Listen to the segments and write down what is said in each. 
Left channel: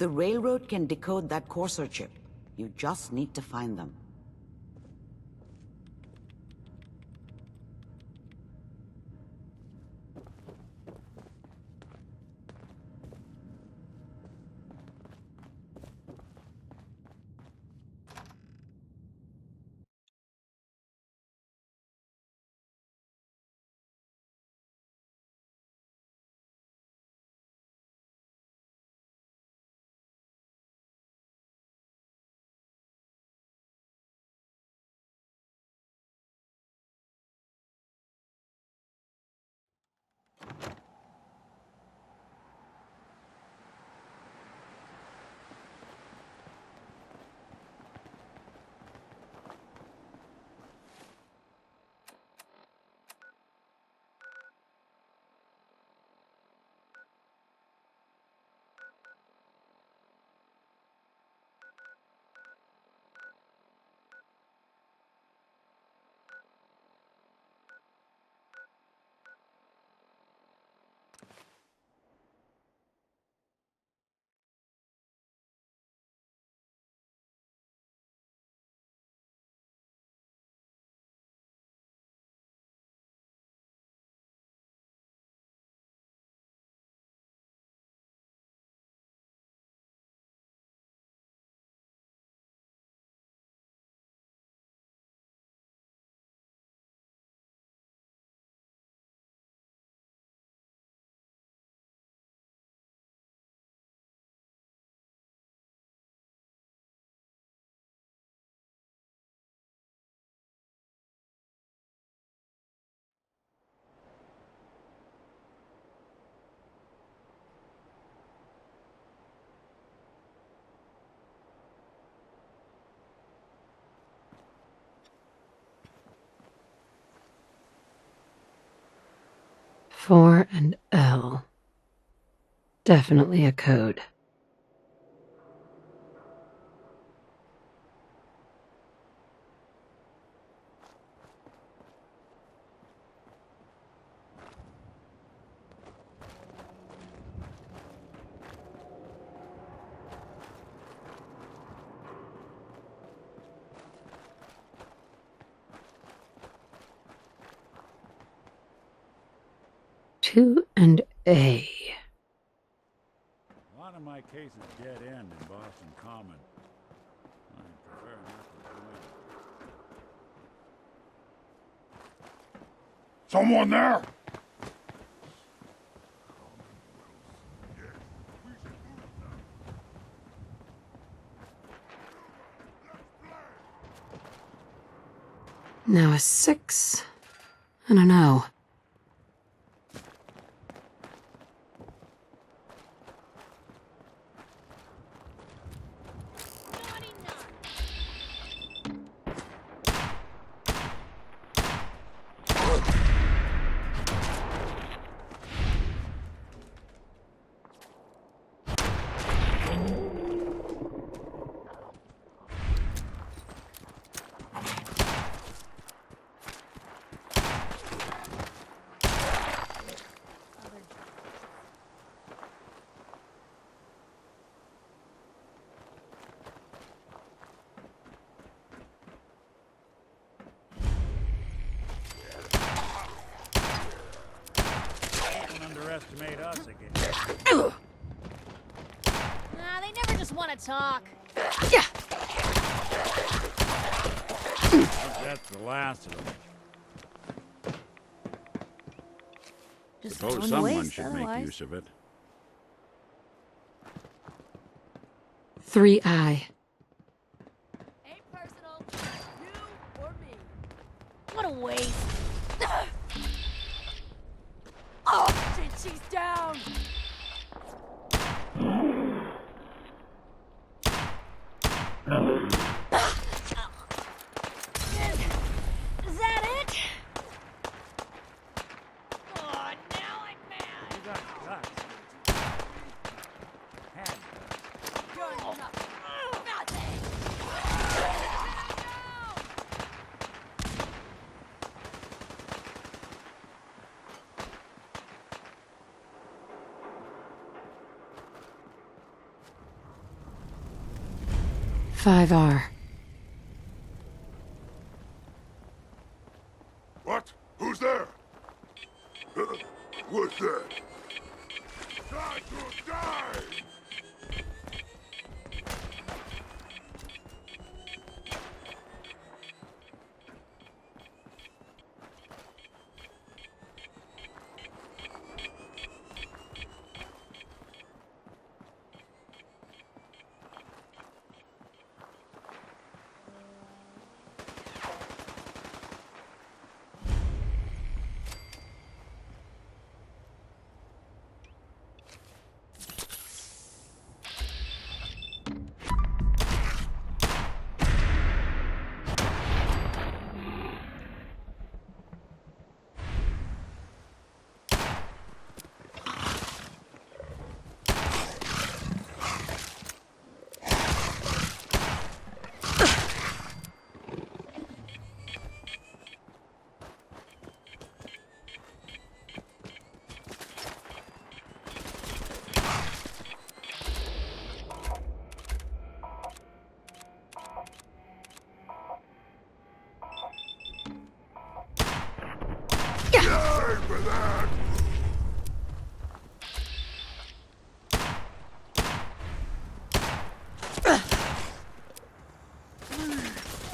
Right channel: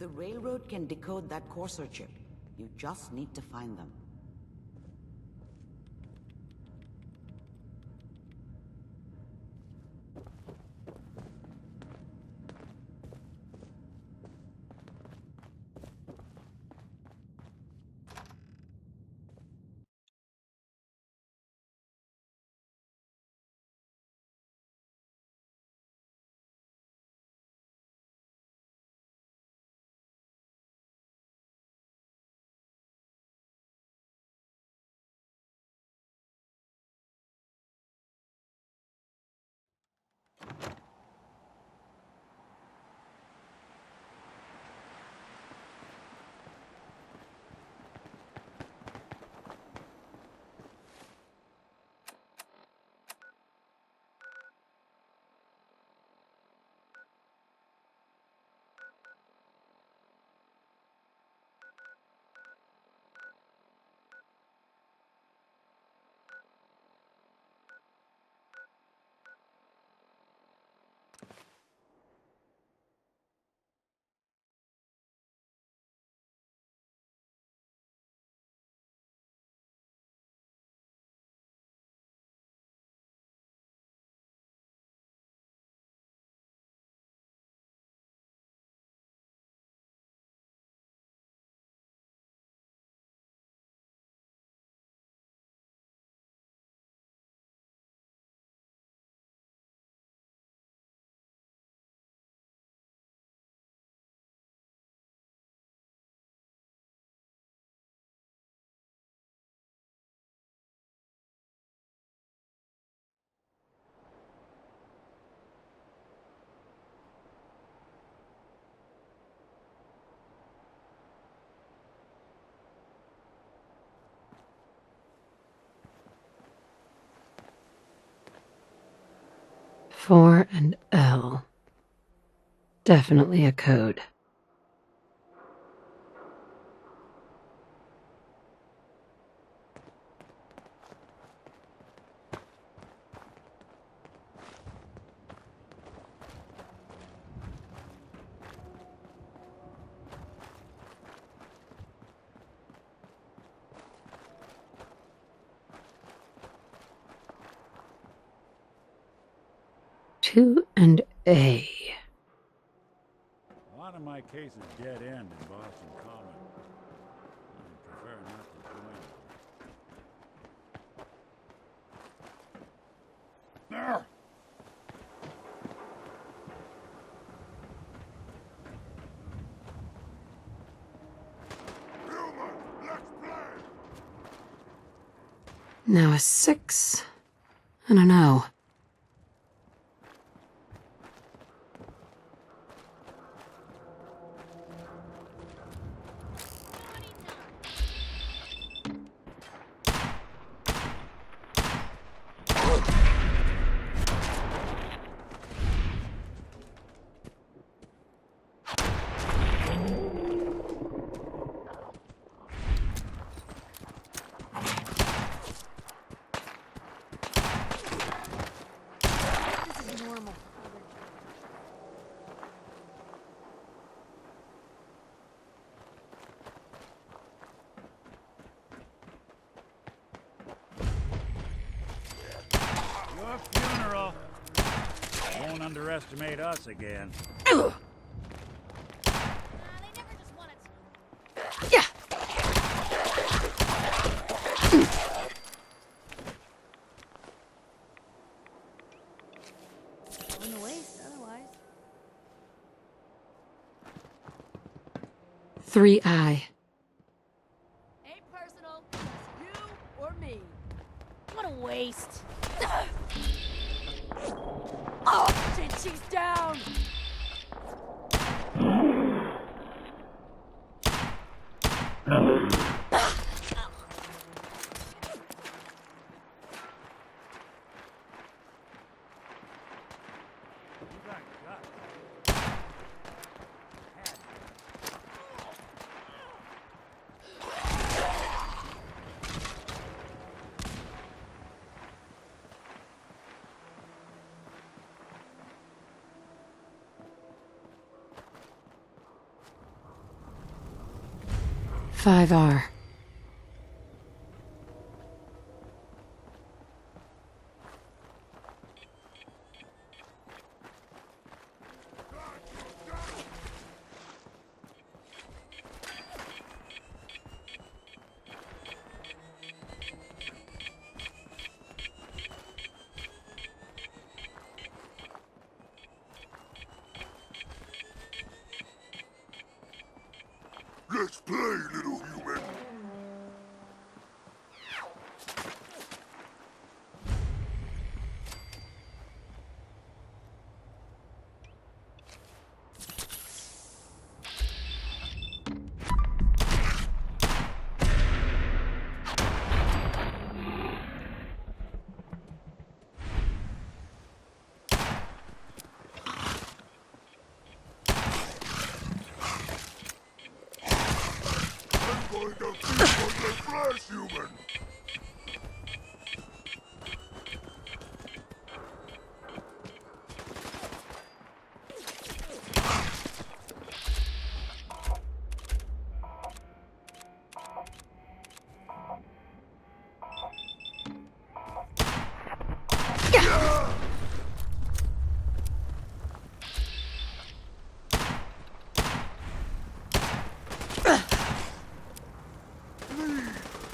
The railroad can decode that Corsair chip. You just need to find them. Four and L. Definitely a code. Two and A. A lot of my cases dead end in Boston Common. I prefer not to join. Someone there? Now a 6 and an O. Don't underestimate us again. Nah, they never just want to talk. Yeah. That's the last of them. Just So going to someone waste should otherwise. make use of it. 3I. Ain't personal, you or me. What a waste. Oh, shit, she's down. Is that it? Oh, now I'm mad. You got guts. Had 5R. What? Who's there? What's that? Time to die! Let's play, little human.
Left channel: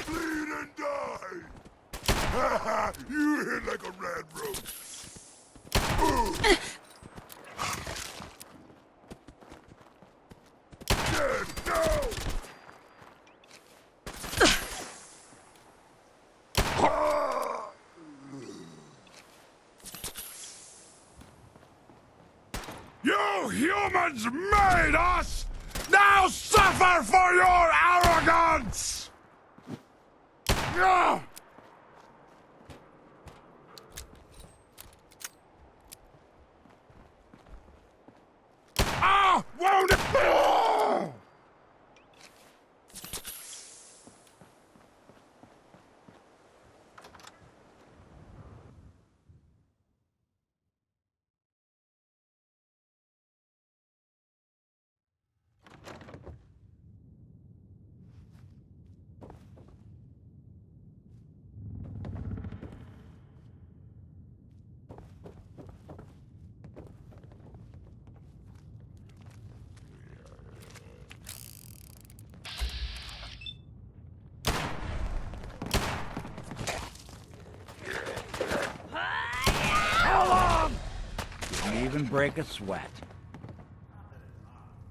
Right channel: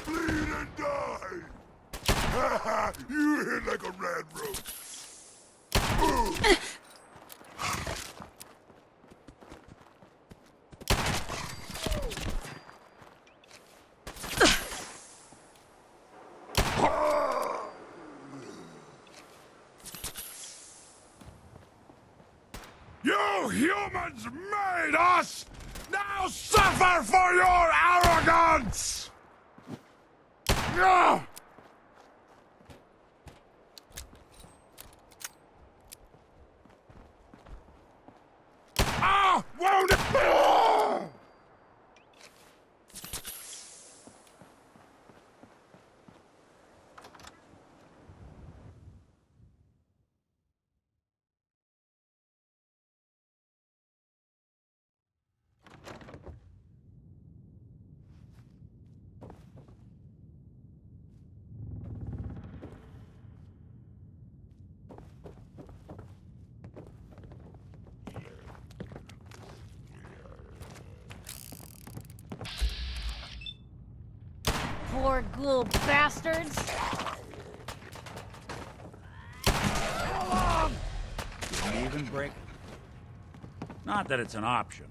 Bleed and die! You hit like a red rose. No! You humans made us! Now suffer for your arrogance! Yeah! Ah! Wounded! Ah! Poor little bastards. How long? Didn't even break a sweat. Not that it's an option.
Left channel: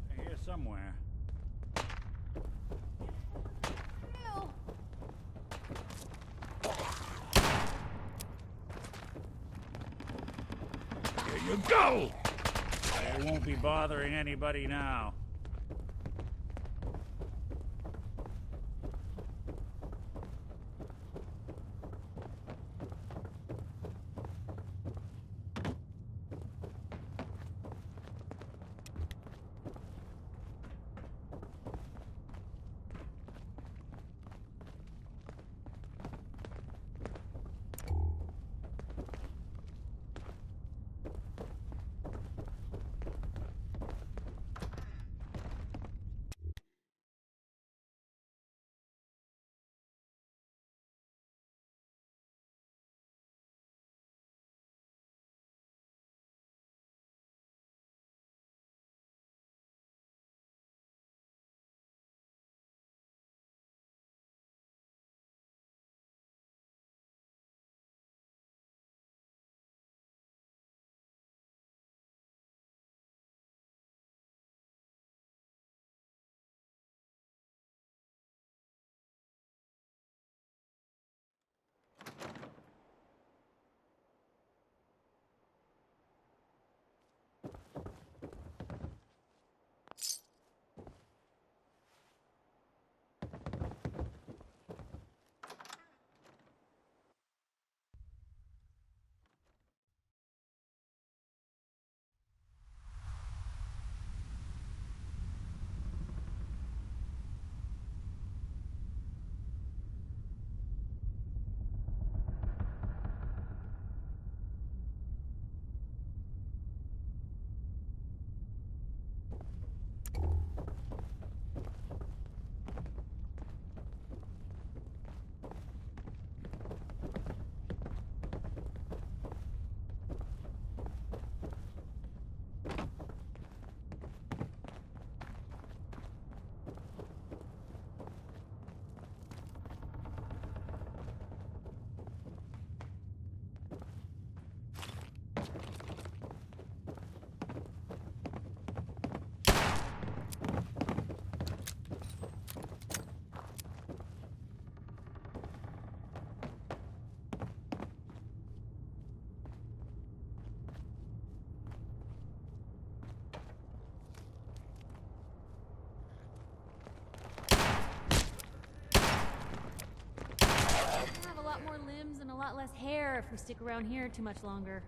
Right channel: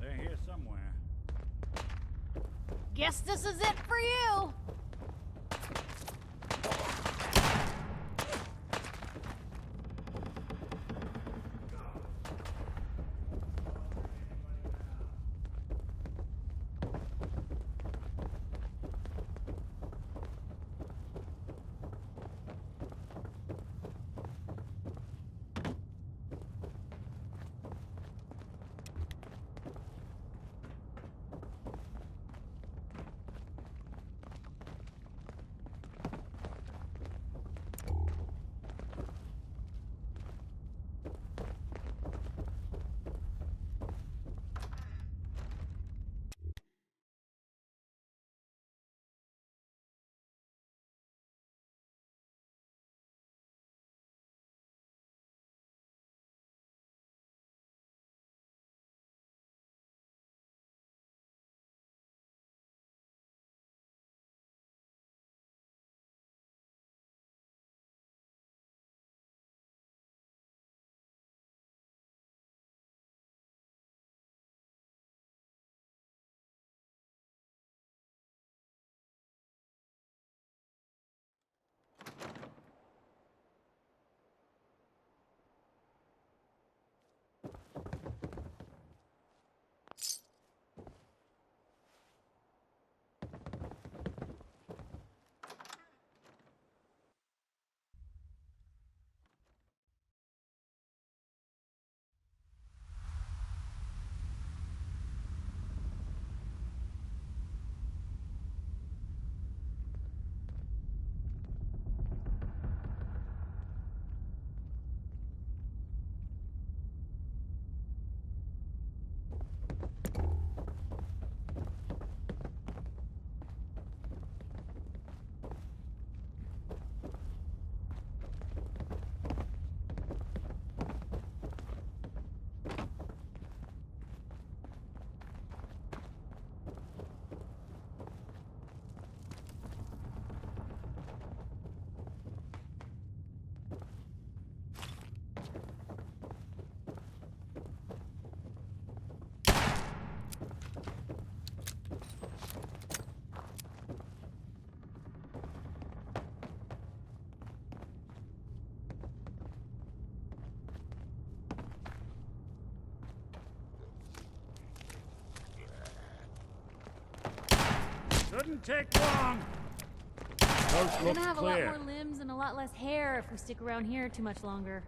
They're here somewhere. Guess this is it for you. Here you go! They won't be bothering anybody now. Shouldn't take long. We're gonna have a lot more limbs and a lot less hair if we stick around here too much longer.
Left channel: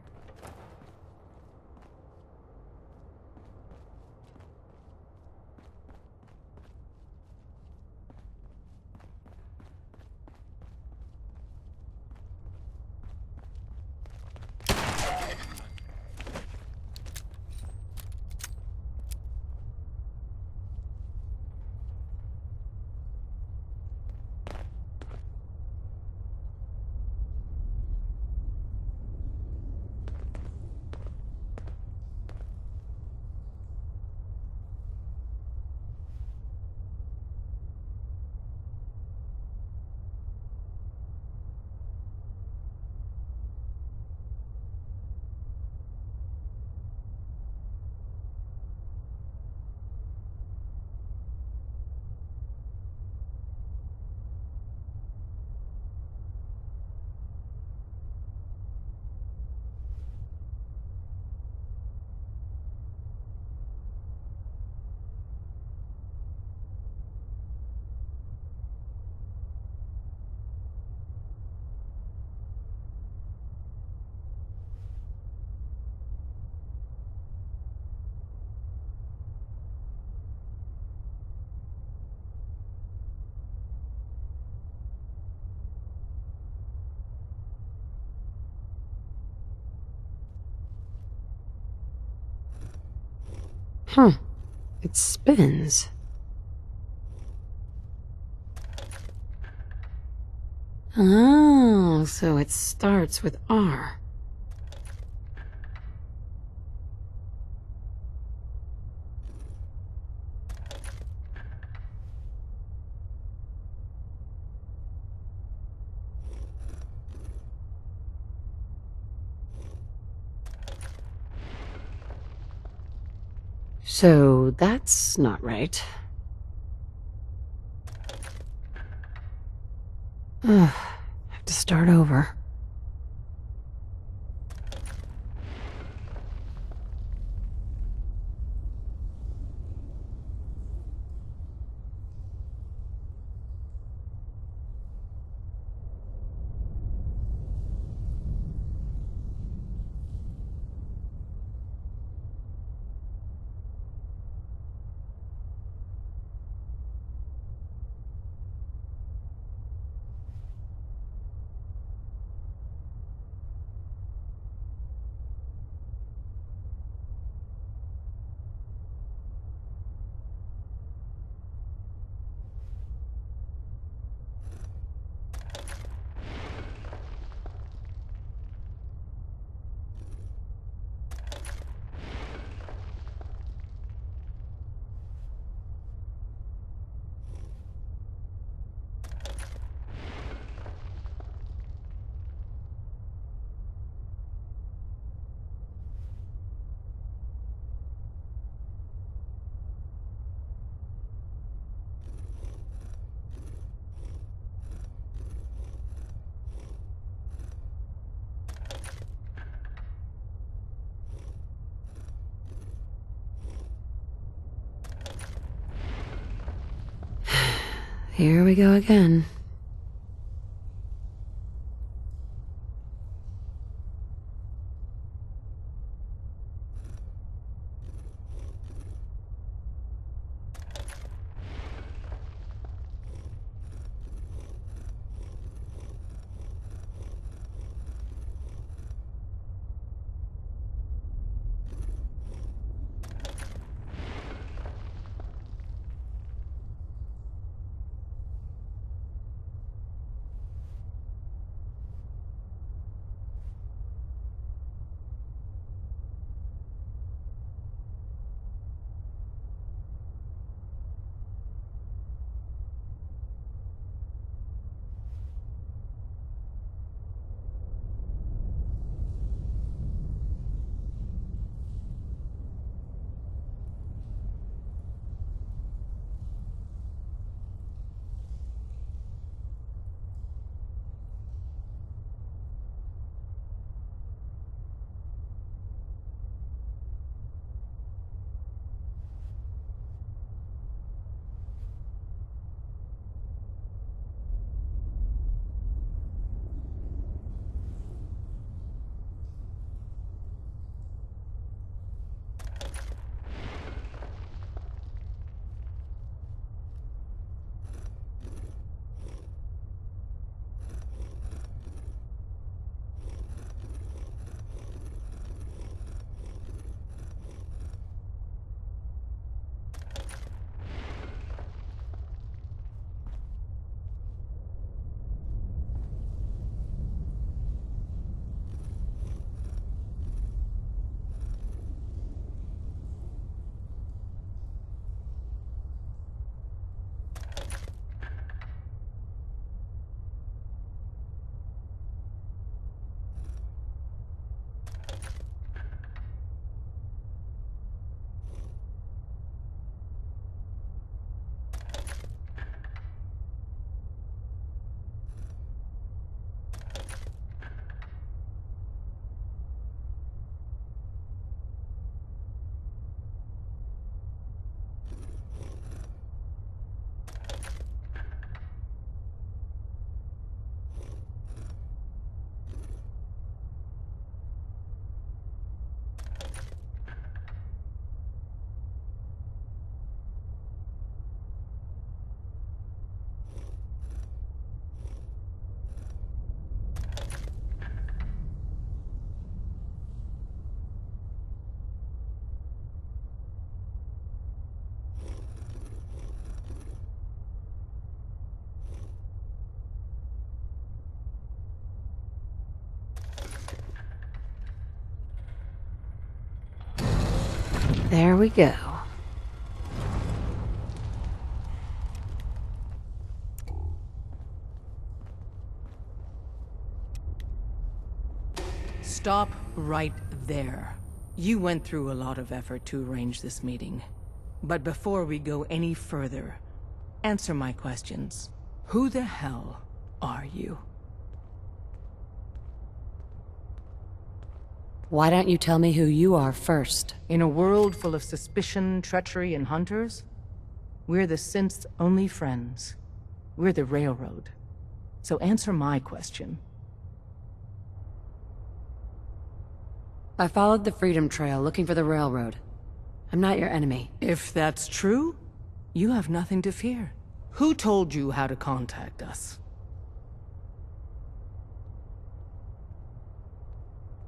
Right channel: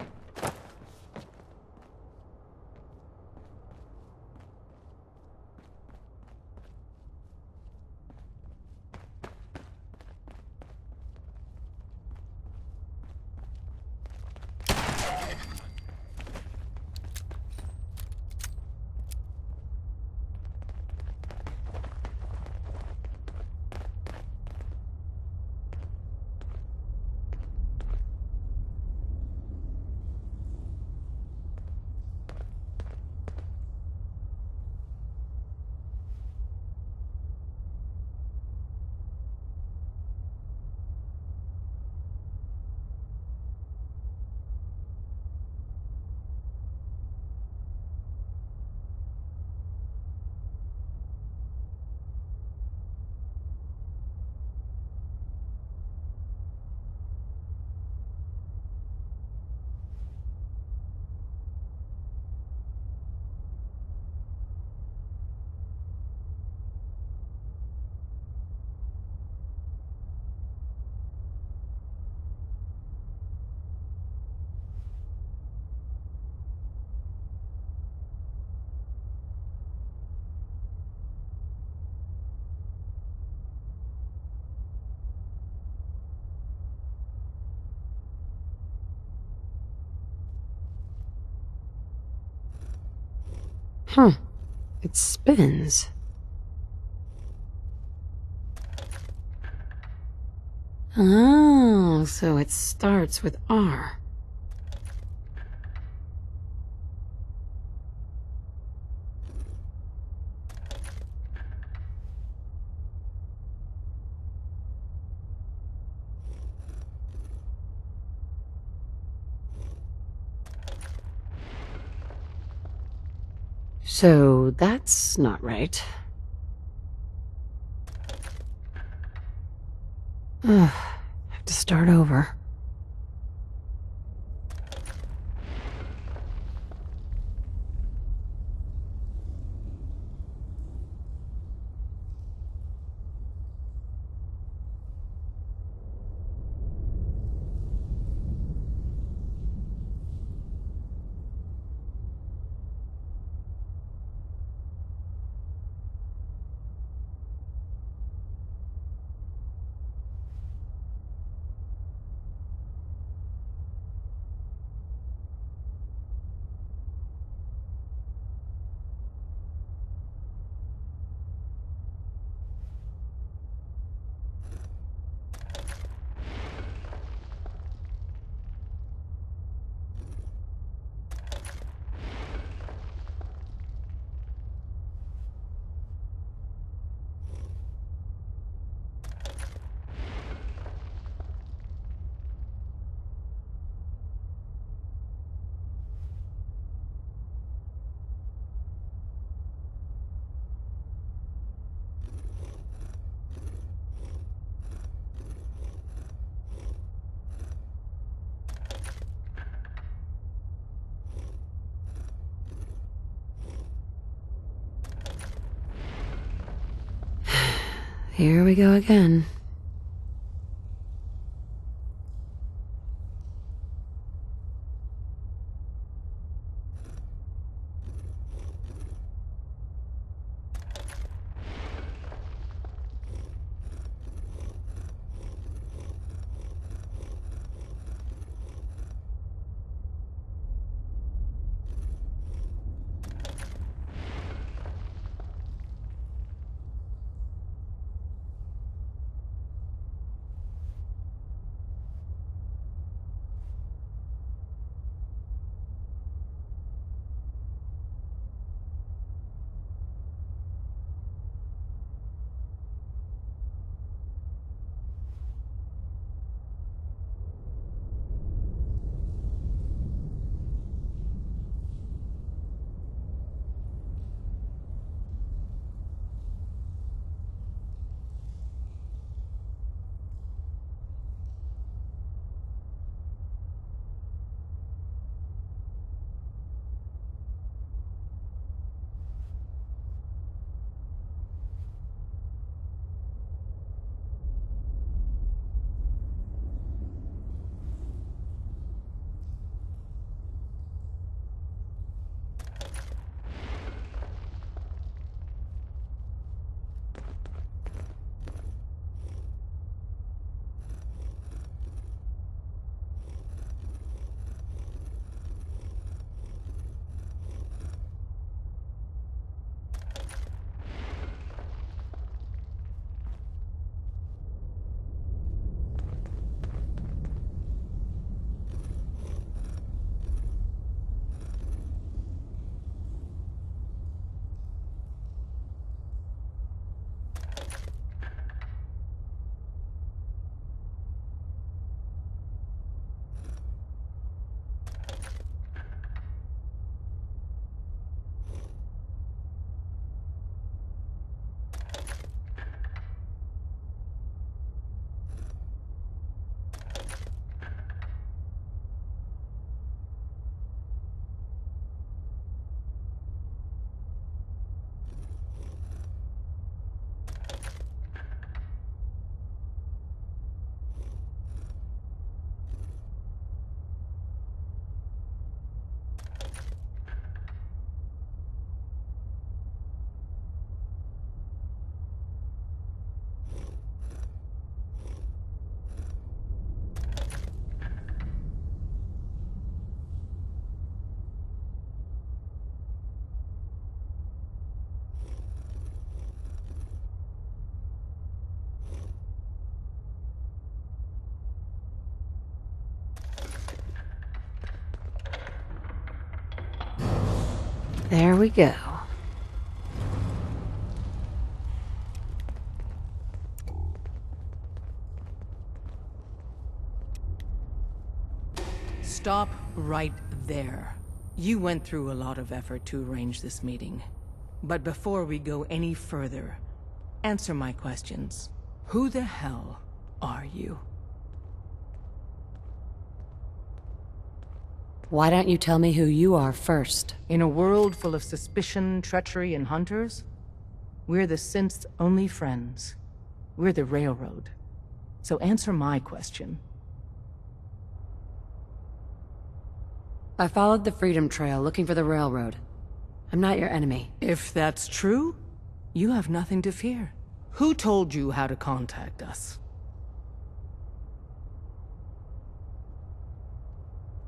Huh. It spins. Oh, so it starts with R. So that's not right. Ugh, have to start over. Here we go again. There we go. Stop right there. You went through a lot of effort to arrange this meeting. But before we go any further, answer my questions. Who the hell are you? Why don't you tell me who you are first? In a world full of suspicion, treachery, and hunters, we're the synths' only friends. We're the Railroad. So answer my question. I followed the Freedom Trail looking for the railroad. I'm not your enemy. If that's true, you have nothing to fear. Who told you how to contact us?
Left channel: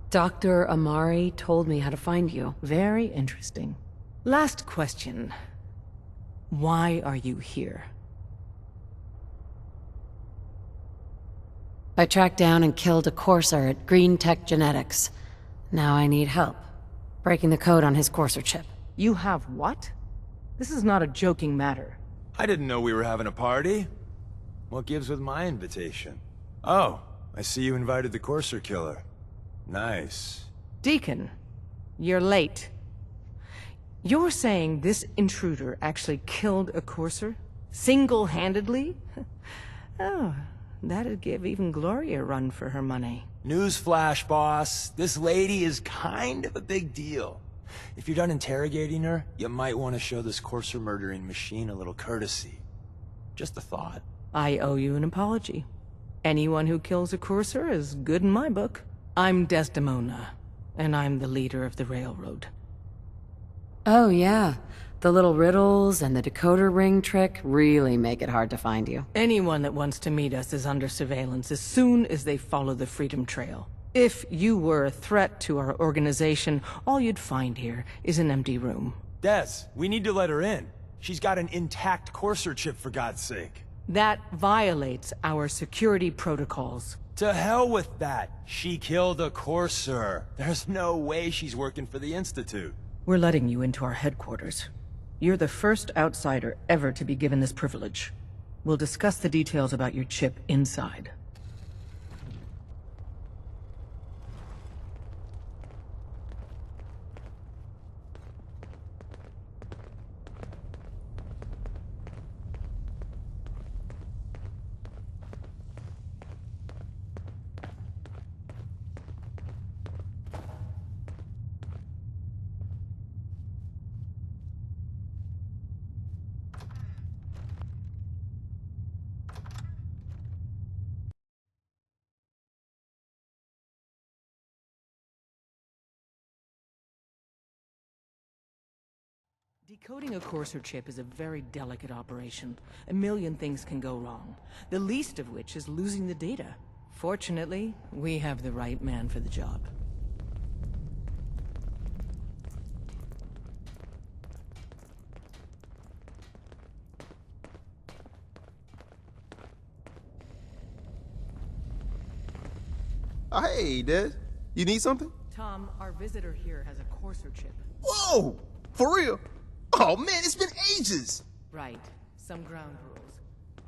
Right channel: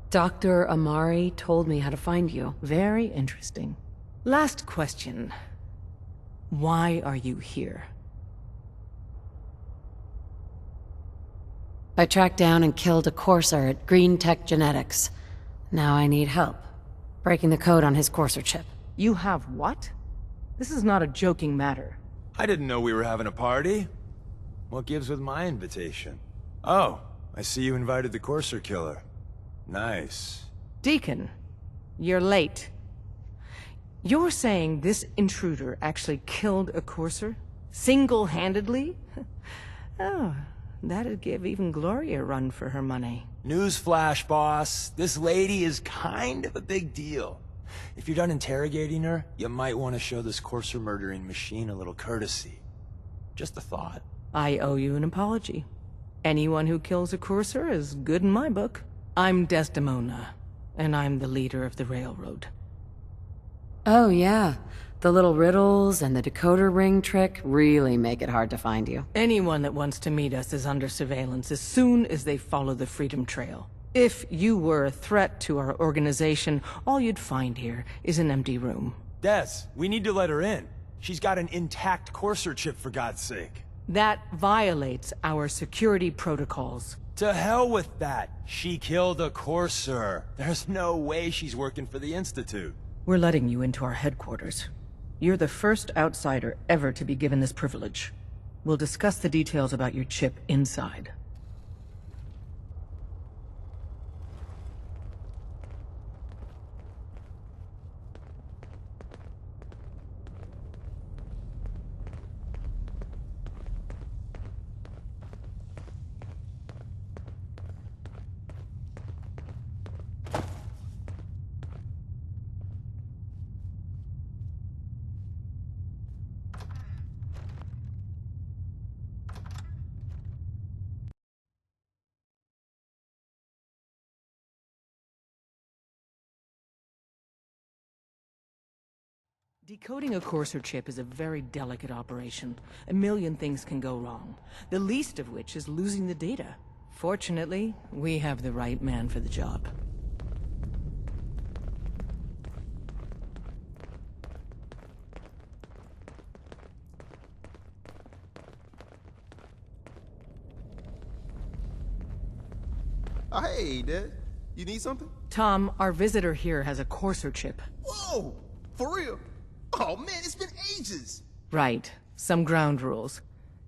Dr. Amari told me how to find you. Very interesting. Last question. Why are you here? I tracked down and killed a courser at Green Tech Genetics. Now I need help. Breaking the code on his courser chip. You have what? This is not a joking matter. I didn't know we were having a party. What gives with my invitation? Oh, I see you invited the courser killer. Nice. Deacon, you're late. You're saying this intruder actually killed a courser? Single-handedly? Oh, that'd give even Gloria a run for her money. Newsflash, boss. This lady is kind of a big deal. If you're done interrogating her, you might want to show this courser murdering machine a little courtesy. Just a thought. I owe you an apology. Anyone who kills a courser is good in my book. I'm Desdemona, and I'm the leader of the Railroad. Oh yeah, the little riddles and the decoder ring trick really make it hard to find you. Anyone that wants to meet us is under surveillance as soon as they follow the Freedom Trail. If you were a threat to our organization, all you'd find here is an empty room. Des, we need to let her in. She's got an intact courser chip, for God's sake. That violates our security protocols. To hell with that. She killed a courser. There's no way she's working for the Institute. We're letting you into our headquarters. You're the first outsider ever to be given this privilege. We'll discuss the details about your chip inside. Decoding a courser chip is a very delicate operation. A million things can go wrong, the least of which is losing the data. Fortunately, we have the right man for the job. Oh, hey, Des. You need something? Tom, our visitor here has a courser chip. Whoa! For real? Oh, man, it's been ages! Right. Some ground rules.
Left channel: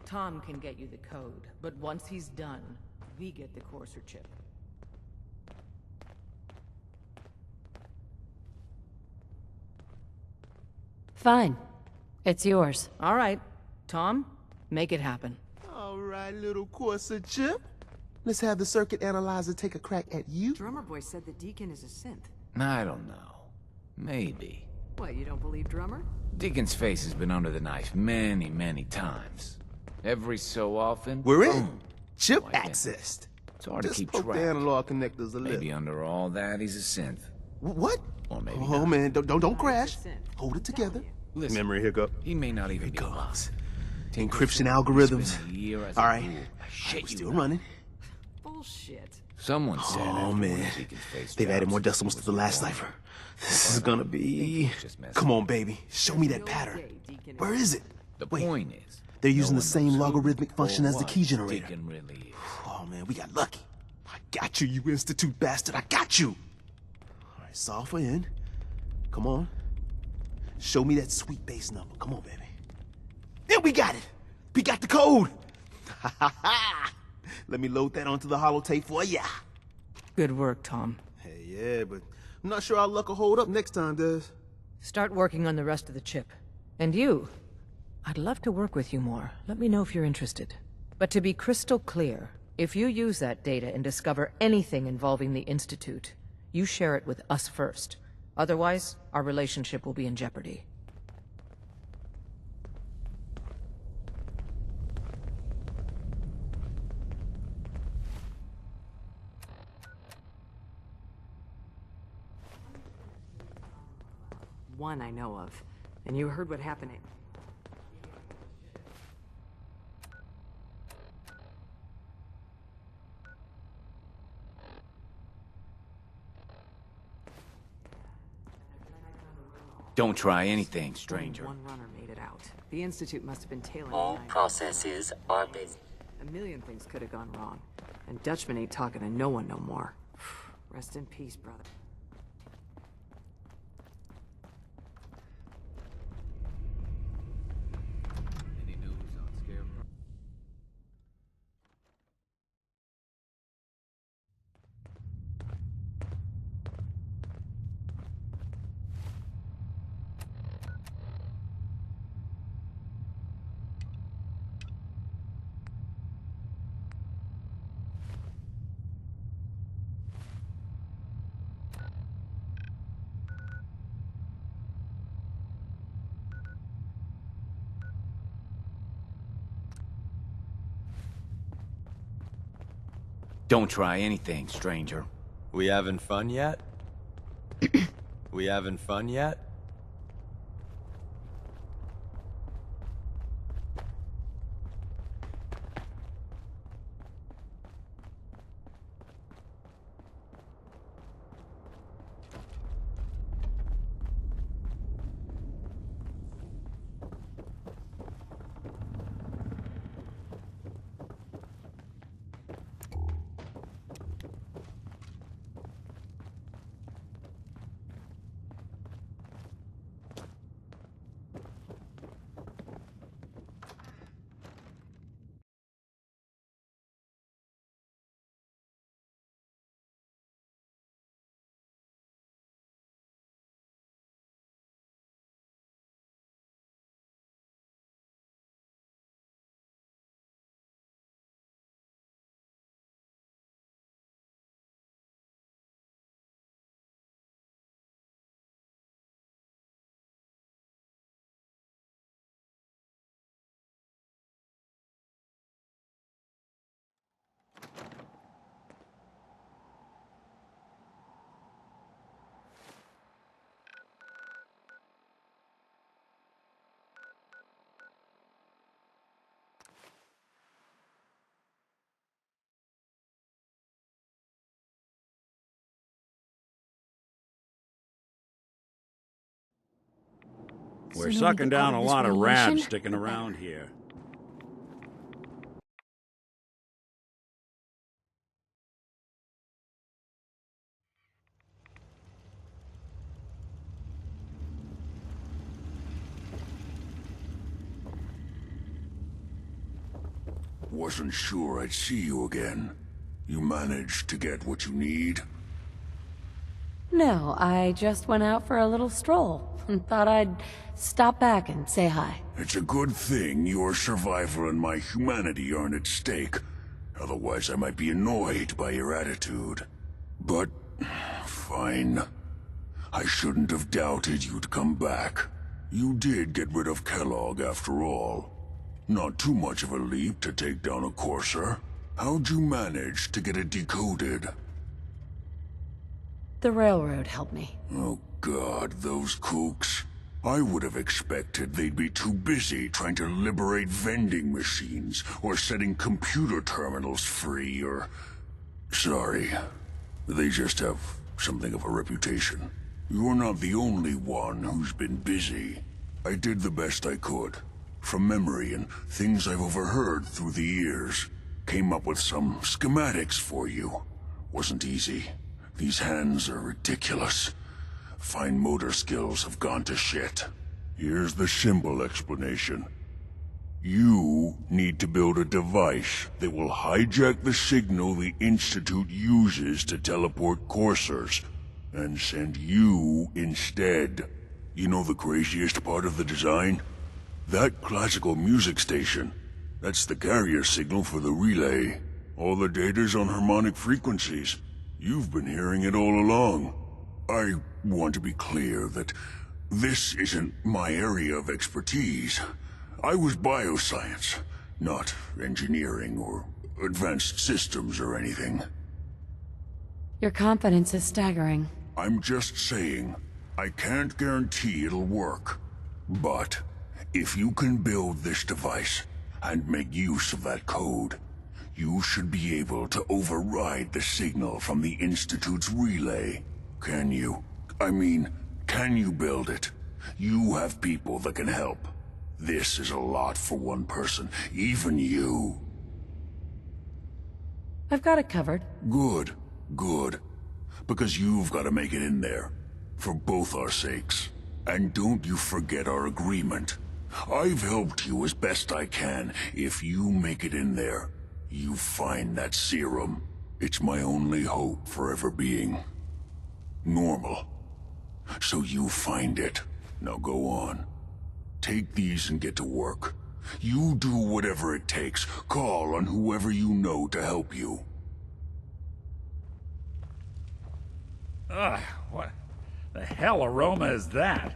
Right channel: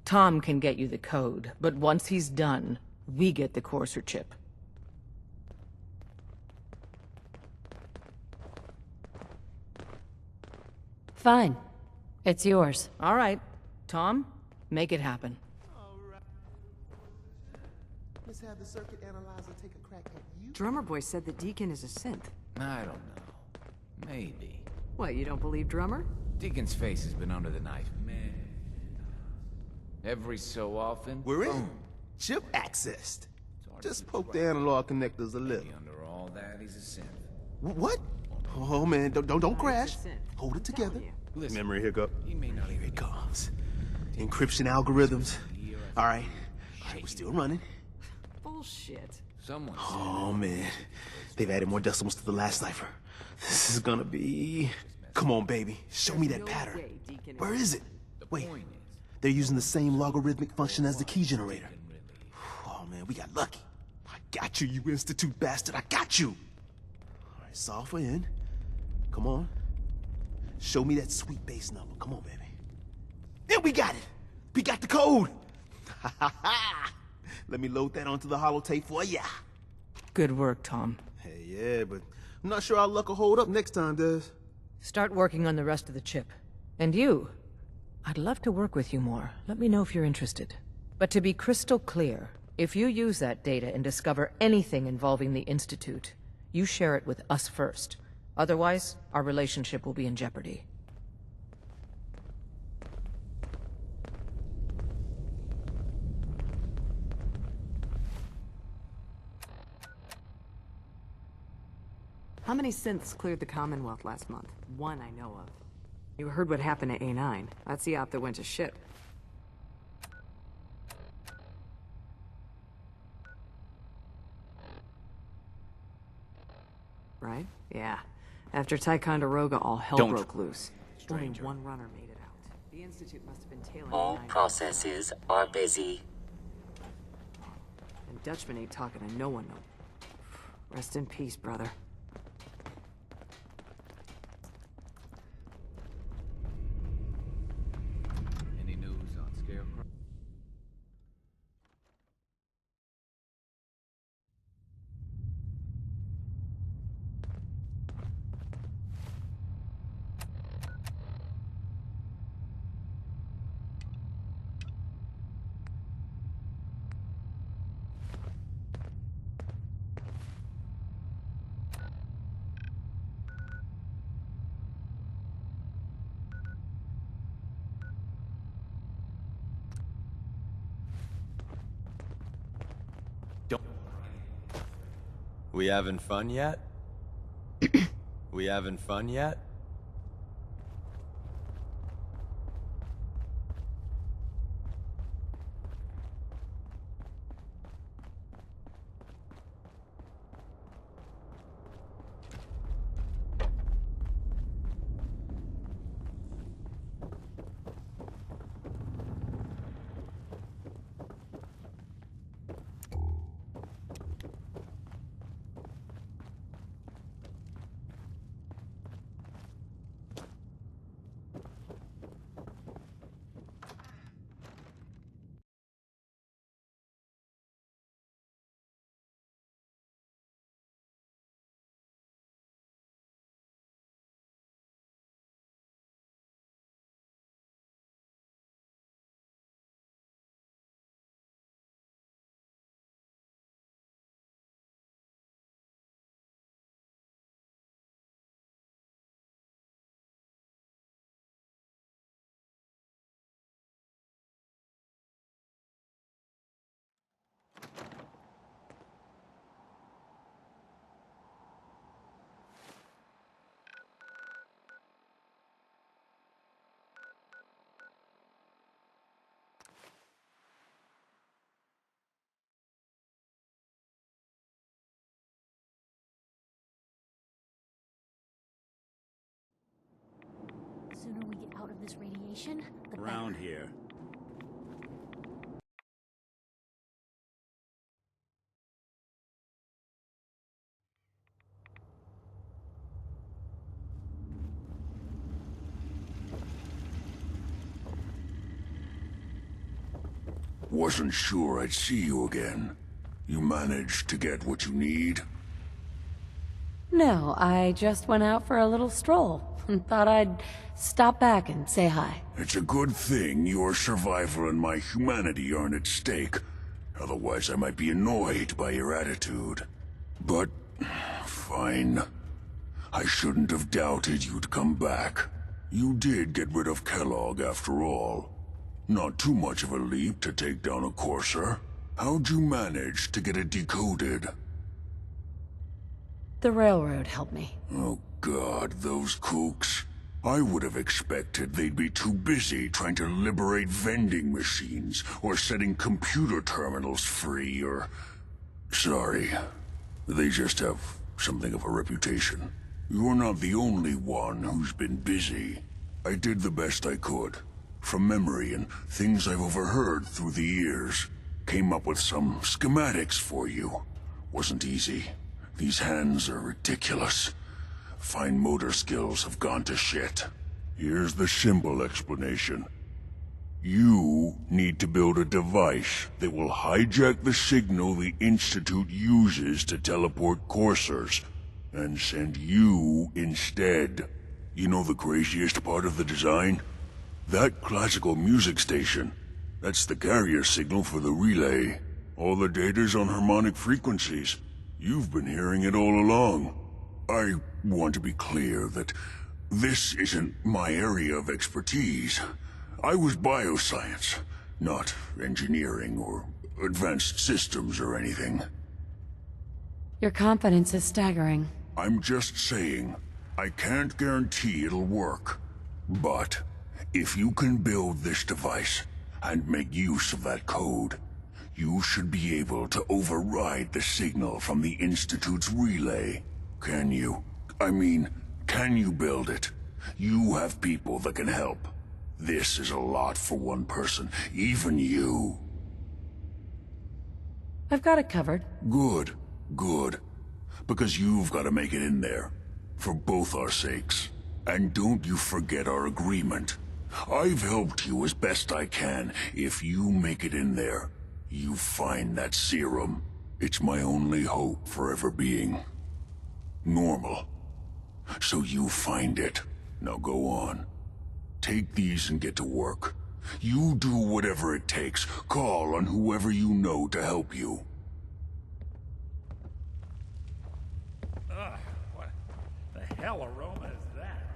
Tom can get you the code, but once he's done, we get the courser chip. Fine. It's yours. All right. Tom, make it happen. All right, little Corsa chip. Let's have the circuit analyzer take a crack at you. Drummer Boy said the Deacon is a synth. I don't know. Maybe. What, you don't believe Drummer? Deacon's face has been under the knife many, many times. Every so often, We're in. boom. Chip Like that. accessed. It's hard to Just keep poke track. the analog connectors a little. Maybe under all that, he's a synth. What? Or maybe Oh, not. man, don't No, crash. he's a synth. Hold it I'm together. telling you. Listen, Memory hiccup. he may not even Here it be comes. Take Encryption this algorithms. spend a year as All a right. fool. We're Shit, still you running. Bullshit. Someone said Oh, everyone man. in Deacon's face They've added drowns more in decimals to the last cipher. This is gonna be... Just messing Come on, baby. Show me that No pattern. way Deacon Where is it? The Wait, point is, they're no using the one same knows who logarithmic or function as the what key generator. Deacon really is. Oh, man, we got lucky. I got you, you Institute bastard. I got you. All right, solve for N. Come on. Show me that sweet base number. Come on, baby. Yeah, we got it. We got the code. Let me load that onto the holotape for ya. Good work, Tom. Hey, yeah, but I'm not sure our luck will hold up next time, Des. Start working on the rest of the chip. And you, I'd love to work with you more. Let me know if you're interested. But to be crystal clear, if you use that data and discover anything involving the Institute, you share it with us first. Otherwise, our relationship will be in jeopardy. How many synths cleared the Commonwealth last month? One I know of. And you heard what happened at A9. That's the op that went to ship. Right? Yeah. After Ticonderoga, all hell Don't broke try loose. anything, stranger. Only one runner made it out. The Institute must have been tailing All A9. processes are busy. A million things could have gone wrong. And Dutchman ain't talking to no one no more. Rest in peace, brother. Any news on Scarecrow? Don't try anything, stranger. We having fun yet? We having fun yet? We're Sooner we sucking get out down of a this lot of radiation, rats sticking the better. around here. Wasn't sure I'd see you again. You managed to get what you need? No, I just went out for a little stroll. Thought I'd stop back and say hi. It's a good thing your survival and my humanity aren't at stake. Otherwise, I might be annoyed by your attitude. But, fine. I shouldn't have doubted you'd come back. You did get rid of Kellogg after all. Not too much of a leap to take down a Courser. How'd you manage to get it decoded? The railroad helped me. Oh God, those kooks. I would have expected they'd be too busy trying to liberate vending machines, or setting computer terminals free, or... Sorry. They just have something of a reputation. You're not the only one who's been busy. I did the best I could. From memory and things I've overheard through the years. Came up with some schematics for you. Wasn't easy. These hands are ridiculous. Fine motor skills have gone to shit. Here's the simple explanation. You need to build a device that will hijack the signal the Institute uses to teleport coursers, and send you instead. You know the craziest part of the design? That classical music station. That's the carrier signal for the relay. All the data's on harmonic frequencies. You've been hearing it all along. I want to be clear that this isn't my area of expertise. I was bioscience, not engineering or advanced systems or anything. Your confidence is staggering. I'm just saying, I can't guarantee it'll work. But if you can build this device and make use of that code, you should be able to override the signal from the Institute's relay. Can you? I mean, can you build it? You have people that can help. This is a lot for one person, even you. I've got it covered. Good, good. Because you've got to make it in there. For both our sakes. And don't you forget our agreement. I've helped you as best I can. If you make it in there, you find that serum. It's my only hope for ever being normal. So you find it. Now go on. Take these and get to work. You do whatever it takes. Call on whoever you know to help you. Ugh, what the hell aroma is that?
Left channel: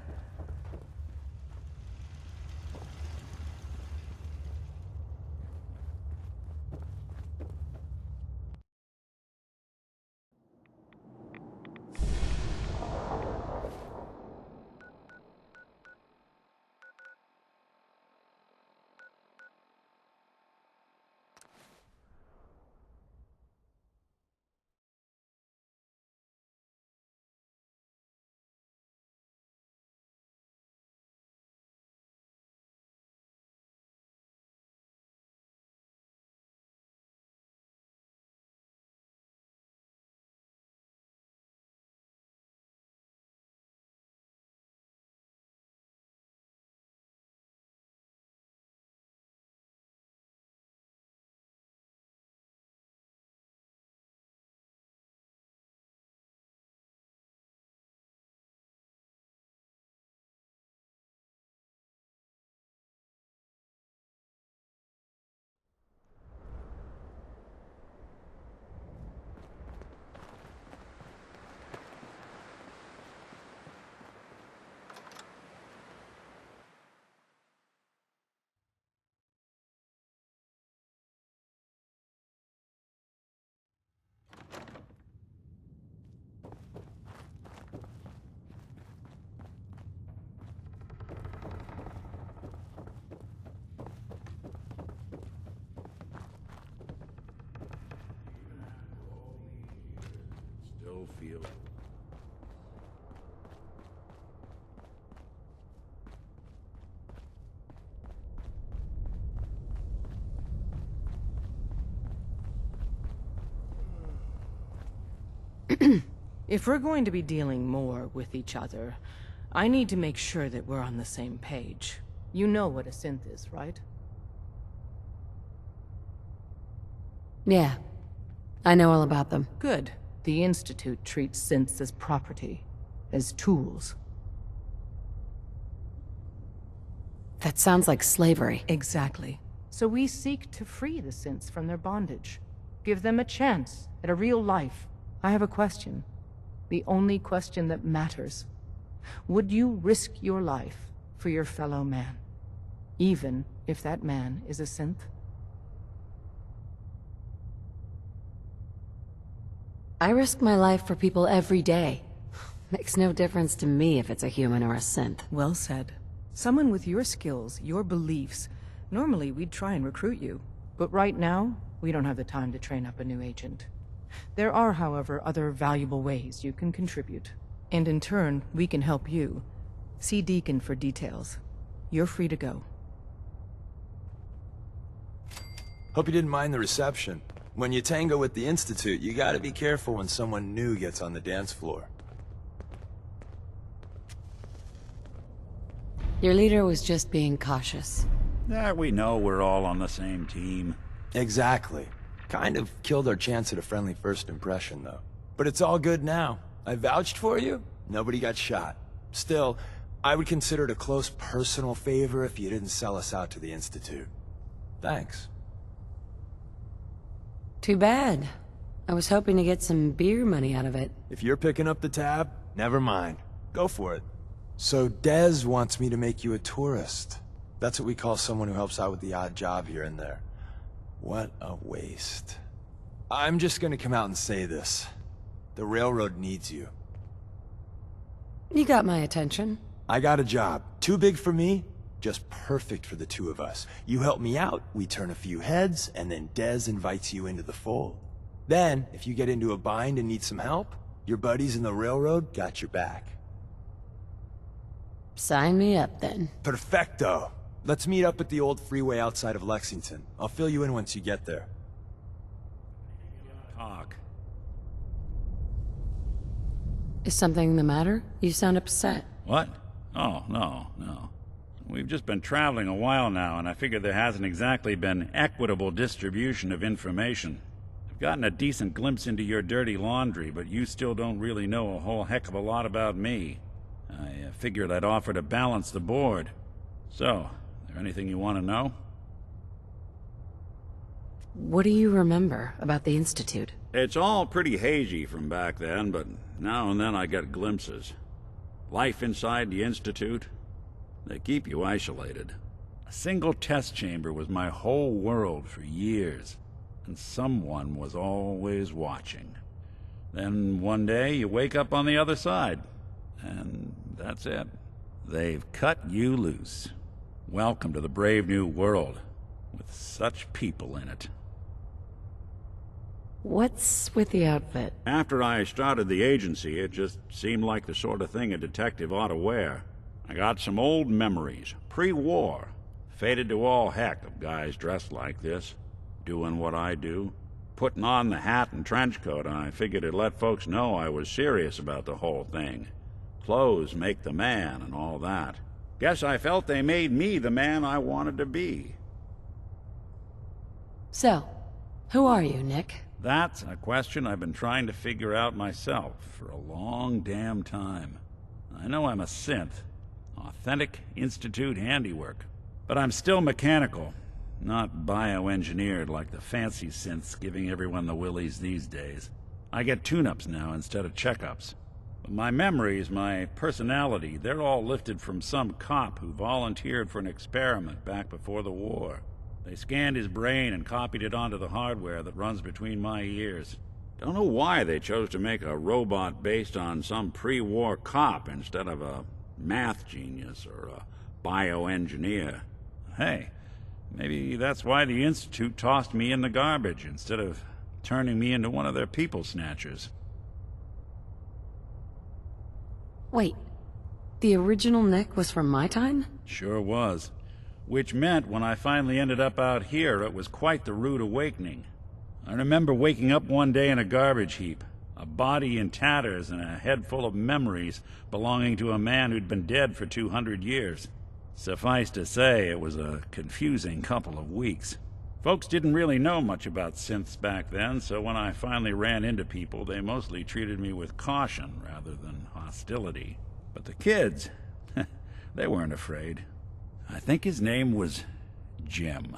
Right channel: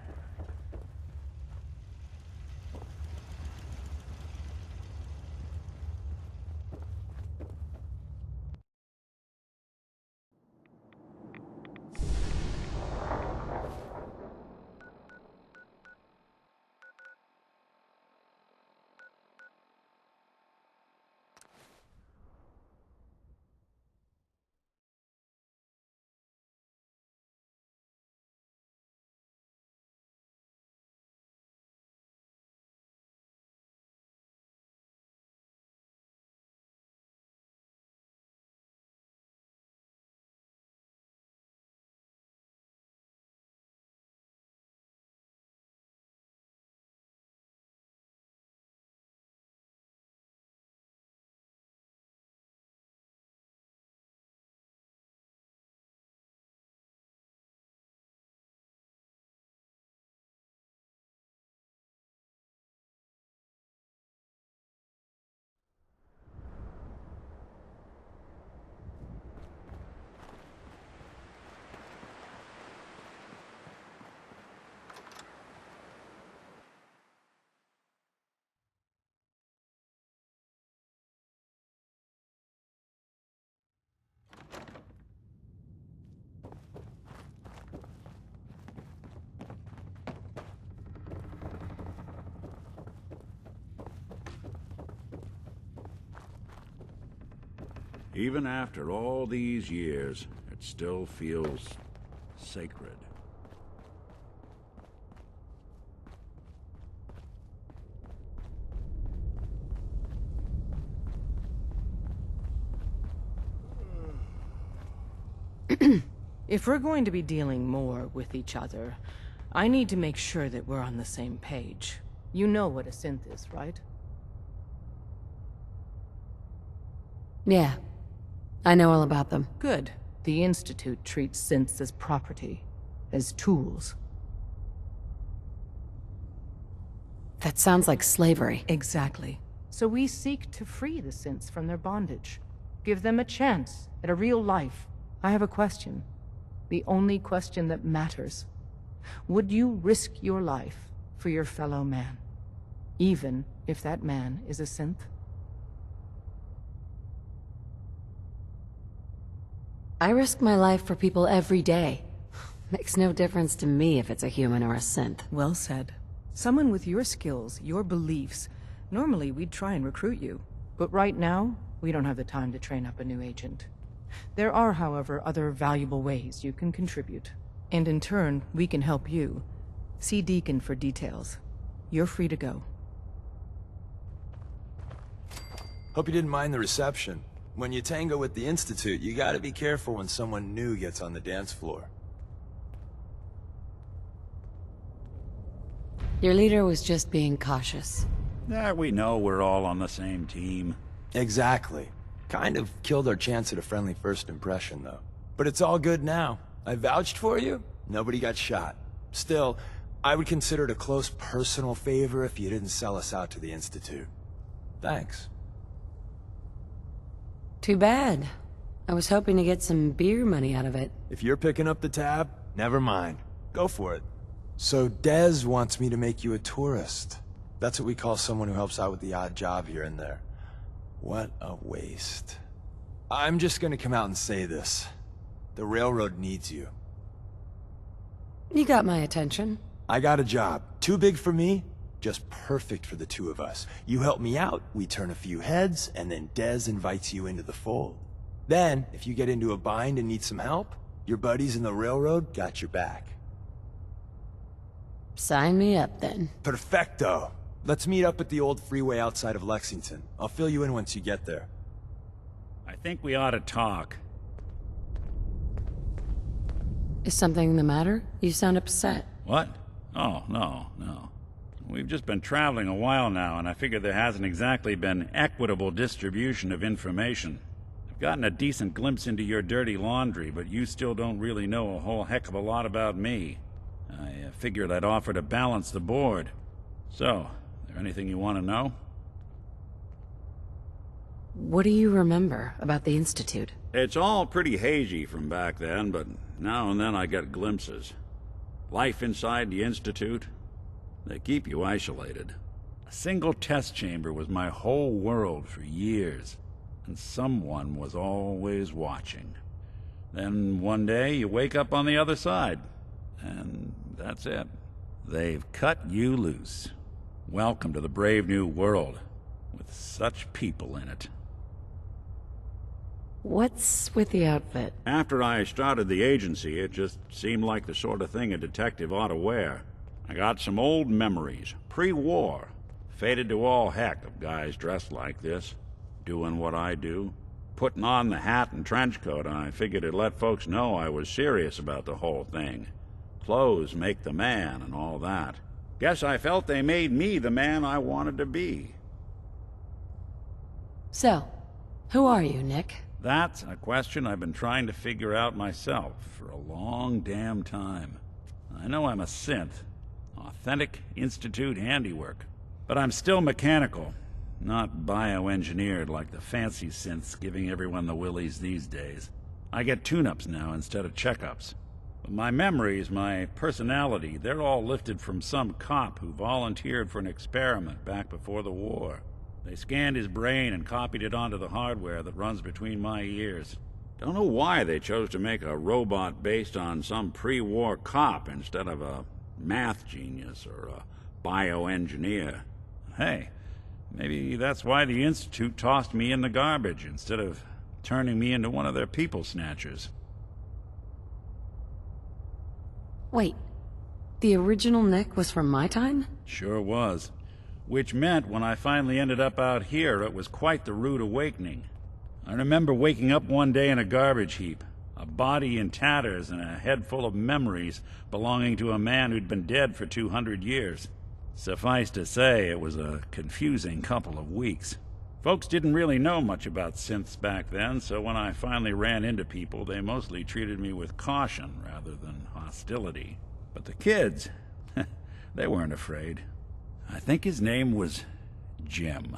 Even after all these years, it still feels sacred. If we're going to be dealing more with each other, I need to make sure that we're on the same page. You know what a synth is, right? Yeah. I know all about them. Good. The Institute treats synths as property, as tools. That sounds like slavery. Exactly. So we seek to free the synths from their bondage. Give them a chance at a real life. I have a question. The only question that matters. Would you risk your life for your fellow man? Even if that man is a synth? I risk my life for people every day. Makes no difference to me if it's a human or a synth. Well said. Someone with your skills, your beliefs. Normally, we'd try and recruit you. But right now, we don't have the time to train up a new agent. There are, however, other valuable ways you can contribute. And in turn, we can help you. See Deacon for details. You're free to go. Hope you didn't mind the reception. When you tango with the Institute, you gotta be careful when someone new gets on the dance floor. Your leader was just being cautious. That we know we're all on the same team. Exactly. Kind of killed our chance at a friendly first impression, though. But it's all good now. I vouched for you. Nobody got shot. Still, I would consider it a close personal favor if you didn't sell us out to the Institute. Thanks. Too bad. I was hoping to get some beer money out of it. If you're picking up the tab, never mind. Go for it. So Dez wants me to make you a tourist. That's what we call someone who helps out with the odd job here and there. What a waste. I'm just gonna come out and say this. The railroad needs you. You got my attention. I got a job. Too big for me, just perfect for the two of us. You help me out, we turn a few heads, and then Dez invites you into the fold. Then, if you get into a bind and need some help, your buddies in the railroad got your back. Sign me up, then. Perfecto. Let's meet up at the old freeway outside of Lexington. I'll fill you in once you get there. I think we ought to talk. Is something the matter? You sound upset. What? Oh, no. We've just been traveling a while now, and I figure there hasn't exactly been equitable distribution of information. I've gotten a decent glimpse into your dirty laundry, but you still don't really know a whole heck of a lot about me. I figured I'd offer to balance the board. So, is there anything you want to know? What do you remember about the Institute? It's all pretty hazy from back then, but now and then I get glimpses. Life inside the Institute, they keep you isolated. A single test chamber was my whole world for years, and someone was always watching. Then one day you wake up on the other side, and that's it. They've cut you loose. Welcome to the brave new world, with such people in it. What's with the outfit? After I started the agency, it just seemed like the sort of thing a detective ought to wear. I got some old memories, pre-war. Faded to all heck of guys dressed like this, doing what I do. Putting on the hat and trench coat, I figured it'd let folks know I was serious about the whole thing. Clothes make the man and all that. Guess I felt they made me the man I wanted to be. So, who are you, Nick? That's a question I've been trying to figure out myself for a long damn time. I know I'm a synth, authentic Institute handiwork, but I'm still mechanical, not bioengineered like the fancy synths giving everyone the willies these days. I get tune-ups now instead of checkups. But my memories, my personality, they're all lifted from some cop who volunteered for an experiment back before the war. They scanned his brain and copied it onto the hardware that runs between my ears. Don't know why they chose to make a robot based on some pre-war cop instead of a math genius or a bioengineer. Hey, maybe that's why the Institute tossed me in the garbage instead of turning me into one of their people snatchers. Wait, the original Nick was from my time? Sure was. Which meant when I finally ended up out here, it was quite the rude awakening. I remember waking up one day in a garbage heap, a body in tatters and a head full of memories belonging to a man who'd been dead for 200 years. Suffice to say, it was a confusing couple of weeks. Folks didn't really know much about synths back then, so when I finally ran into people, they mostly treated me with caution rather than hostility. But the kids, they weren't afraid. I think his name was Jim.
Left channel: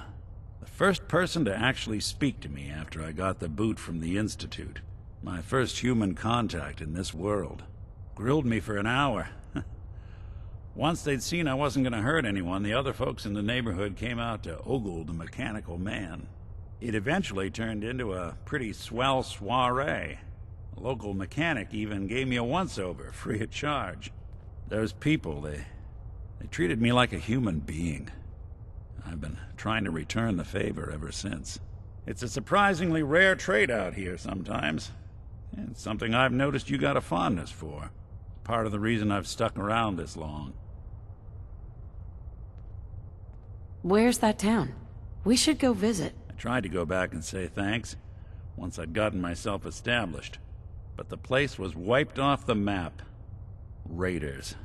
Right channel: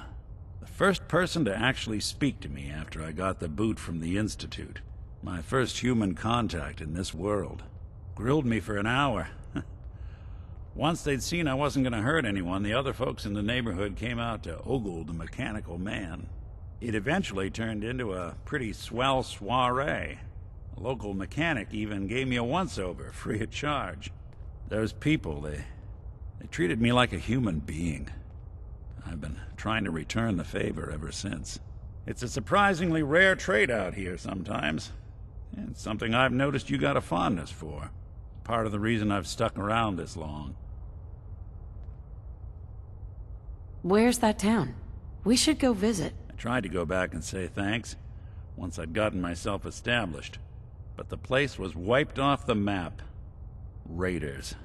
The first person to actually speak to me after I got the boot from the Institute. My first human contact in this world. Grilled me for an hour. Once they'd seen I wasn't going to hurt anyone, the other folks in the neighborhood came out to ogle the mechanical man. It eventually turned into a pretty swell soiree. A local mechanic even gave me a once-over, free of charge. Those people, they treated me like a human being. I've been trying to return the favor ever since. It's a surprisingly rare trait out here sometimes. It's something I've noticed you got a fondness for. Part of the reason I've stuck around this long. Where's that town? We should go visit. I tried to go back and say thanks, once I'd gotten myself established. But the place was wiped off the map. Raiders.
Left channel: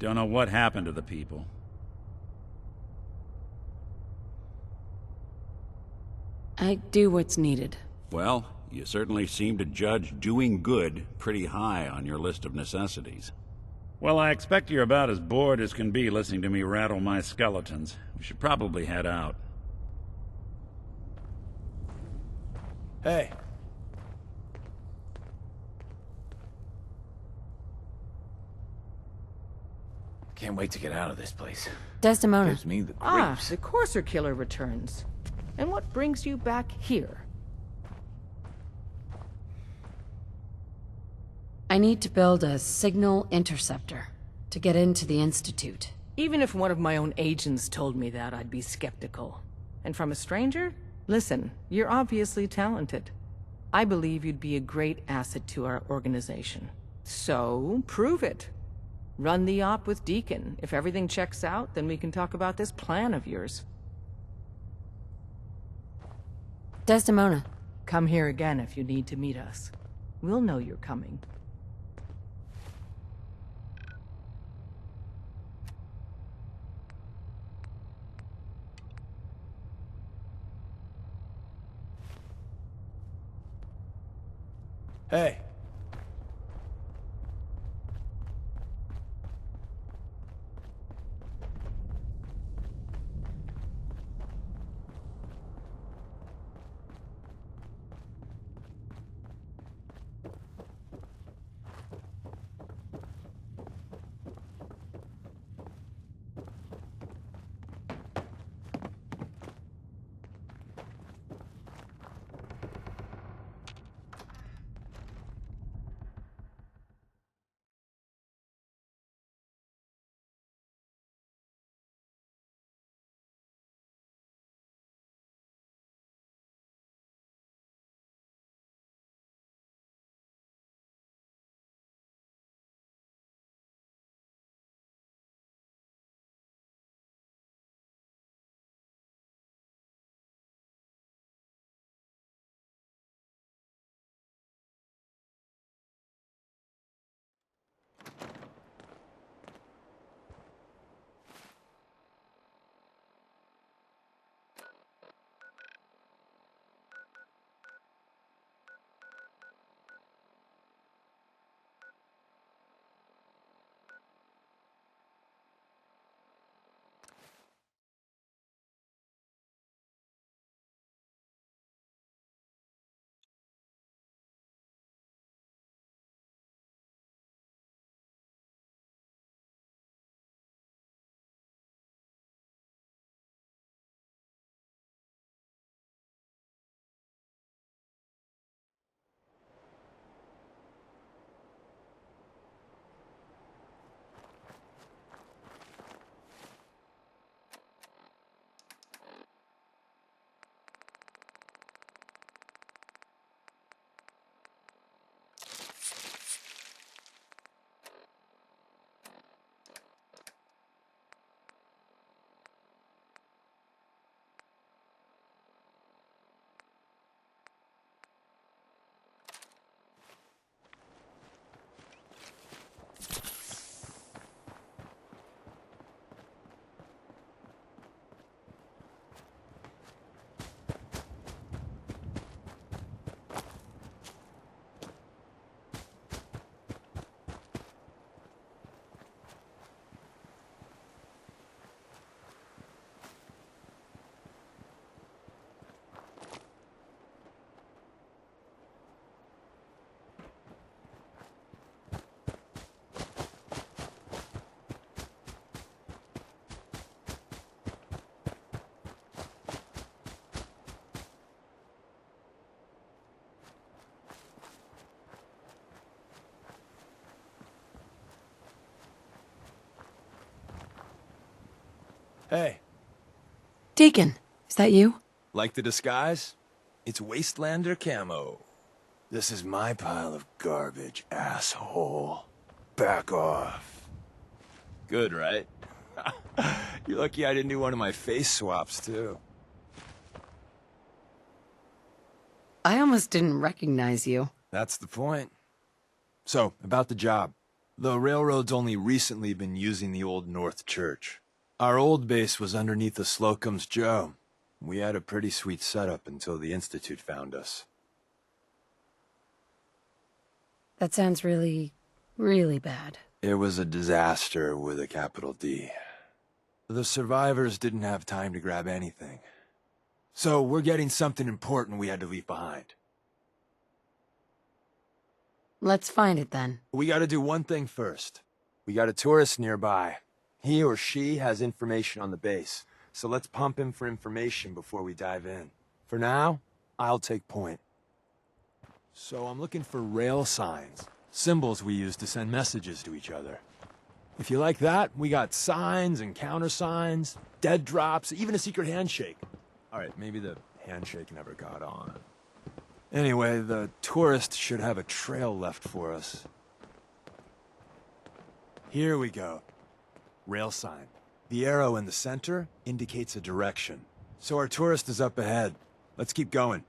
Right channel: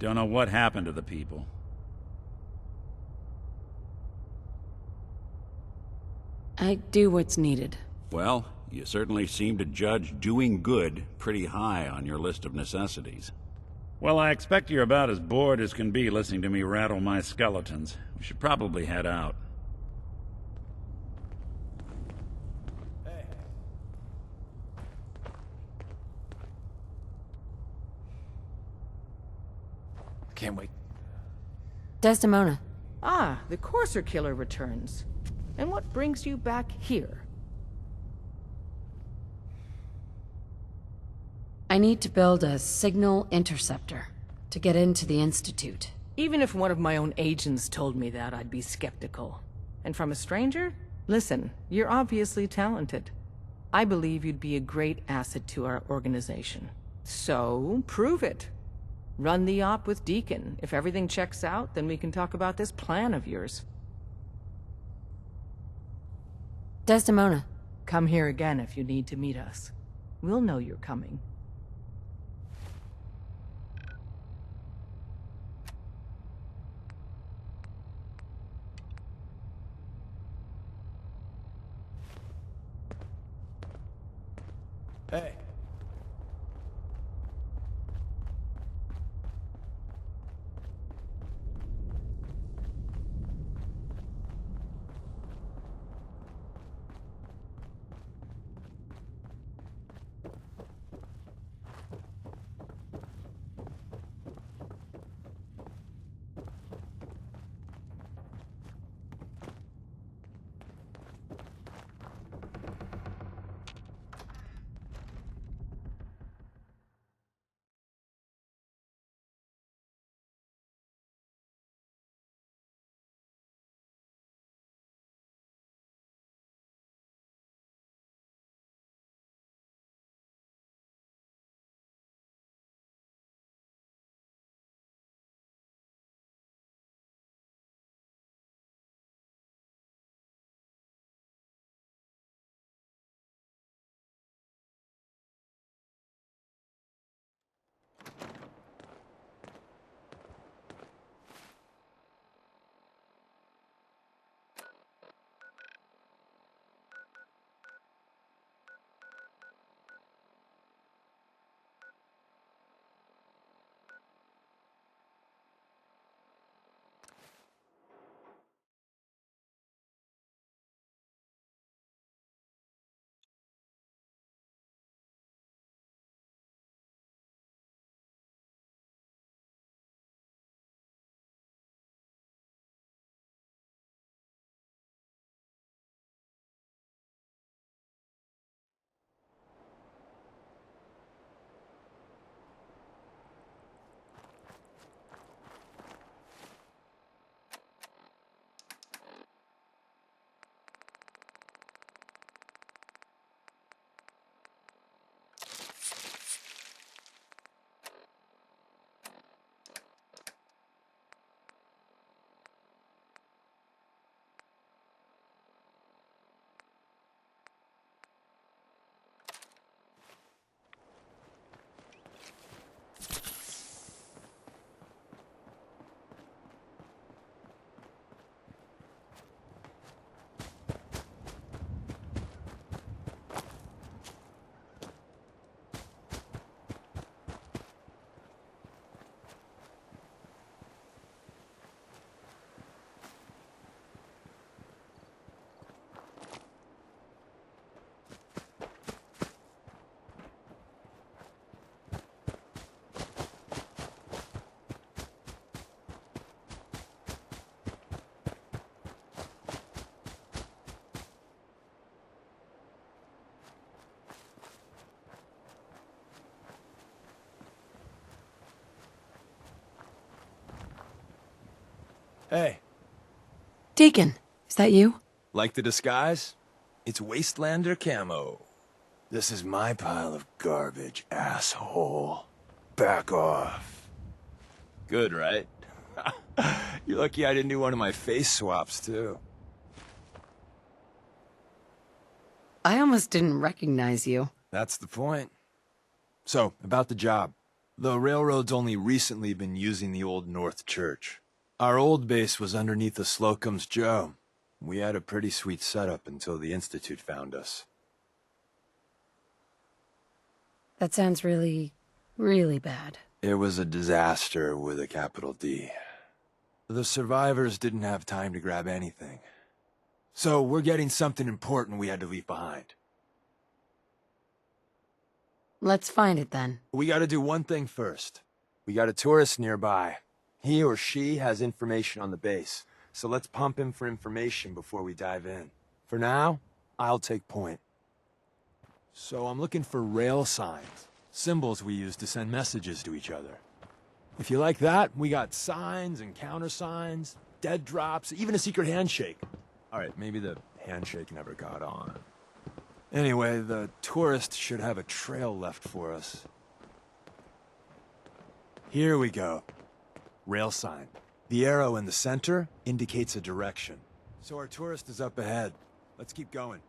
Don't know what happened to the people. I do what's needed. Well, you certainly seem to judge doing good pretty high on your list of necessities. Well, I expect you're about as bored as can be listening to me rattle my skeletons. We should probably head out. Hey. Can't wait to get out of this place. Desdemona. Gives me the Ah, creeps. the Courser Killer returns. And what brings you back here? I need to build a signal interceptor to get into the Institute. Even if one of my own agents told me that, I'd be skeptical. And from a stranger? Listen, you're obviously talented. I believe you'd be a great asset to our organization. So, prove it. Run the op with Deacon. If everything checks out, then we can talk about this plan of yours. Desdemona. Come here again if you need to meet us. We'll know you're coming. Hey. Hey. Deacon, is that you? Like the disguise? It's Wastelander camo. This is my pile of garbage, asshole. Back off. Good, right? You're lucky I didn't do one of my face swaps, too. I almost didn't recognize you. That's the point. So, about the job. The railroad's only recently been using the Old North Church. Our old base was underneath the Slocum's Joe. We had a pretty sweet setup until the Institute found us. That sounds really, really bad. It was a disaster with a capital D. The survivors didn't have time to grab anything. So we're getting something important we had to leave behind. Let's find it then. We gotta do one thing first. We got a tourist nearby. He or she has information on the base, so let's pump him for information before we dive in. For now, I'll take point. So I'm looking for rail signs, symbols we use to send messages to each other. If you like that, we got signs and countersigns, dead drops, even a secret handshake. Alright, maybe the handshake never got on. Anyway, the tourist should have a trail left for us. Here we go. Rail sign. The arrow in the center indicates a direction. So our tourist is up ahead. Let's keep going.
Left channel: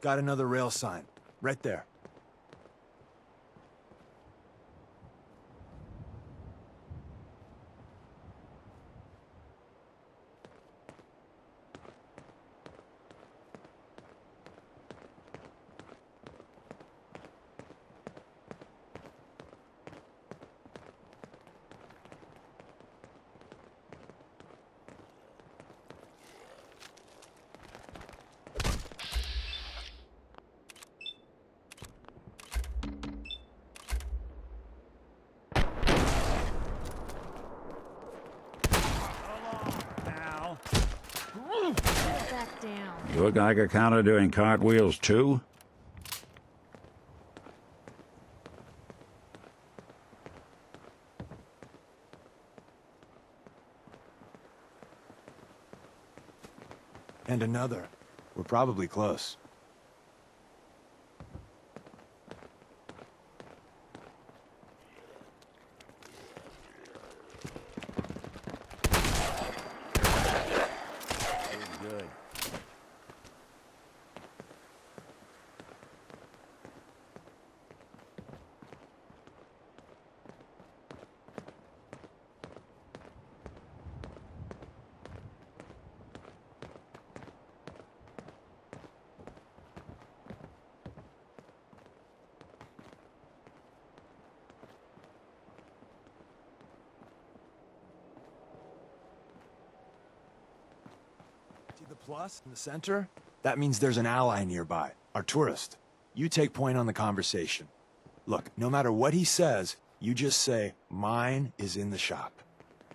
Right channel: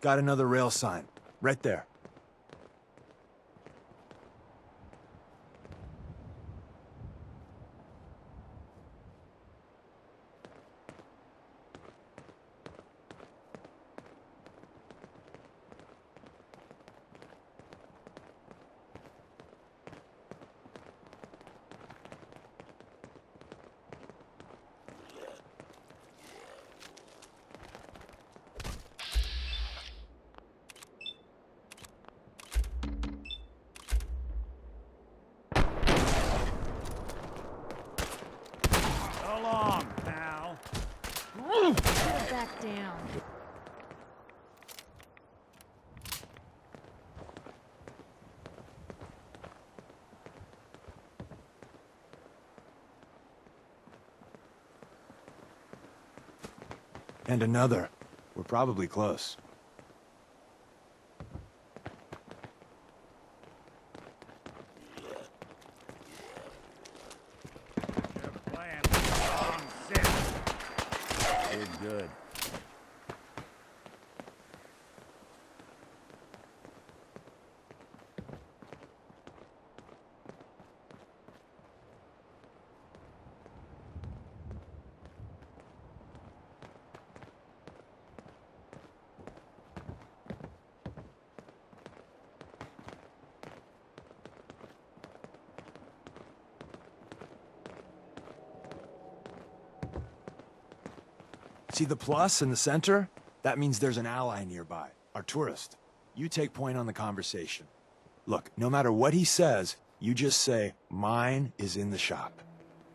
Got another rail sign. Right there. Get back down. Your Geiger counter doing cartwheels too? And another. We're probably close. Good. See the plus in the center? That means there's an ally nearby, our tourist. You take point on the conversation. Look, no matter what he says, you just say, "Mine is in the shop."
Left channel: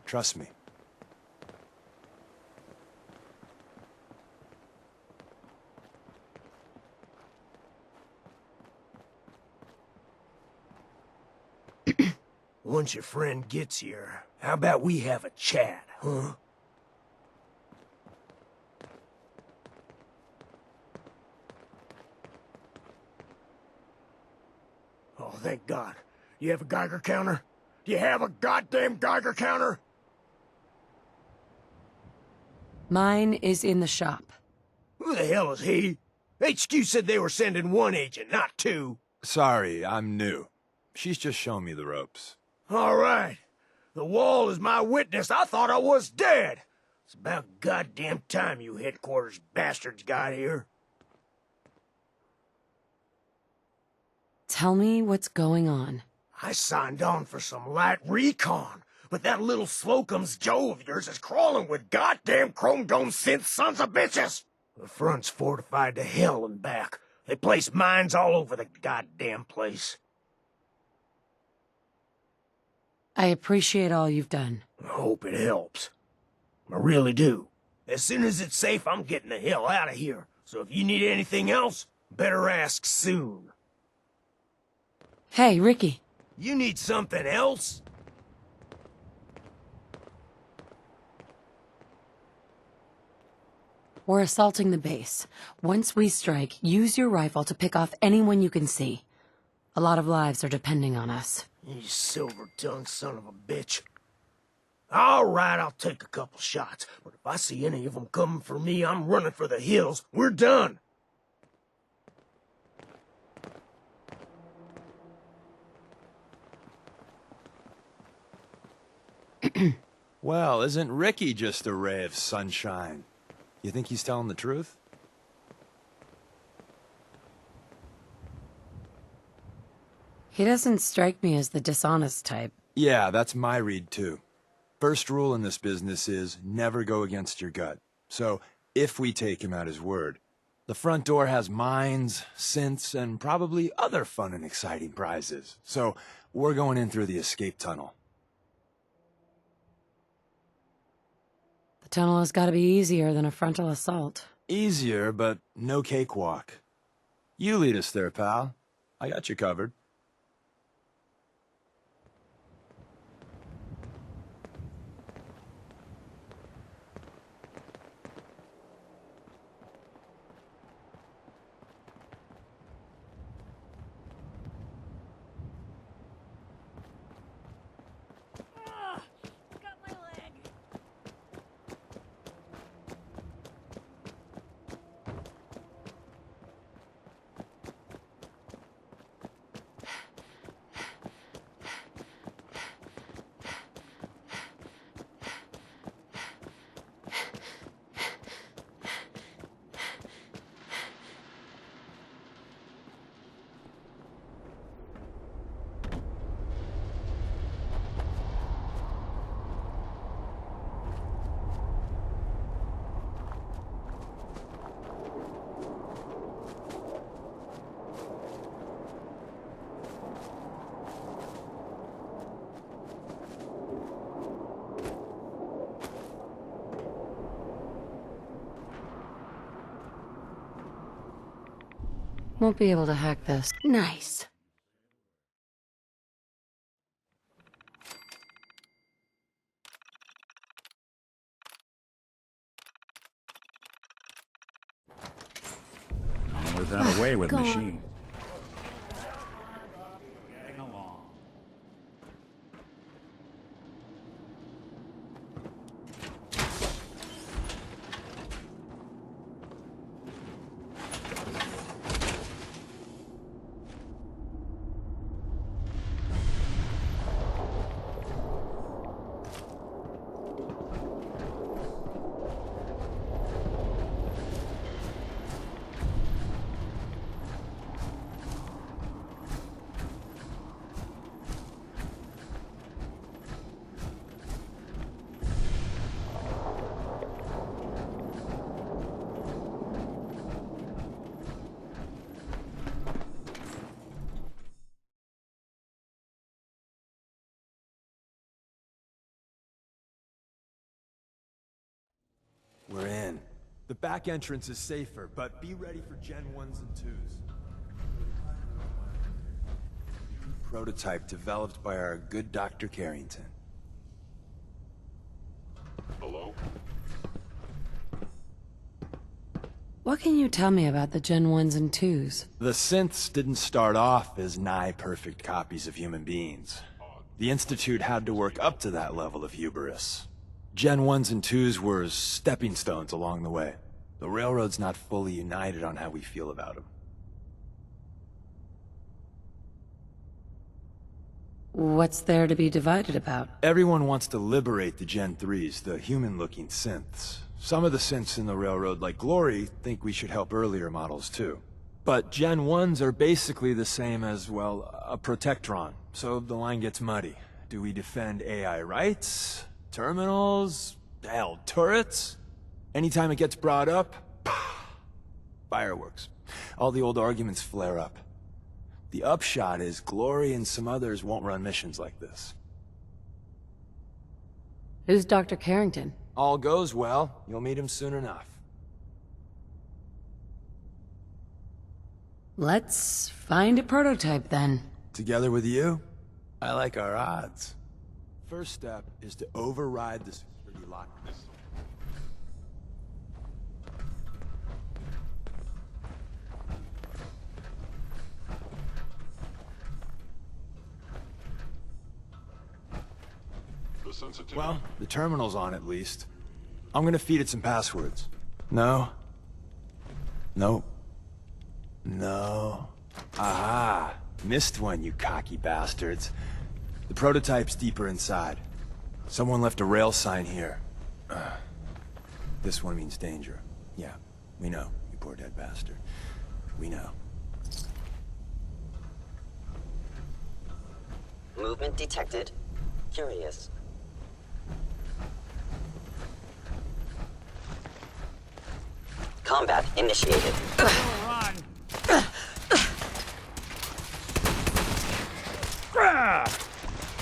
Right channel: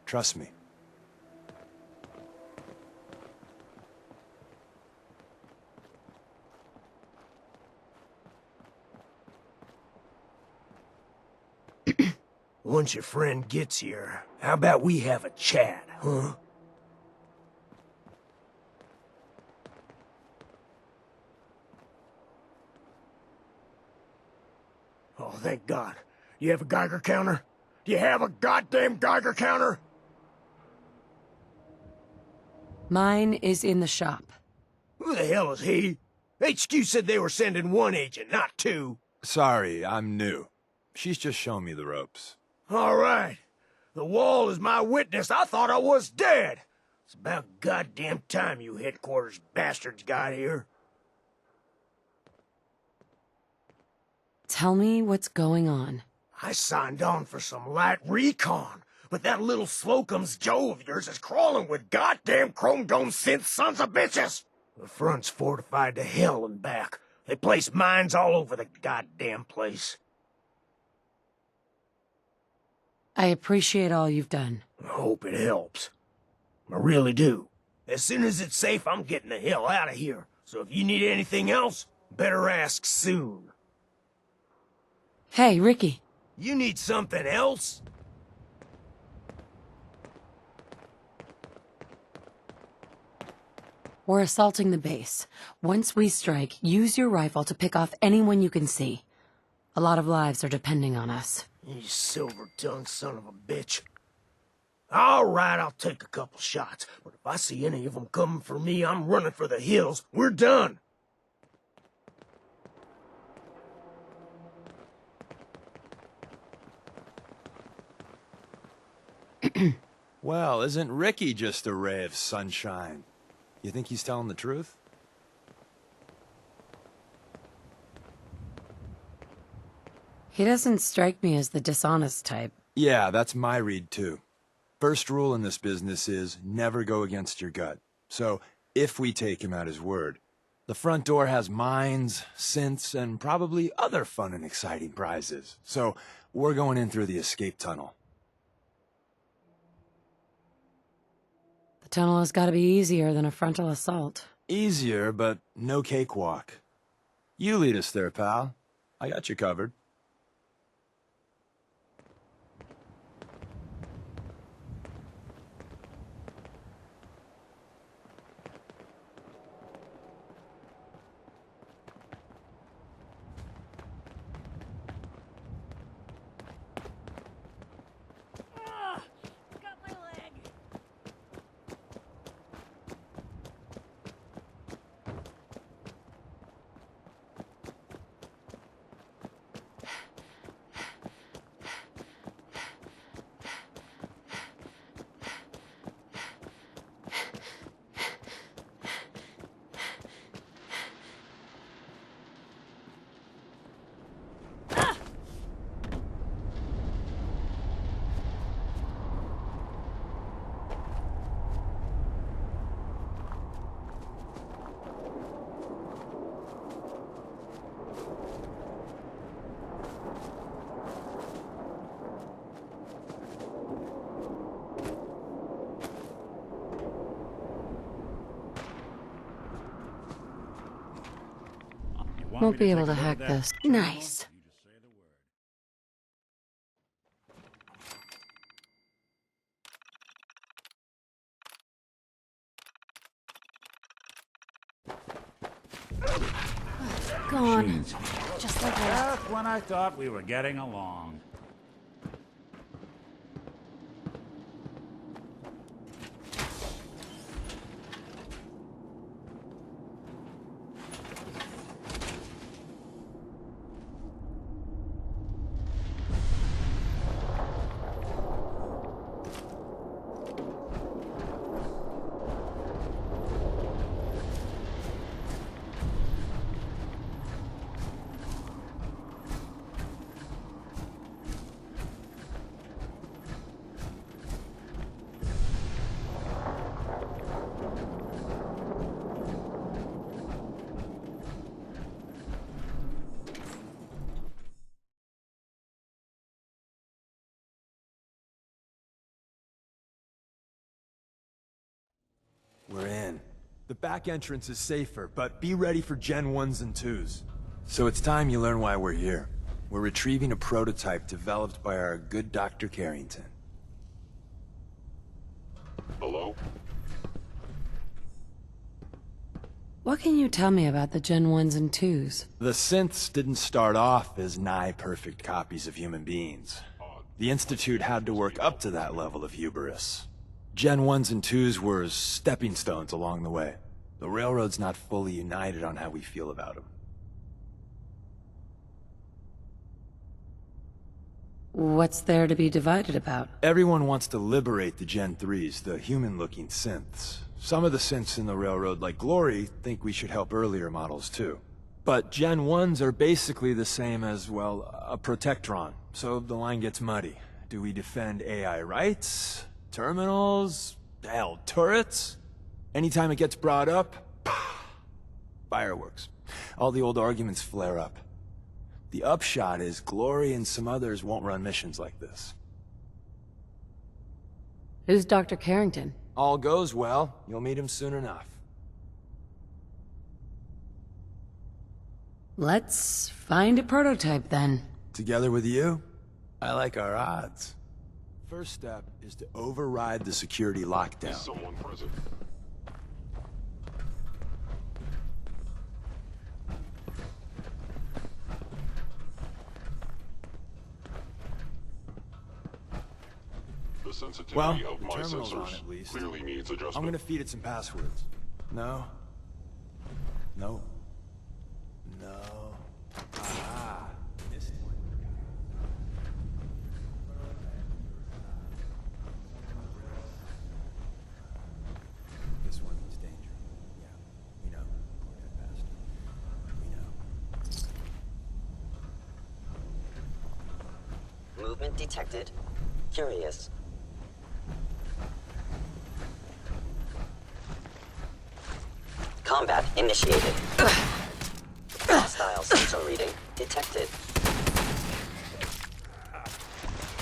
Trust me. Once your friend gets here, how about we have a chat, huh? Oh, thank God. You have a Geiger counter? Do you have a goddamn Geiger counter? Mine is in the shop. Who the hell is he? HQ said they were sending one agent, not two. Sorry, I'm new. She's just showing me the ropes. All right. The wall is my witness. I thought I was dead. It's about goddamn time you headquarters bastards got here. Tell me what's going on. I signed on for some light recon, but that little Slocum's Joe of yours is crawling with goddamn chrome dome synth sons of bitches. The front's fortified to hell and back. They place mines all over the goddamn place. I appreciate all you've done. I hope it helps. I really do. As soon as it's safe, I'm getting the hell out of here. So if you need anything else, better ask soon. Hey, Ricky. You need something else? We're assaulting the base. Once we strike, use your rifle to pick off anyone you can see. A lot of lives are depending on us. You silver-tongued son of a bitch. All right, I'll take a couple shots, but if I see any of them coming for me, I'm running for the hills. We're done. Well, isn't Ricky just a ray of sunshine? You think he's telling the truth? He doesn't strike me as the dishonest type. Yeah, that's my read too. First rule in this business is never go against your gut. So, if we take him at his word, the front door has mines, synths, and probably other fun and exciting prizes. So, we're going in through the escape tunnel. The tunnel has got to be easier than a frontal assault. Easier, but no cakewalk. You lead us there, pal. I got you covered. Got my leg. Won't be able to hack this. Nice. We got away with Gone. machines. Just like that. Just when I thought we were getting along. We're in. The back entrance is safer, but be ready for Gen 1s and 2s. So it's time you learn why we're here. We're retrieving a prototype developed by our good Dr. Carrington. Hello? What can you tell me about the Gen 1s and 2s? The synths didn't start off as nigh-perfect copies of human beings. The Institute had to work up to that level of hubris. Gen 1s and 2s were stepping stones along the way. The Railroad's not fully united on how we feel about them. What's there to be divided about? Everyone wants to liberate the Gen 3s, the human-looking synths. Some of the synths in the Railroad, like Glory, think we should help earlier models too. But Gen 1s are basically the same as, well, a Protectron, so the line gets muddy. Do we defend AI rights? Terminals? Hell, turrets? Anytime it gets brought up, fireworks. All the old arguments flare up. The upshot is Glory and some others won't run missions like this. Who's Dr. Carrington? All goes well, you'll meet him soon enough. Let's find a prototype then. Together with you? I like our odds. First step is to override the security lockdown. Is someone present? Well, the terminal's on at least. I'm gonna feed it some passwords. No. No. No. Aha! Missed one, you cocky bastards. The prototype's deeper inside. Someone left a rail sign here. This one means danger. Yeah, we know, you poor dead bastard. We know. Movement detected. Curious. Combat initiated. Hostile sensor reading detected.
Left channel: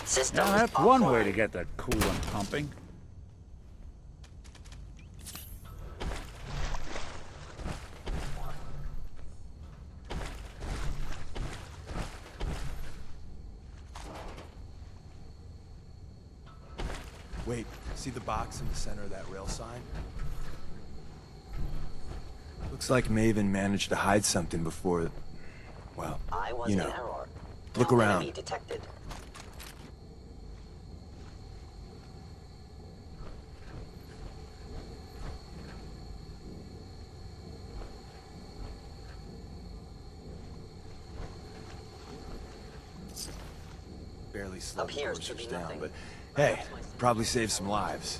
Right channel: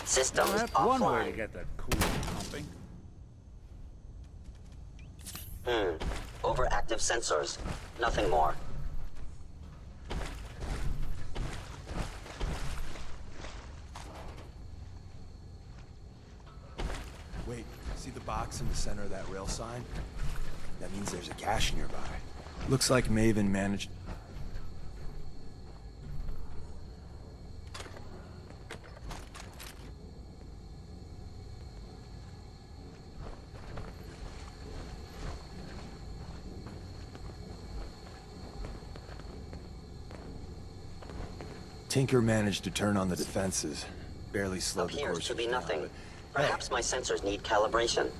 Systems Now, that's offline. one way to get the coolant pumping. Overactive sensors. Nothing more. Wait, see the box in the center of that rail sign? That means there's a cache nearby. Looks like Maven managed to hide something before... Well, I was you in know. error. Look around. Enemy detected. Tinker managed to turn on the defenses. Barely slowed the Appears to coursers be down, nothing. but Perhaps hey, my sensors probably need saved some calibration. lives.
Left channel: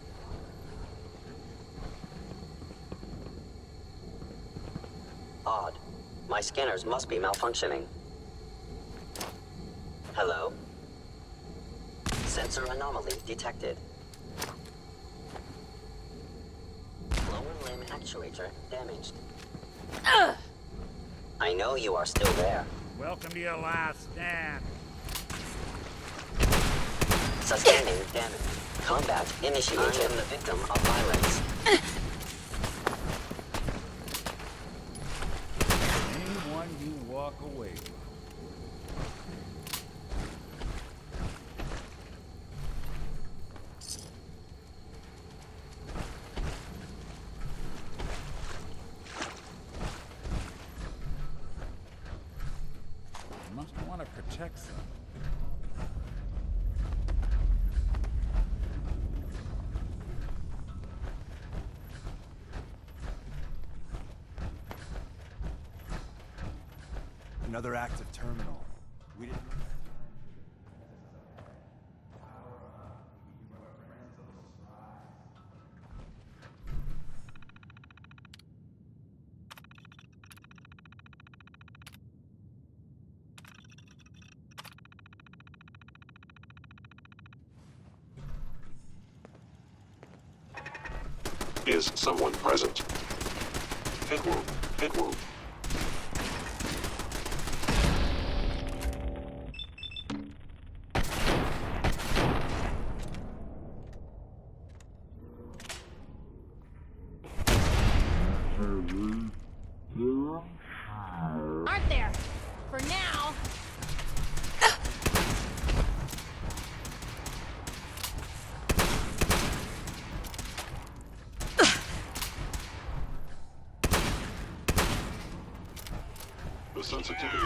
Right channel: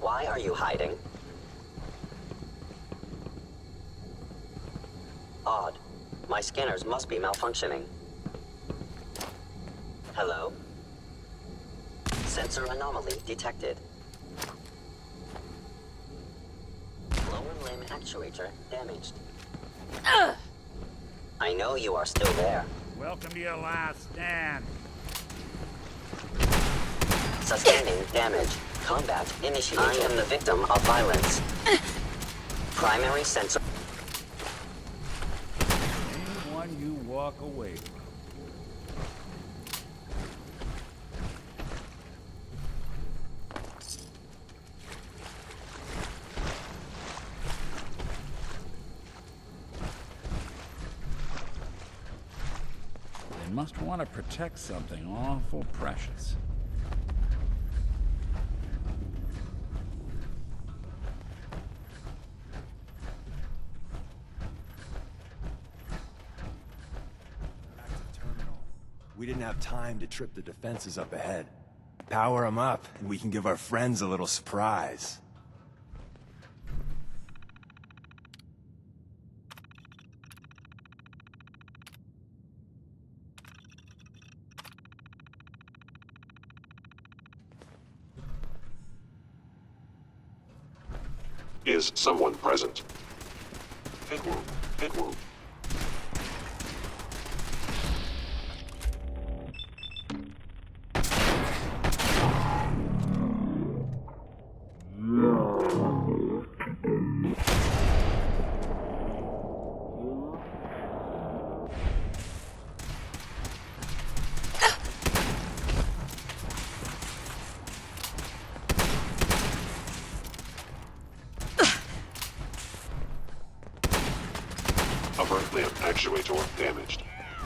Why are you hiding? Odd. My scanners must be malfunctioning. Hello? Sensor anomaly detected. Lower limb actuator damaged. I know you are still there. Welcome to your last stand. Sustaining damage. Combat initiated. I am the victim of violence. Primary sensor. Anyone you walk away from. They must want to protect something awful precious. Another active terminal. We didn't have time to trip the defenses up ahead. Power them up, and we can give our friends a little surprise. Is someone present? Hit wound. Hit wound. Aren't there? For now. Upper limb actuator damaged. Sensitivity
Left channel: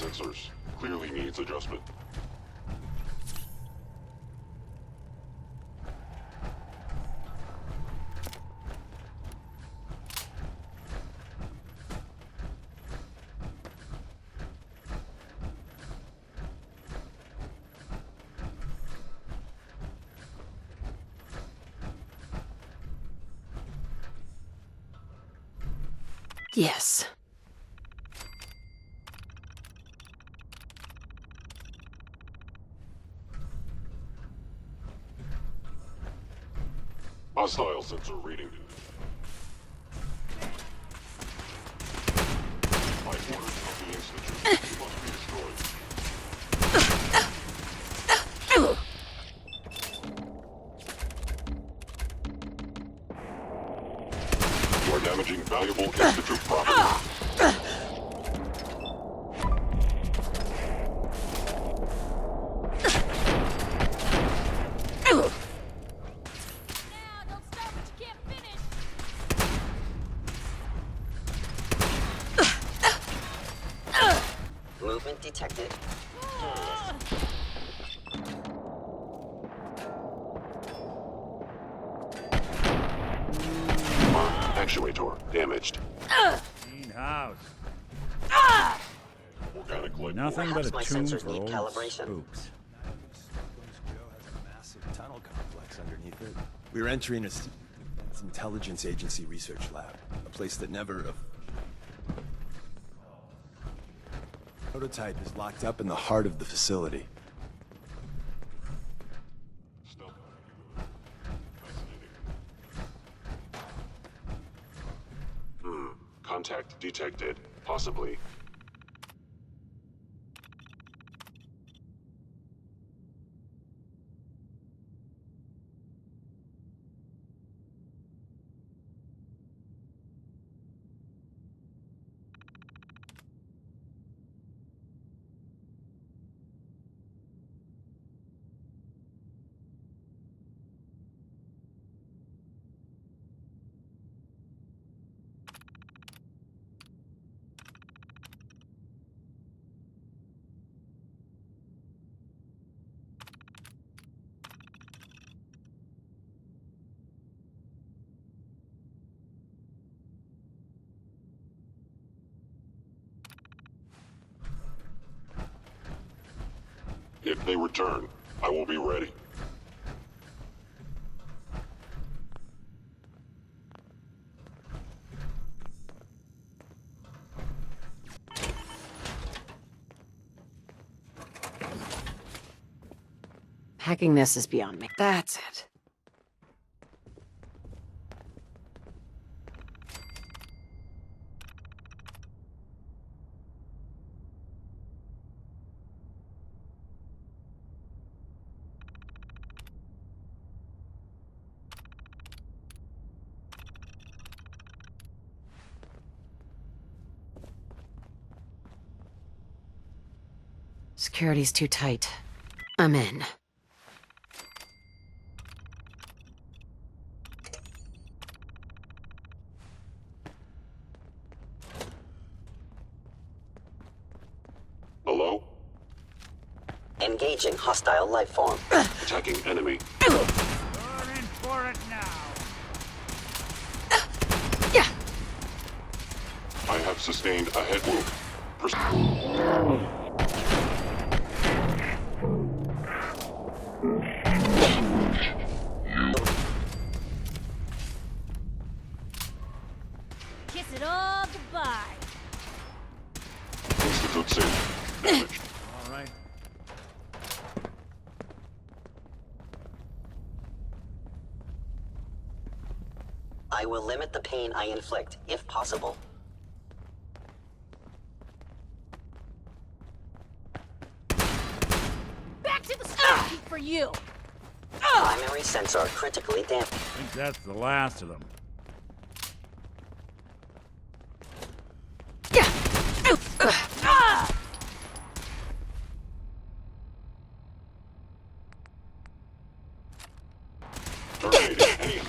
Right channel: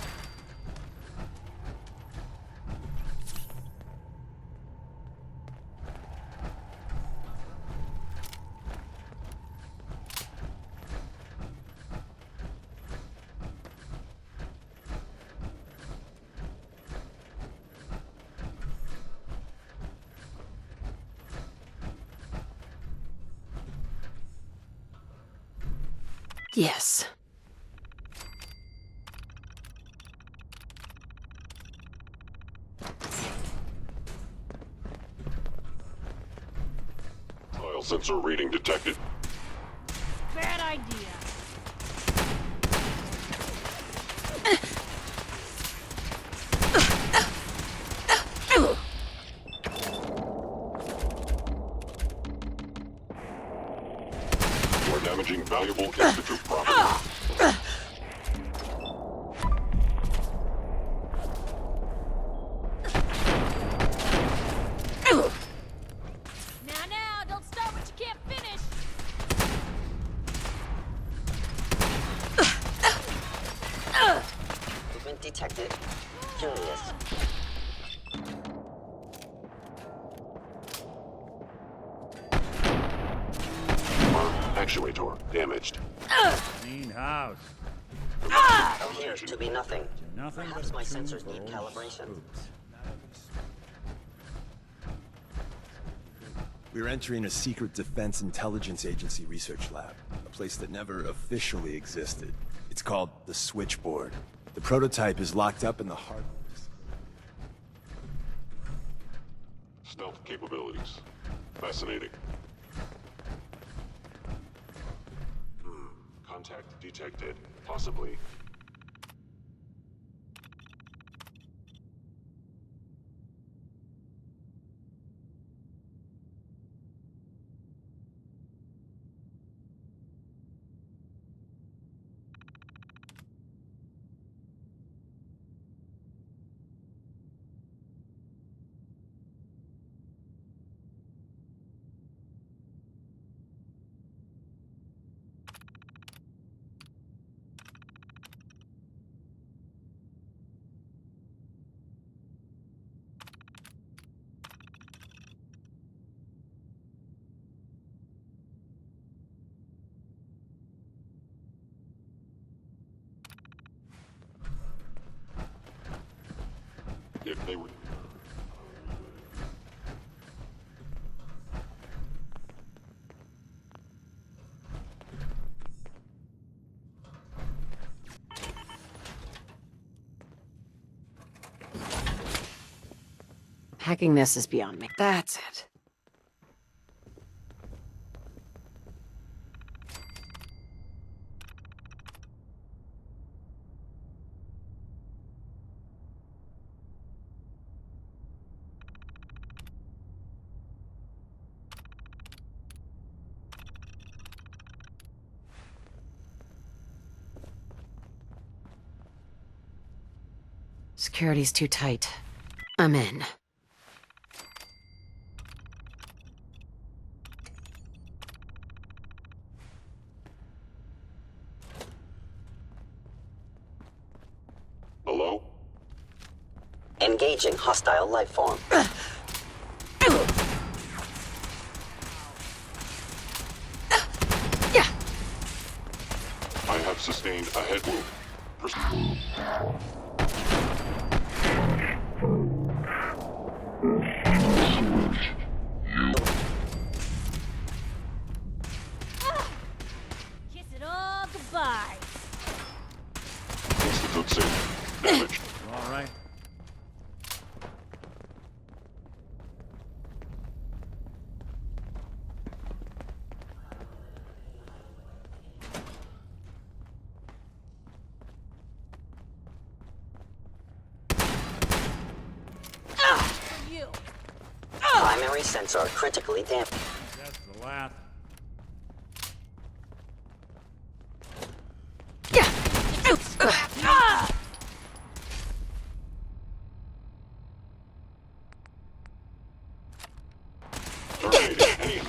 sensors clearly needs adjustment. Yes. Hostile sensor reading detected. Bad idea. damaging valuable Institute property. Now, don't start what you can't finish. Movement detected. Curious. Actuator damaged. Clean house. Appears to be nothing. Nothing but Perhaps a my tomb sensors for need old calibration. spooks. We're entering a secret Defense Intelligence Agency research lab, a place that never officially existed. It's called the Switchboard. The prototype is locked up in the heart of the facility. Stealth capabilities. Fascinating. Contact detected. Possibly. If they return, I will be ready. Hacking this is beyond me. That's it. Security's too tight. I'm in. Hello? Engaging hostile life form. Attacking enemy. I have sustained a head wound. Kiss it all goodbye. Institute synth damaged. All right. I will limit the pain I inflict, if possible. Back to the start for you. Primary sensor critically damaged. I think that's the last of them. Terminating any.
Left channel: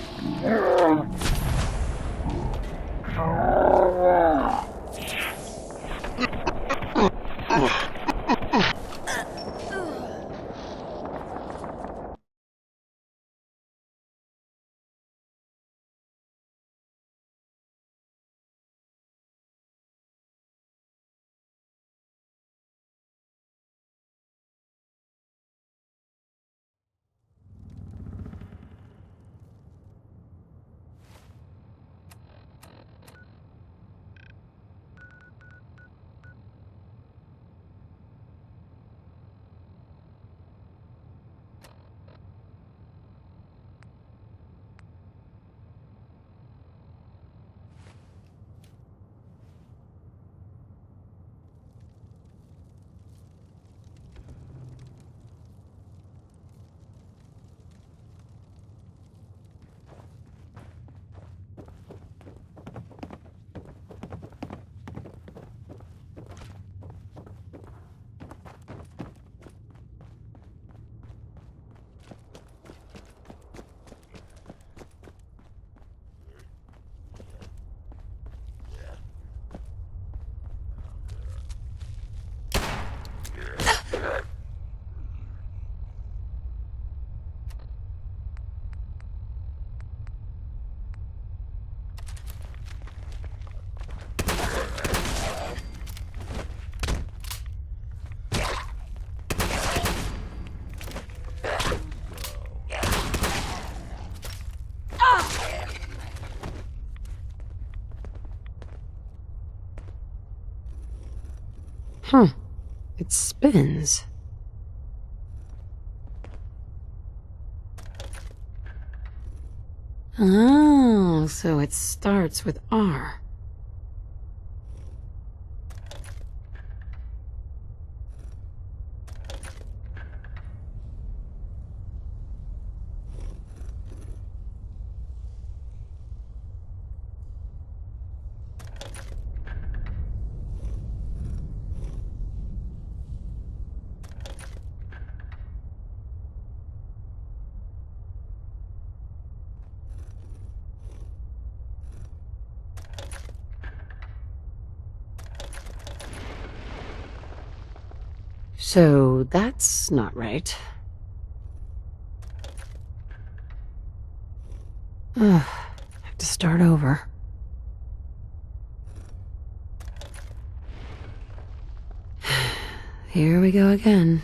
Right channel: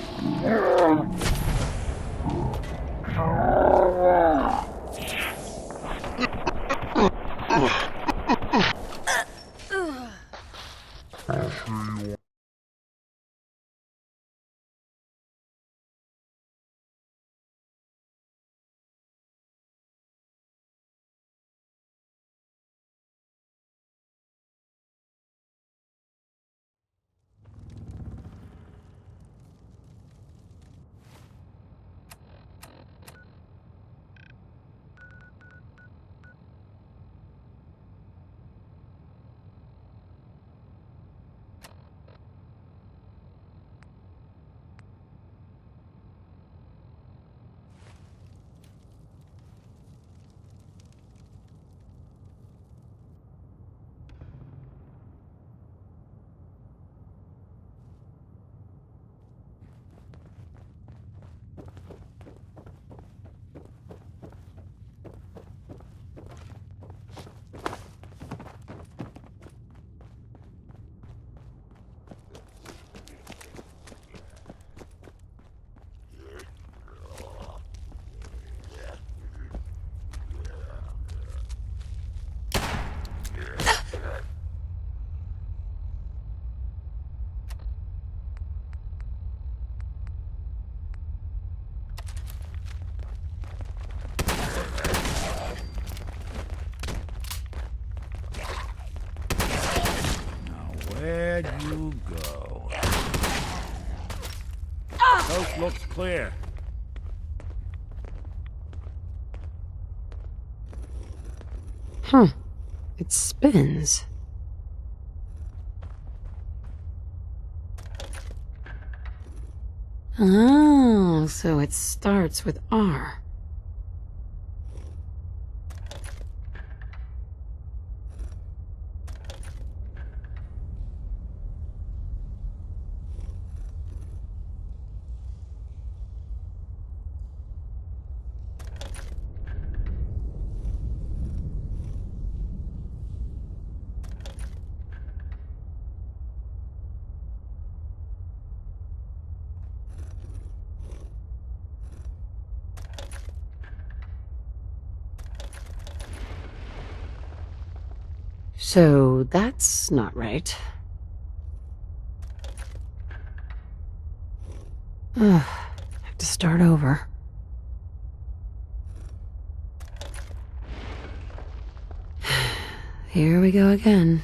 clear. Huh. It spins. Oh, so it starts with R. So that's not right. Ugh, have to start over. Here we go again.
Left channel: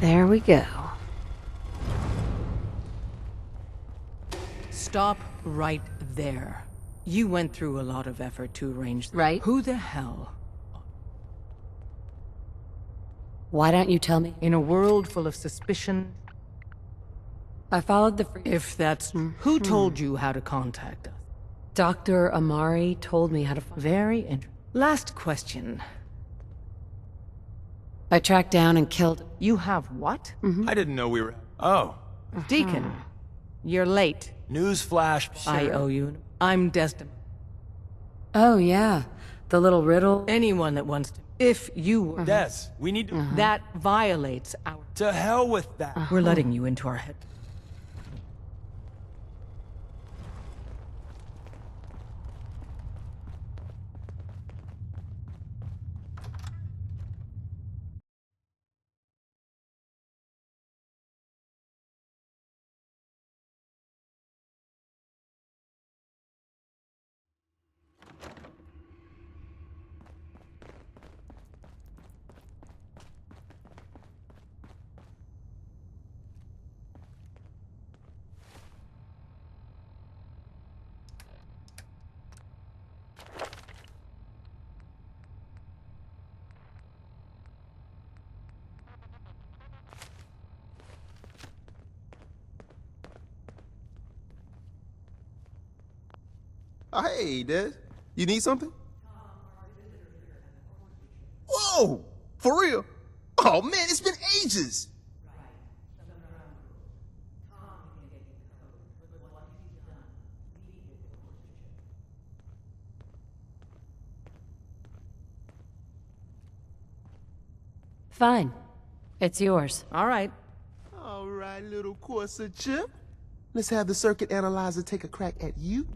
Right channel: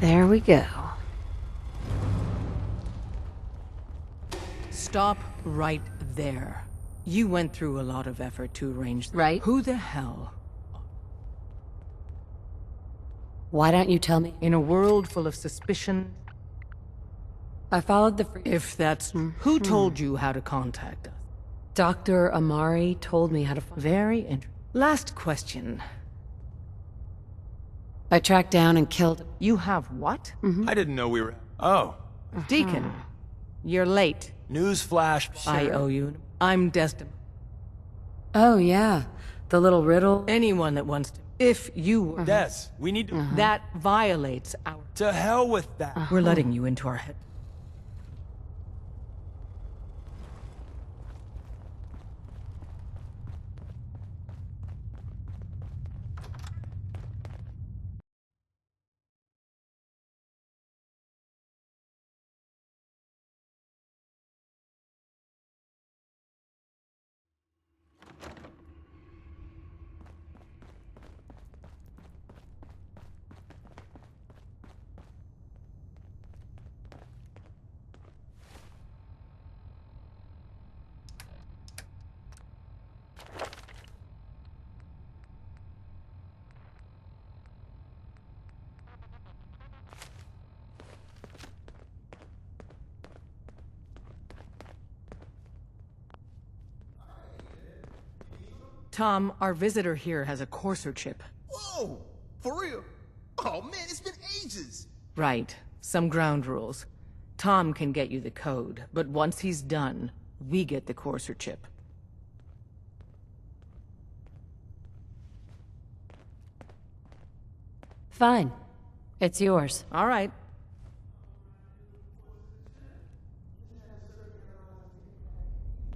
There we go. Stop right there. You went through a lot of effort to arrange... Right. Who the hell? Why don't you tell me? In a world full of suspicion... I followed the... If that's... Who told you how to contact us? Dr. Amari told me how to... Very interesting. Last question. I tracked down and killed... You have what? I didn't know we were... Oh. Deacon, you're late. Newsflash. I owe you. I'm destined. Oh, yeah. The little riddle. Anyone that wants to. If you were... Des, we need to... That violates our... To hell with that. We're letting you into our head. Oh, hey, Des. You need something? Tom, our visitor here has a Courser chip. Whoa! For real? Oh, man, it's been ages! Right. Some ground rules. Tom can get you the code, but once he's done, we get the Courser chip. Fine. It's yours. All right. All right, little Courser chip. Let's have the circuit analyzer take a crack at you.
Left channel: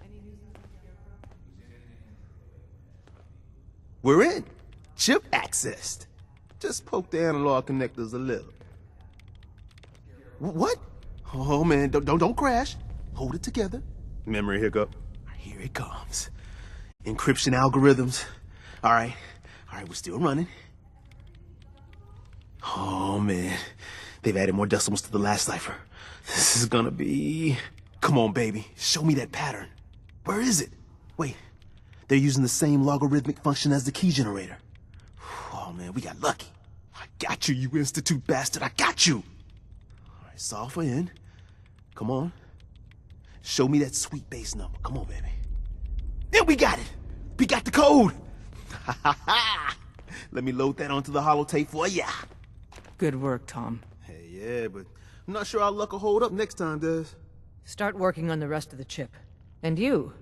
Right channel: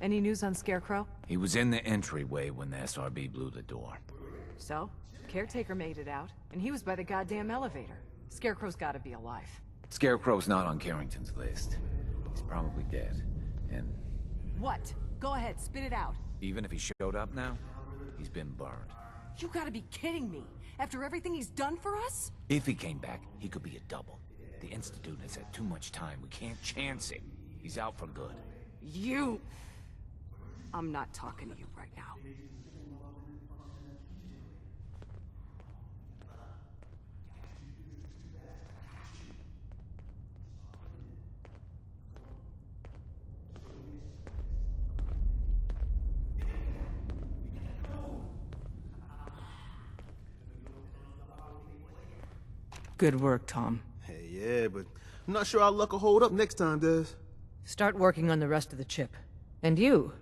Any news on Scarecrow? He was in the entryway when the SRB blew the door. We're in. So? Chip Caretaker access. made it out, and he was Just by the poke the goddamn analog elevator. connectors a little. Scarecrow's gotta be alive. Scarecrow's not What? on Carrington's Oh, list. man, don't crash. Probably dead. Hold it together. Memory hiccup. Go ahead, Here it spit it out. comes. Even if he showed up Encryption now, algorithms. been bugged. All right. You gotta be We're still kidding running. me. After everything he's done for us? If he came Oh, in, man. They've added more decimals to the last cipher. This is gonna be... Come on, baby. Show me that pattern. Where is it? I'm not Wait. talking to you right now. They're using the same logarithmic function as the key generator. Oh, man, we got lucky. I got you, you institute bastard. I got you. All right, solve for n. Come on. Show me that sweet base number. Come on, baby. Yeah, we got it. We got the code. Let me load that onto the holotape for ya. Good work, Tom. Hey, yeah, but I'm not sure our luck will hold up next time, Des. Start working on the rest of the chip. And you,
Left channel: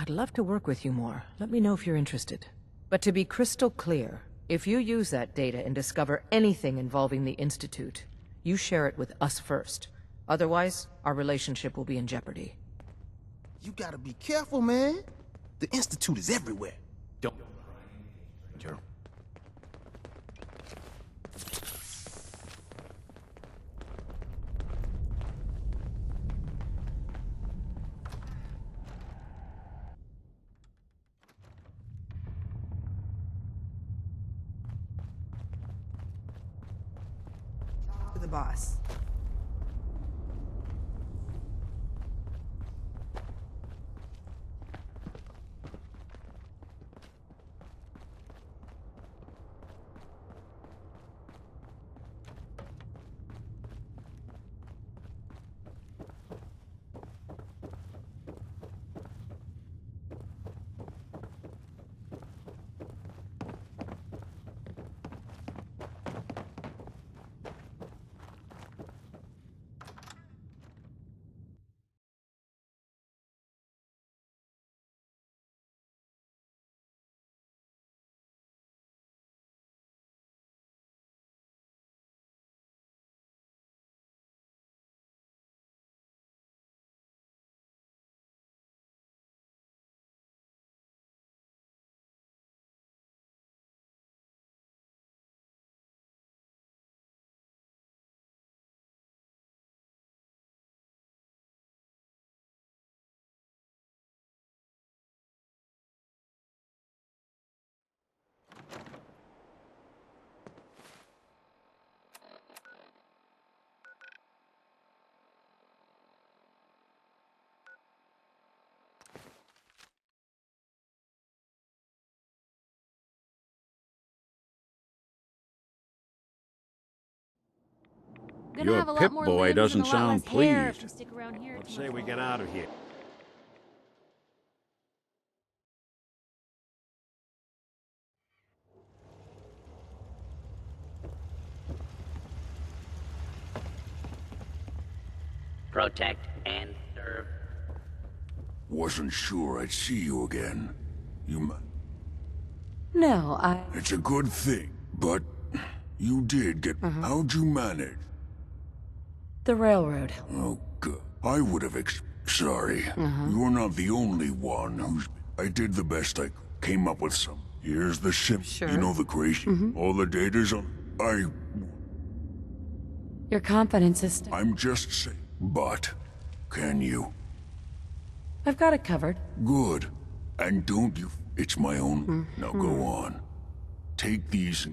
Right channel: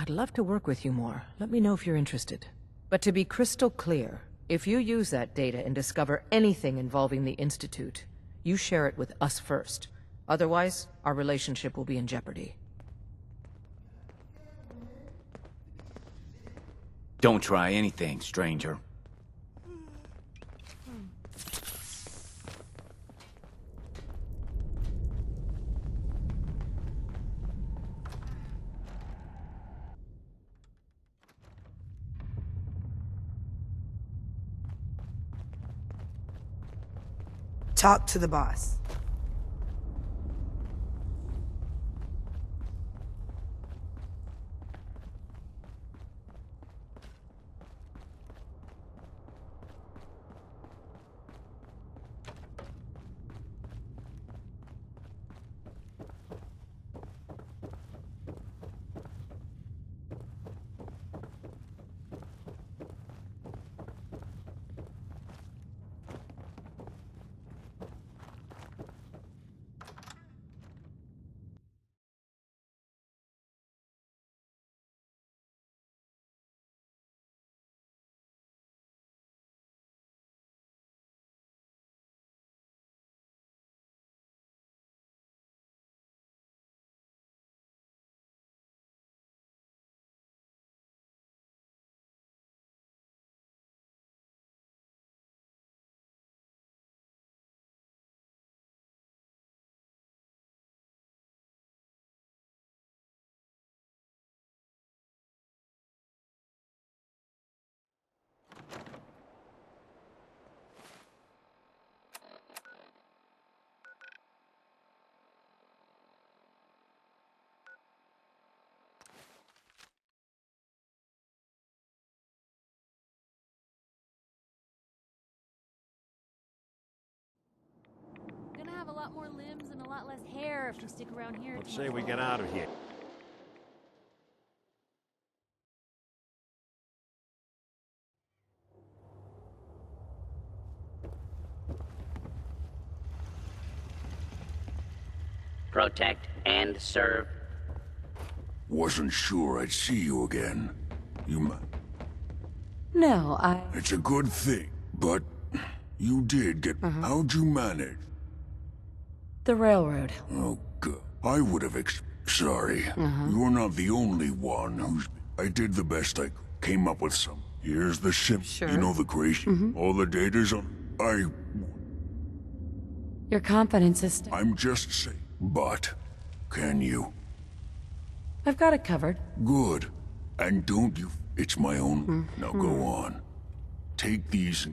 I'd love to work with you more. Let me know if you're interested. But to be crystal clear, if you use that data and discover anything involving the Institute, you share it with us first. Otherwise, our relationship will be in jeopardy. You gotta be careful, man. The Institute is everywhere. Don't try anything, stranger. Talk to the boss. Gonna Your have a lot more Pip-Boy limbs doesn't and a lot sound less hair if pleased. we stick around here Let's too say much we get longer. out of here. Protect and serve. Wasn't sure I'd see you again. No, It's a good thing, but you did get... How'd you manage? The railroad. Oh, God. I would have Sorry. You're not the only one who's... I did the best I came up with some. Here's the sim. Sure. You know the crazy... All the data's on... Your confidence is... I'm just saying. But... Can you? I've got it covered. Good. And don't you... It's my own... Now go on. Take these...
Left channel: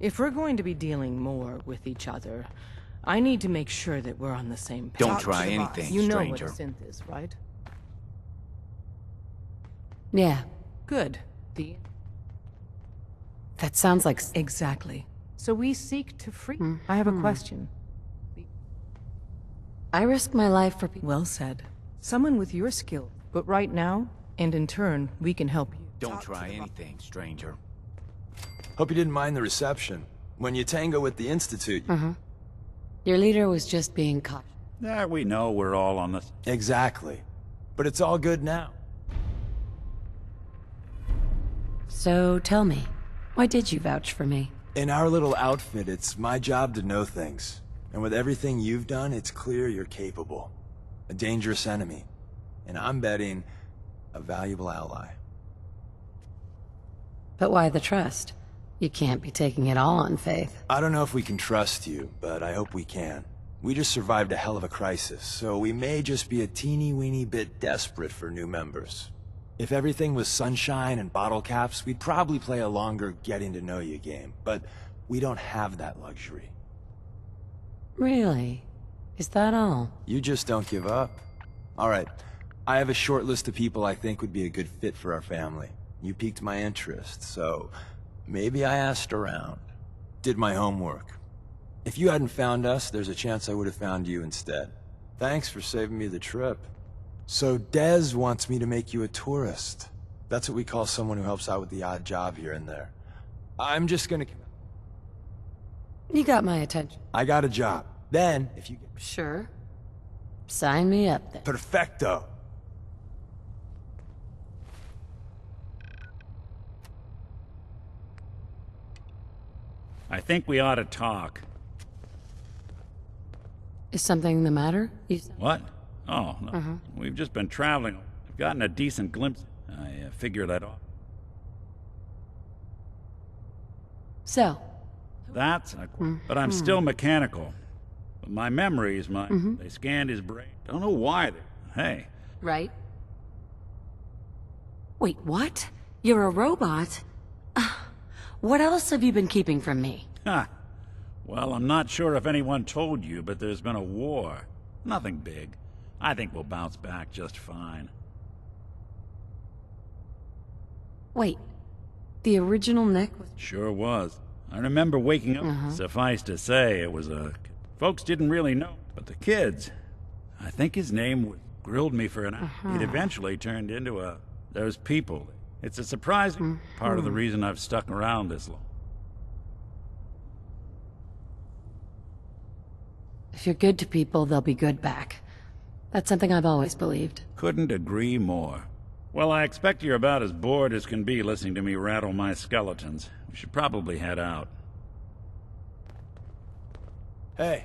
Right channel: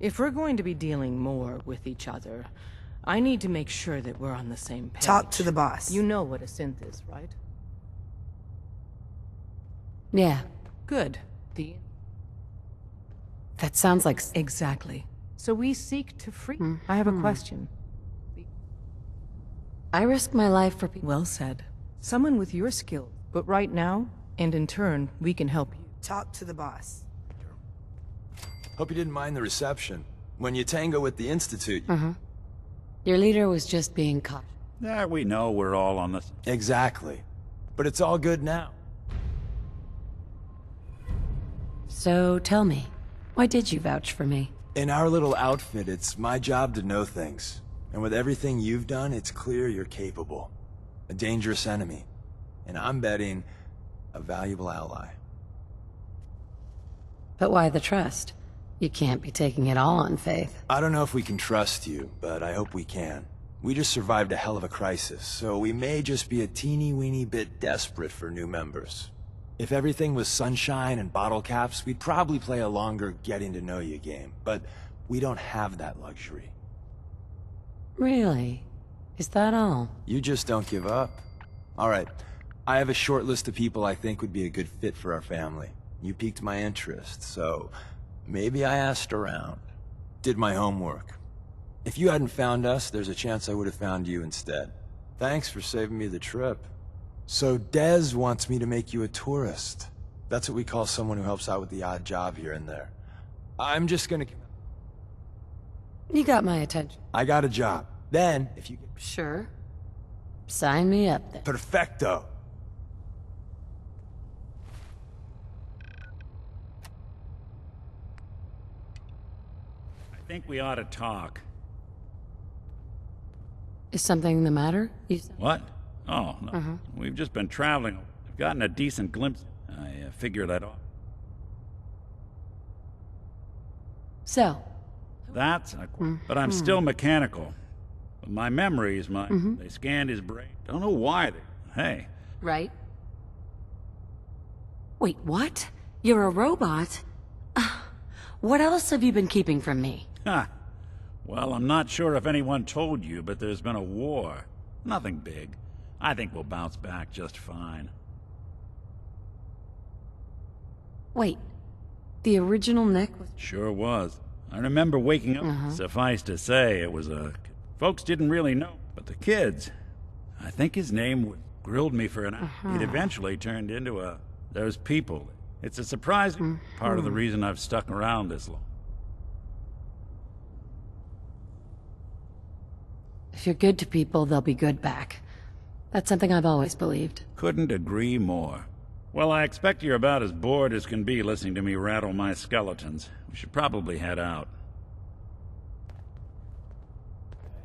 If we're going to be dealing more with each other, I need to make sure that we're on the same page. Talk to the boss. You know what a synth is, right? Yeah, Good. that sounds like... Exactly. So we seek to free... I have a question. I risk my life for people. Well said. Someone with your skill. But right now, and in turn, we can help you. Don't Talk try to the anything, boss. stranger. Hope you didn't mind the reception. When you tango with the Institute... Your leader was just being cautious. Yeah, we know we're all on the... Exactly. But it's all good now. So tell me, why did you vouch for me? In our little outfit, it's my job to know things. And with everything you've done, it's clear you're capable. A dangerous enemy. And I'm betting a valuable ally. But why the trust? You can't be taking it all on faith. I don't know if we can trust you, but I hope we can. We just survived a hell of a crisis, so we may just be a teeny-weeny bit desperate for new members. If everything was sunshine and bottle caps, we'd probably play a longer getting-to-know-you game, but we don't have that luxury. Really? Is that all? You just don't give up. Alright, I have a short list of people I think would be a good fit for our family. You piqued my interest, so maybe I asked around. Did my homework. If you hadn't found us, there's a chance I would have found you instead. Thanks for saving me the trip. So Dez wants me to make you a tourist. That's what we call someone who helps out with the odd job here and there. I'm just gonna... You got my attention. I got a job. Then, if you get... Sure. Sign me up then. Perfecto. I think we ought to talk. Is something the matter? What? Oh, no. We've just been traveling. I've gotten a decent glimpse. I figure that out. So? That's a... But I'm still mechanical. But my memories, they scanned his brain. Don't know why they... Hey. Right. Wait, what? You're a robot? What else have you been keeping from me? Ha! Well, I'm not sure if anyone told you, but there's been a war. Nothing big. I think we'll bounce back just fine. Wait, the original Nick was... Sure was. I remember waking up. Suffice to say, it was a... Folks didn't really know, but the kids... I think his name grilled me for an hour. It eventually turned into a... Those people. It's a surprising part of the reason I've stuck around this long. If you're good to people, they'll be good back. That's something I've always believed. Couldn't agree more. Well, I expect you're about as bored as can be listening to me rattle my skeletons. We should probably head out. Hey.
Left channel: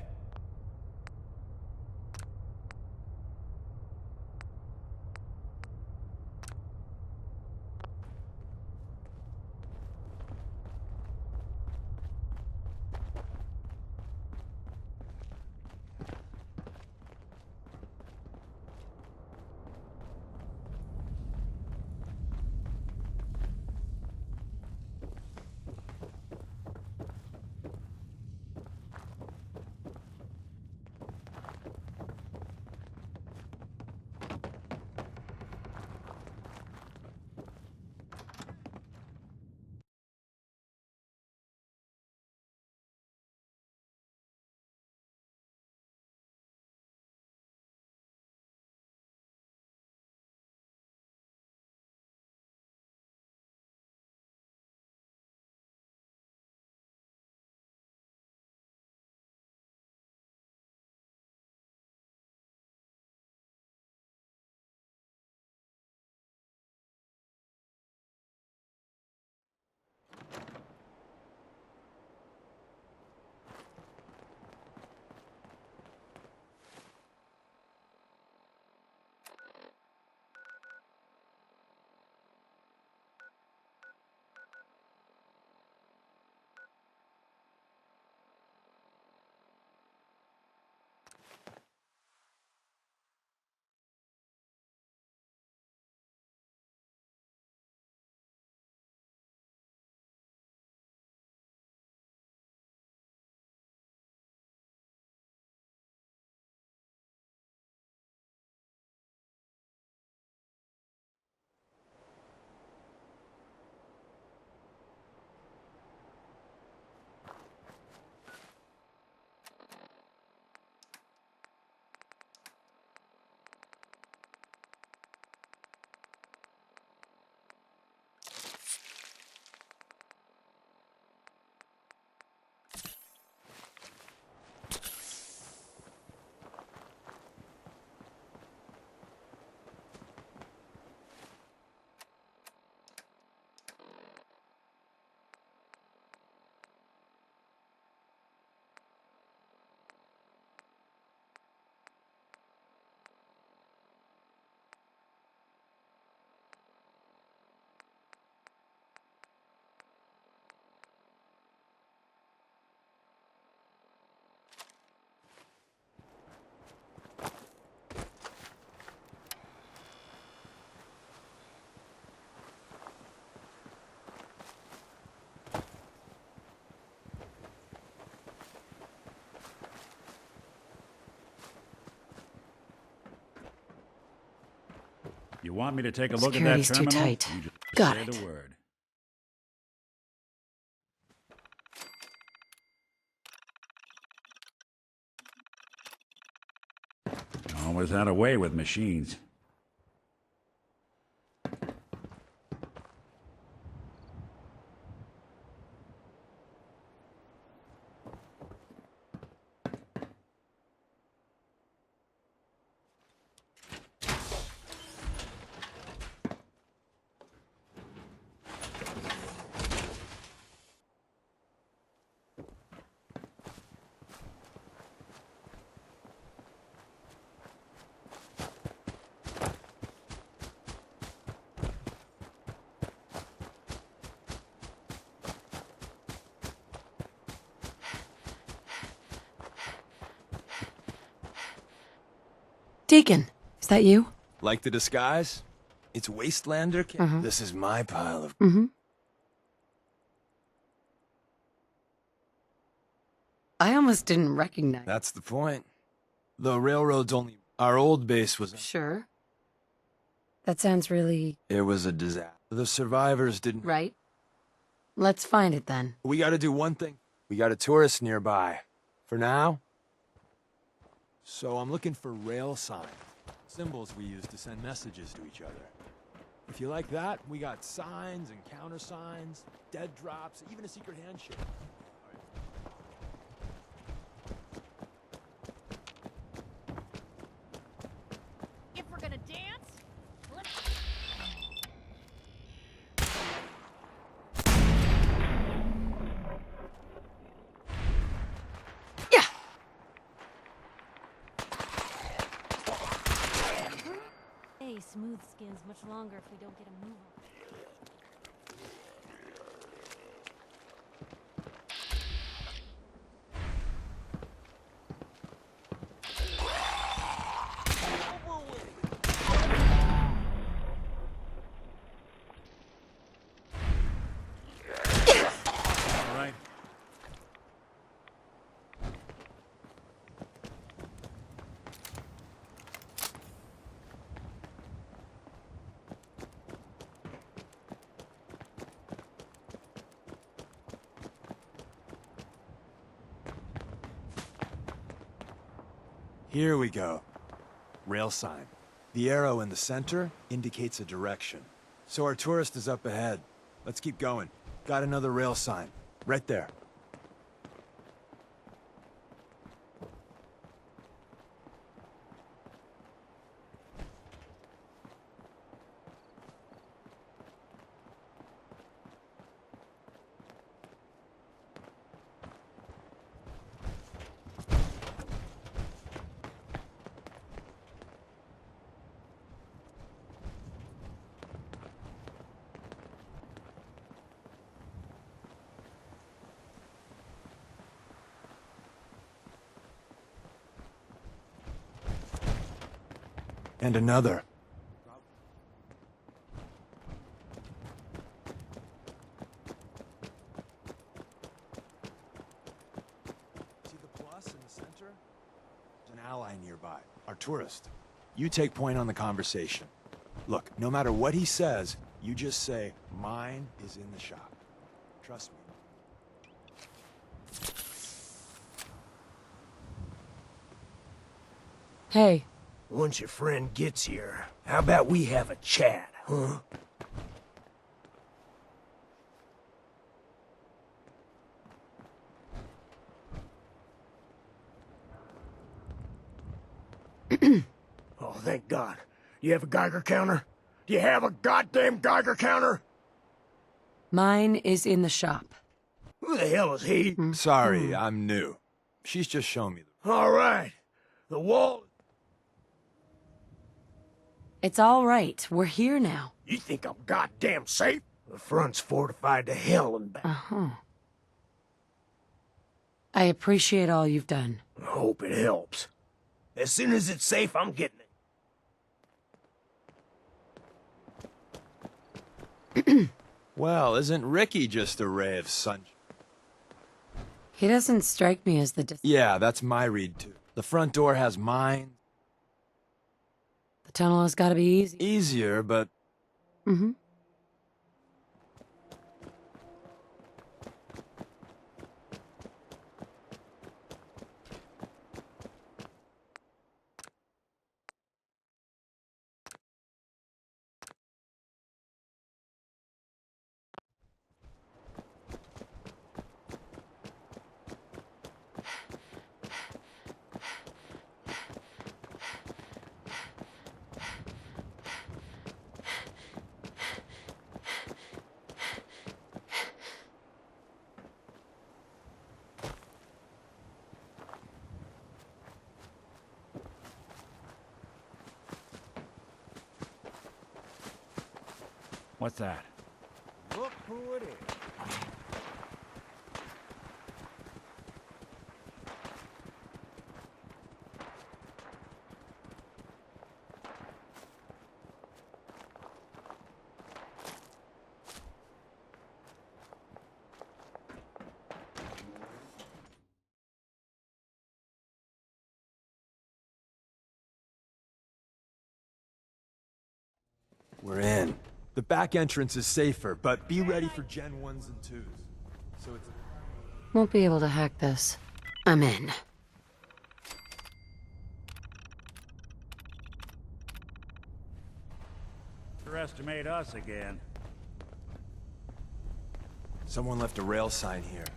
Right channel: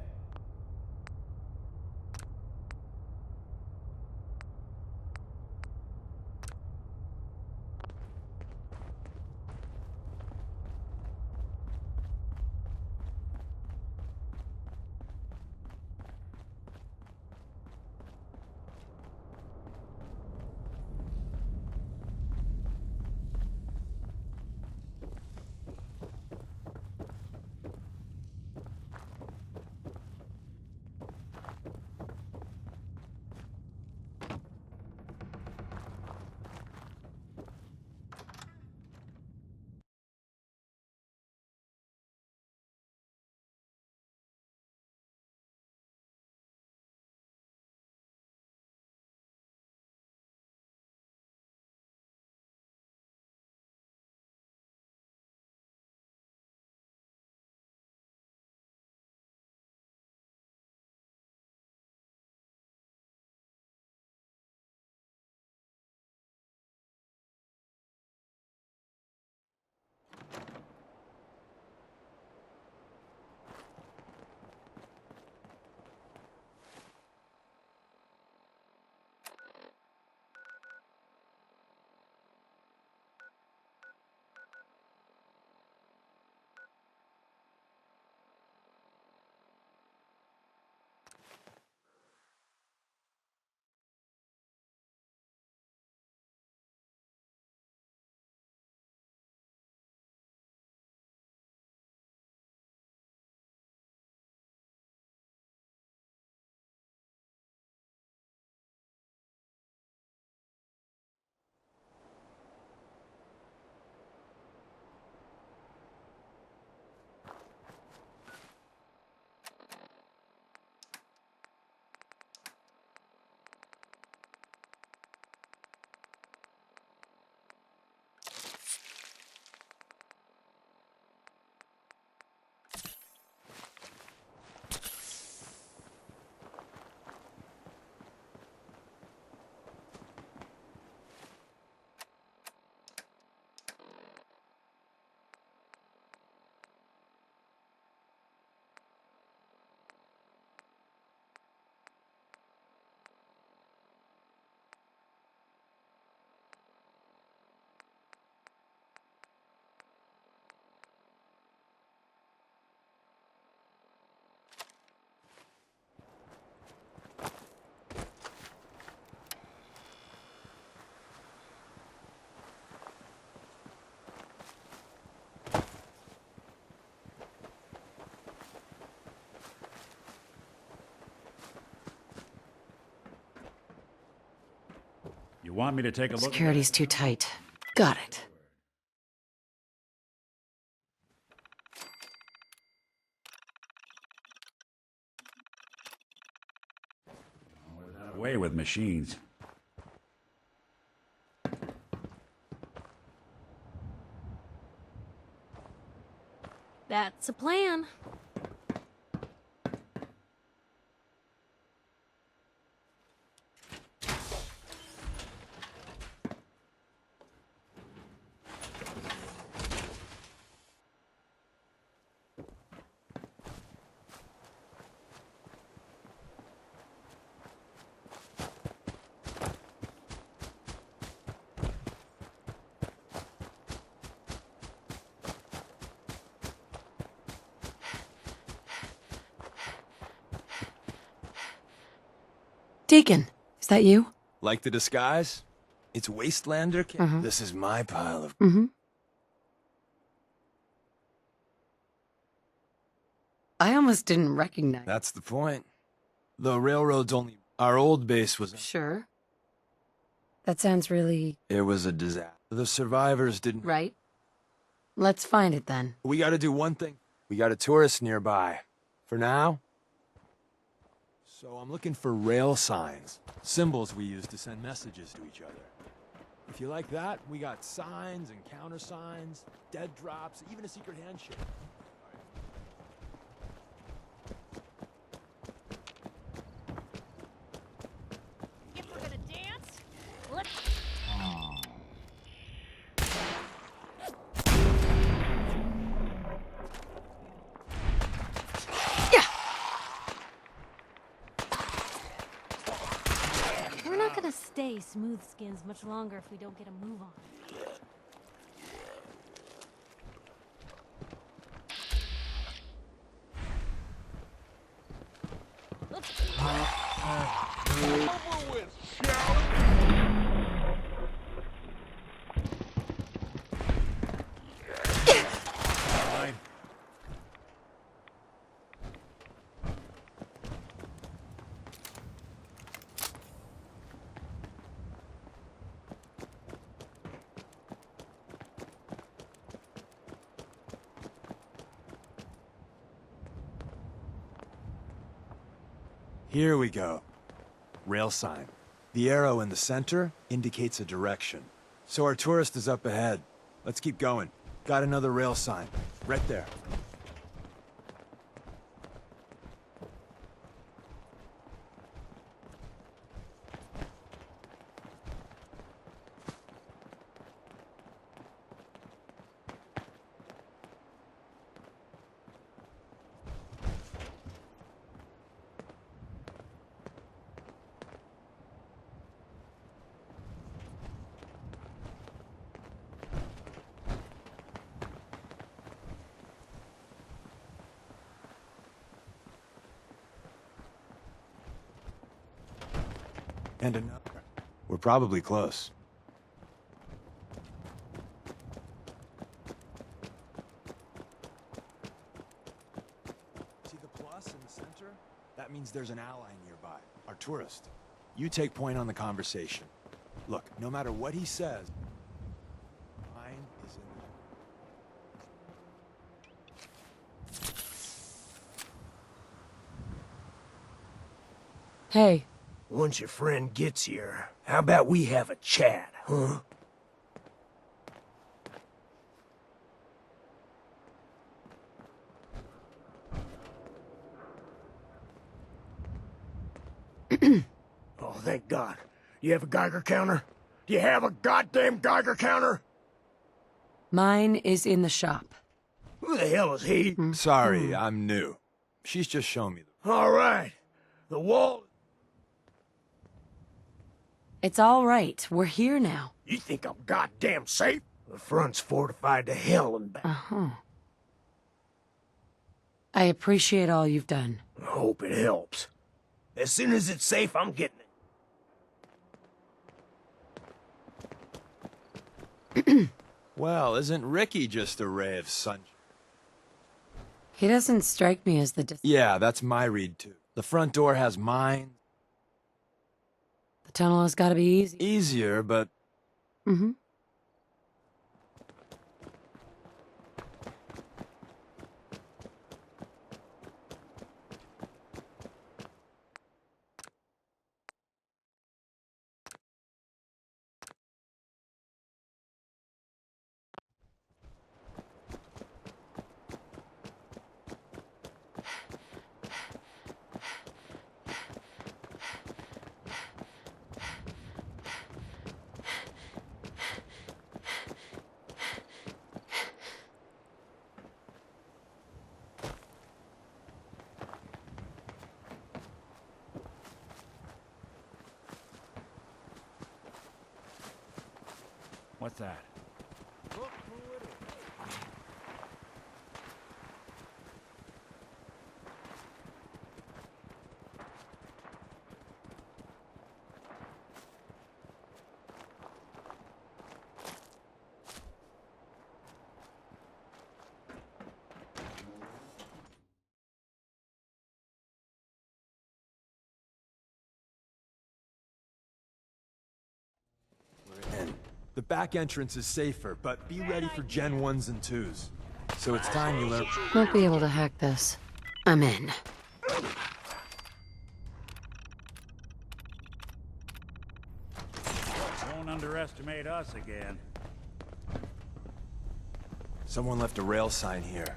You want me to take a look Security's at that too terminal? tight. You just Got say it. the word. Always had a way with machines. That's a plan. Deacon, is that you? Like the disguise? It's Wastelander? This is my pile of... I almost didn't recognize. That's the point. The railroad's only... Our old base was... Sure. That sounds really... It was a disaster. The survivors didn't... right. Let's find it then. We gotta do one thing. We got a tourist nearby. For now... So I'm looking for rail signs. Symbols we use to send messages to each other. If you like that, we got signs and countersigns, dead drops, even a secret handshake. If we're gonna dance, let's... We're not gonna stay smooth skins much longer if we don't get a move on. All right. Here we go. Rail sign. The arrow in the center indicates a direction. So our tourist is up ahead. Let's keep going. Got another rail sign. Right there. And another. We're probably close. See the plus in the center? That means there's an ally nearby. Our tourist. You take point on the conversation. Look, no matter what he says, you just say, mine is in the shop. Trust me. Hey. Once your friend gets here, how about we have a chat, huh? Oh, thank God. You have a Geiger counter? Do you have a goddamn Geiger counter? Mine is in the shop. Who the hell is he? Sorry, I'm new. She's just shown me the... All right. The wall... It's all right. We're here now. You think I'm goddamn safe? The front's fortified to hell and back. Uh-huh. I appreciate all you've done. I hope it helps. As soon as it's safe, I'm getting it. Well, isn't Ricky just a ray of sunshine? He doesn't strike me as the... Yeah, that's my read, too. The front door has mine. The Tunnel has gotta be easy. Easier, but... Mm-hmm. What's that? Look who it is. We're in. The back entrance is safer, but be ready for Gen 1s and 2s. So it's time you learn... Won't be able to hack this. I'm in. Don't underestimate us again. Someone left a rail sign here.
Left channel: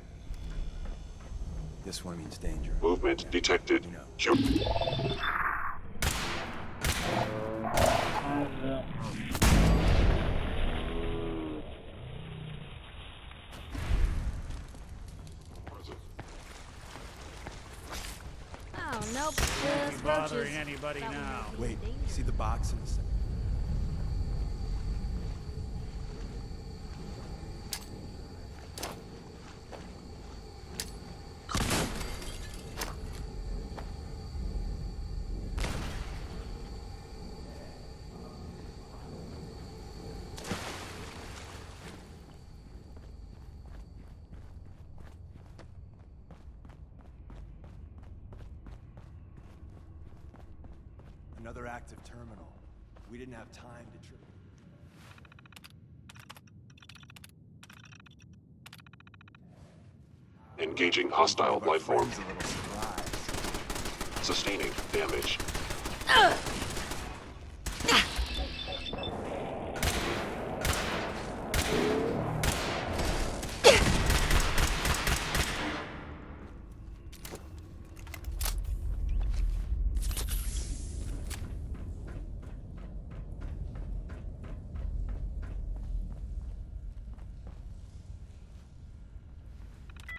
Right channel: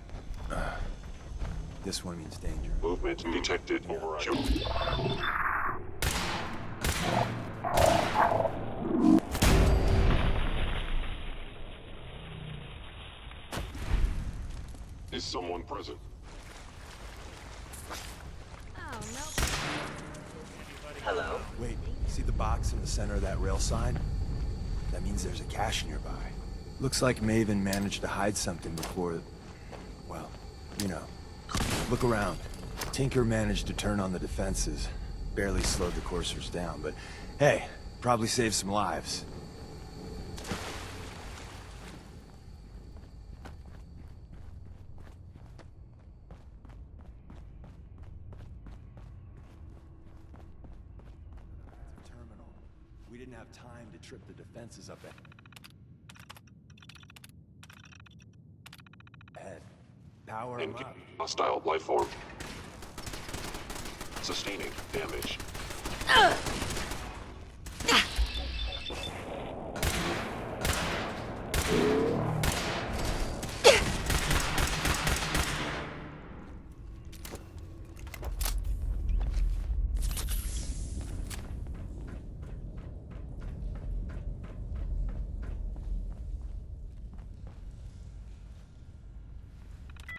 This one means danger. Movement detected. Jump. Is someone present? Oh, nope. Bothering anybody now. Wait, see the box in the center of that rail sign? That means there's a cache nearby. Looks like Maven managed to hide something before... well, you know. Look around. Tinker managed to turn on the defenses. Barely slowed the coursers down, but hey, probably saved some lives. Another active terminal. We didn't have time to trip the defenses up ahead. Power Engaging hostile life form. Sustaining damage.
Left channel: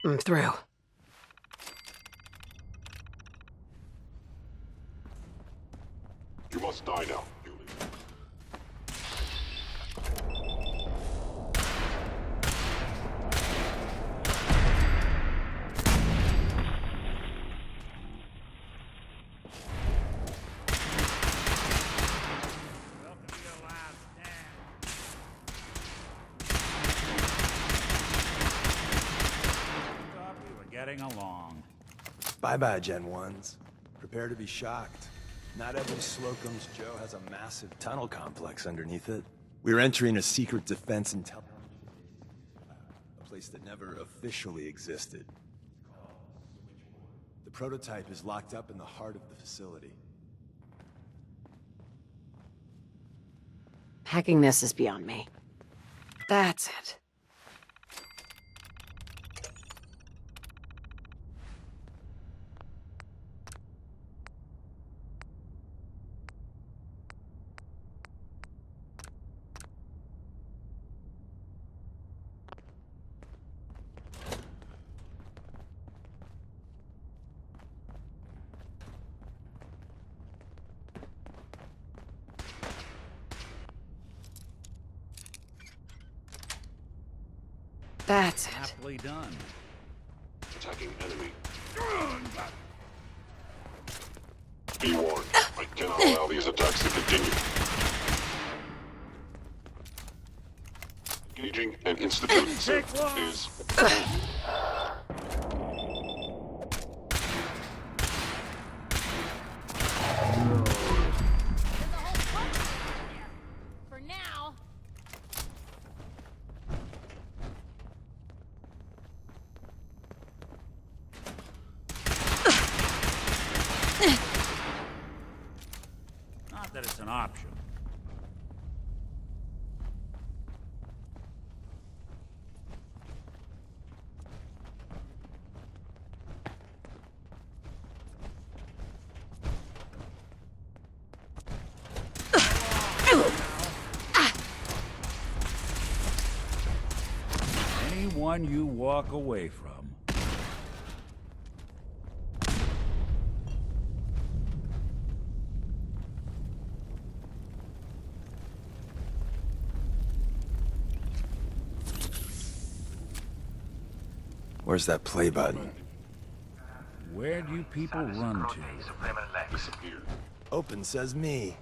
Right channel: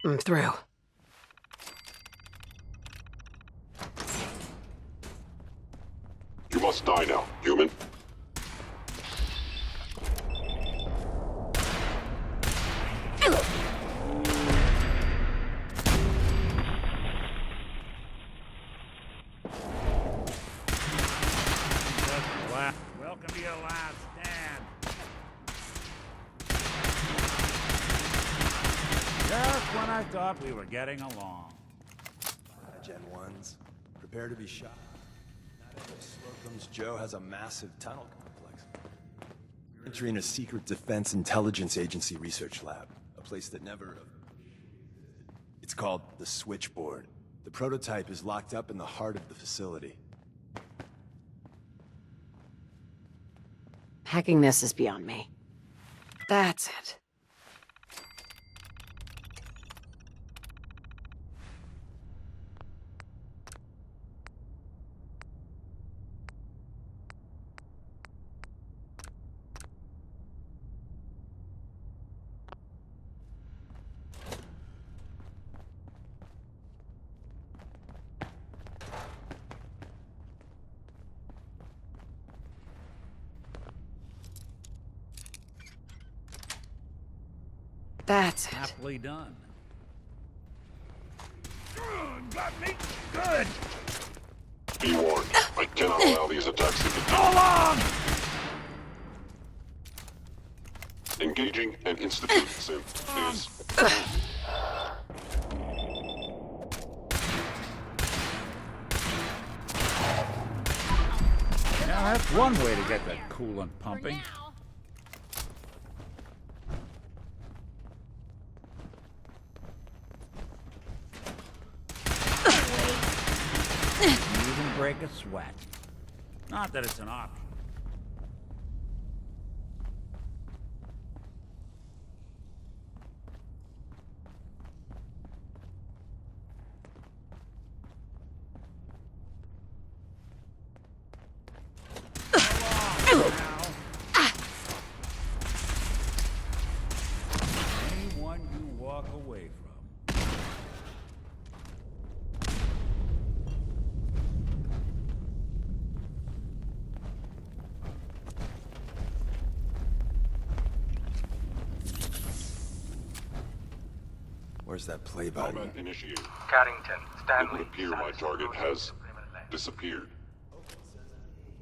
I'm through. You must die now, human. Welcome to your last stand. Just when I thought we were getting along. Bye-bye, Gen 1s. Prepare to be shocked. Not every Slocum's Joe has a massive tunnel complex underneath it. We're entering a secret Defense Intelligence Agency research lab, a place that never officially existed. It's called the Switchboard. The prototype is locked up in the heart of the facility. Hacking this is beyond me. That's it. That's it. Happily done. Attacking enemy. Got me. Good. Be warned. I cannot allow these attacks to continue. Engaging an institute synth is... one way to get that coolant pumping. For now. Wouldn't break a sweat. Not that it's an option. Anyone you walk away from. Where's that play button? Combat initiated. Carrington, Where Stanley, do you Target Rotate has subliminal left. disappeared. Open says me.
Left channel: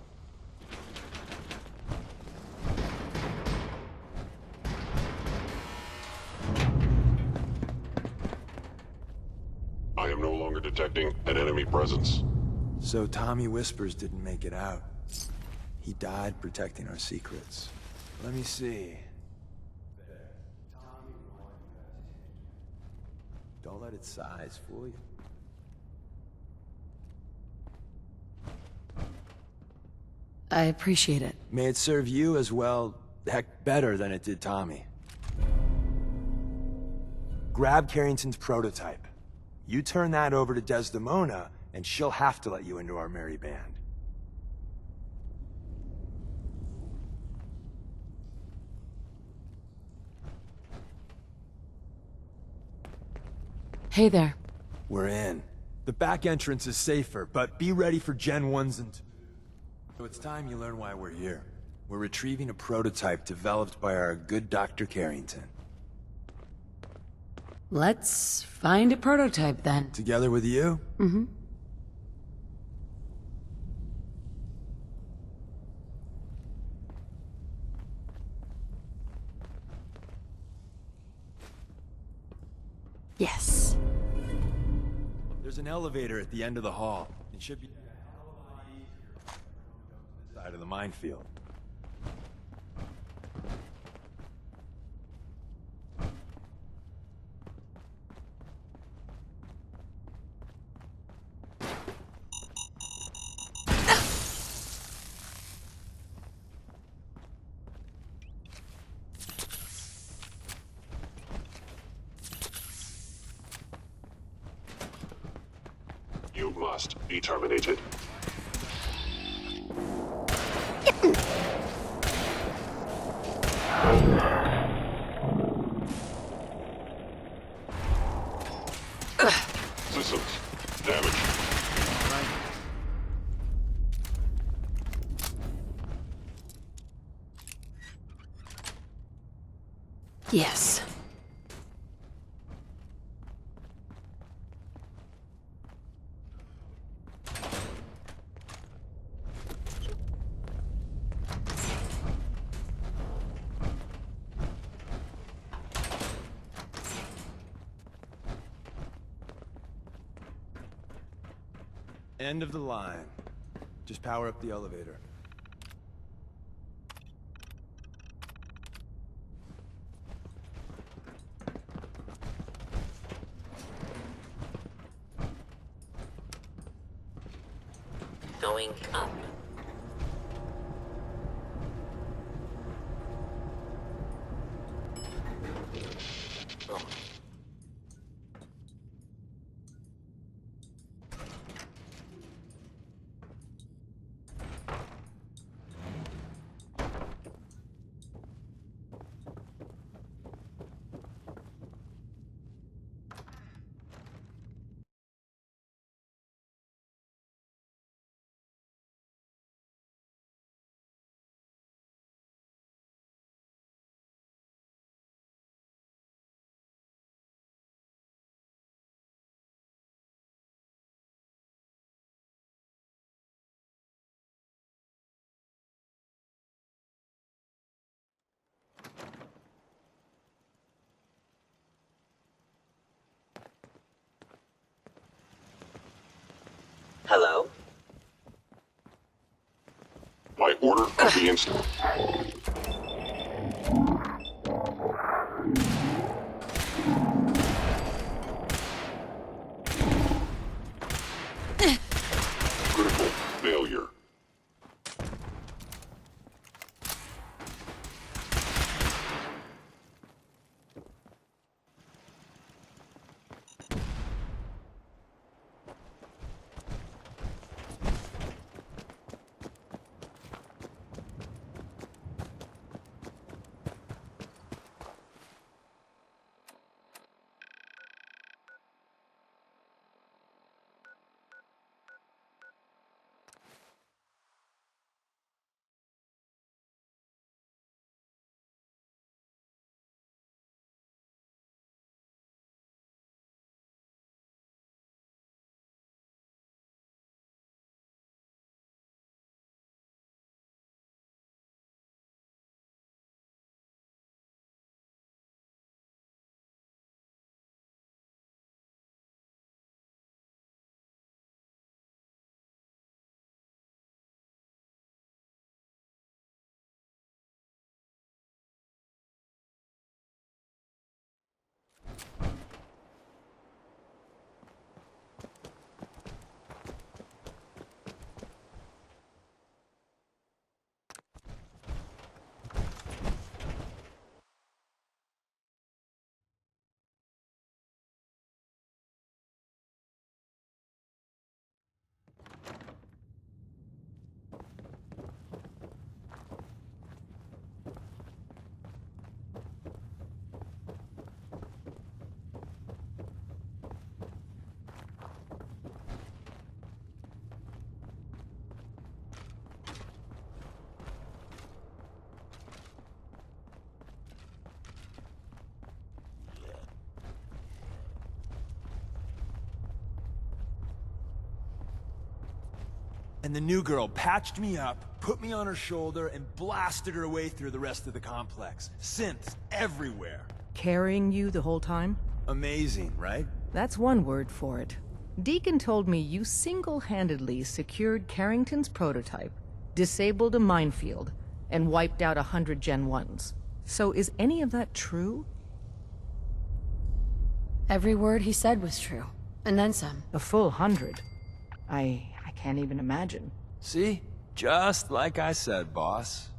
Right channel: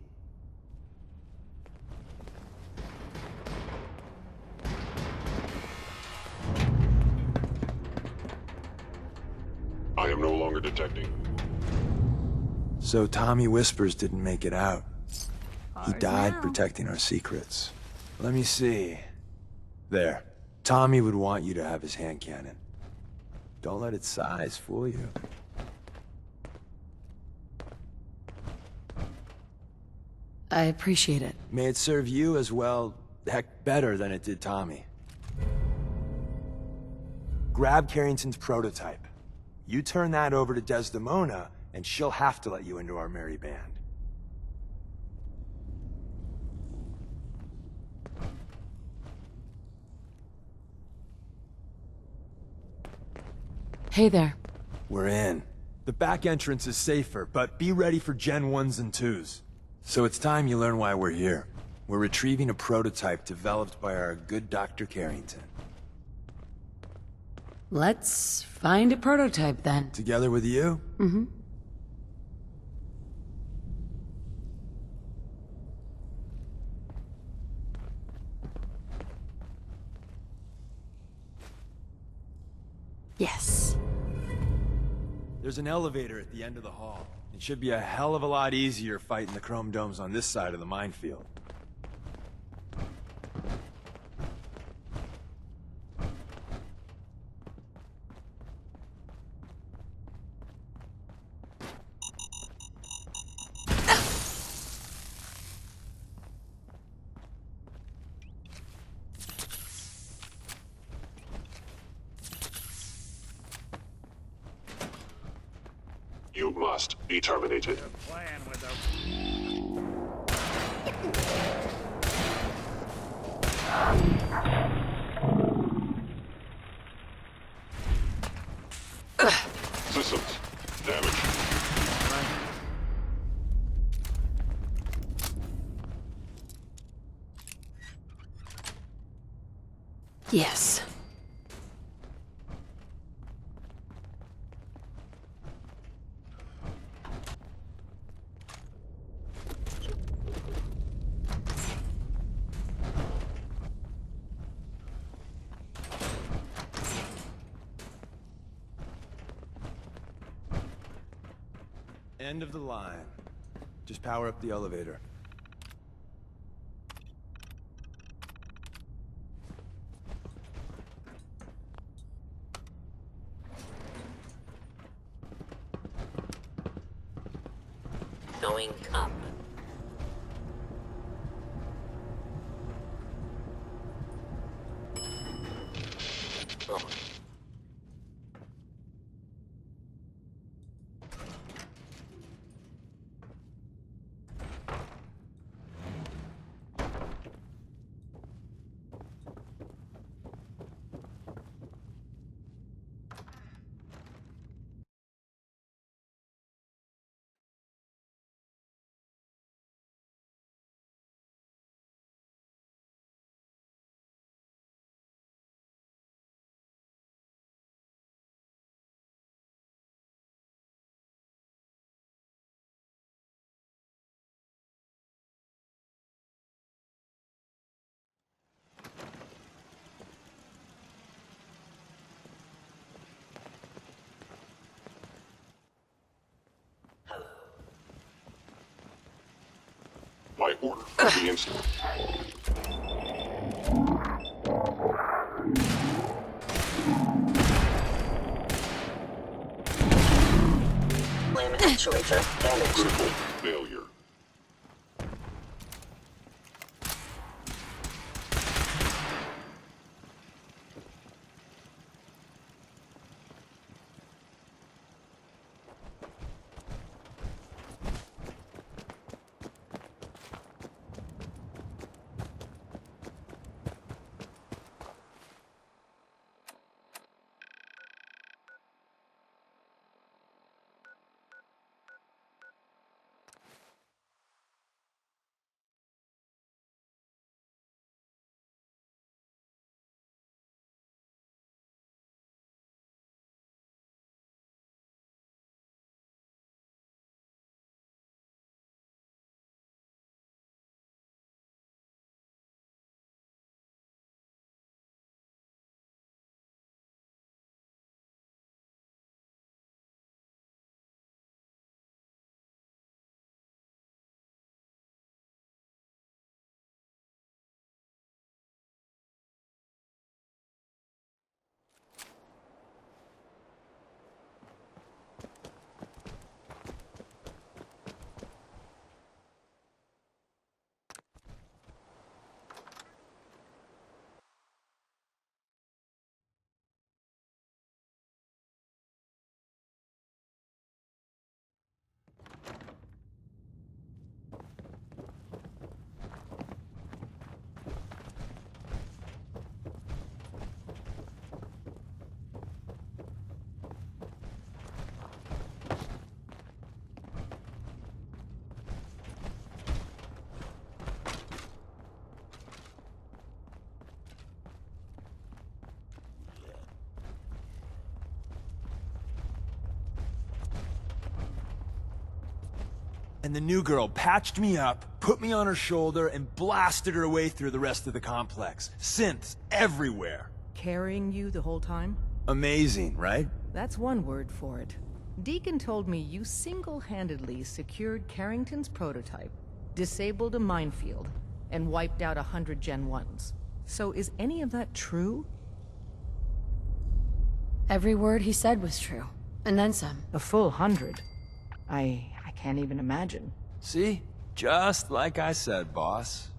I am no longer detecting an enemy presence. So Tommy Whispers didn't make it out. He died protecting our secrets. Let me see. There. Tommy would want you to have his hand cannon. Don't let its size fool you. I appreciate it. May it serve you as well, heck, better than it did Tommy. Grab Carrington's prototype. You turn that over to Desdemona, and she'll have to let you into our merry band. Hey there. We're in. The back entrance is safer, but be ready for Gen 1s and 2s. So it's time you learn why we're here. We're retrieving a prototype developed by our good Dr. Carrington. Let's find a prototype then. Together with you? Mm-hmm. Yes. There's an elevator at the end of the hall. It should be a hell of a lot easier fighting the chrome domes on this side of the minefield. You must be terminated. Systems damaged. Yes. End of the line. Just power up the elevator. Going up. Oh. Order of the instant. Limb actuator damaged. Critical failure. And the new girl patched me up, put me on her shoulder, and blasted her way through the rest of the complex. Synths everywhere. Carrying you the whole time? Amazing, right? That's one word for it. Deacon told me you single-handedly secured Carrington's prototype, disabled a minefield, and wiped out 100 Gen 1s. So is any of that true? Every word he said was true. And then some. A full 100? I can't even imagine. See? Just like I said, boss.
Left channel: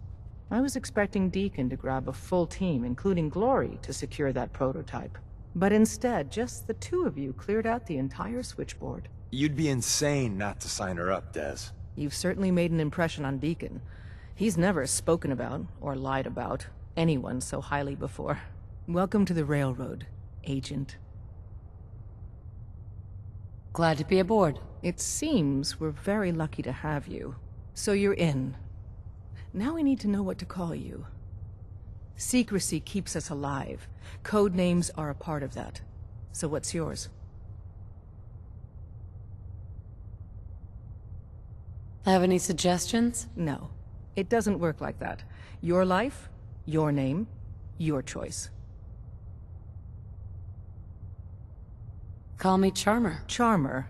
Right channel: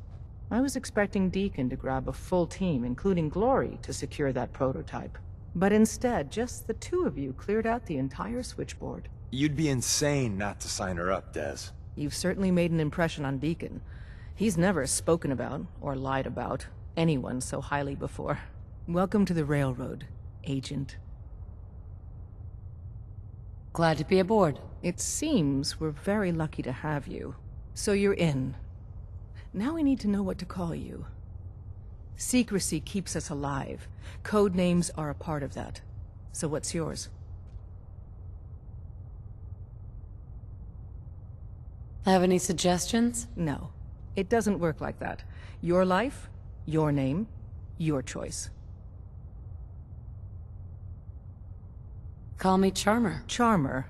I was expecting Deacon to grab a full team, including Glory, to secure that prototype. But instead, just the two of you cleared out the entire switchboard. You'd be insane not to sign her up, Des. You've certainly made an impression on Deacon. He's never spoken about, or lied about, anyone so highly before. Welcome to the Railroad, Agent. Glad to be aboard. It seems we're very lucky to have you. So you're in. Now we need to know what to call you. Secrecy keeps us alive. Code names are a part of that. So what's yours? Have any suggestions? No. It doesn't work like that. Your life, your name, your choice. Call me Charmer. Charmer?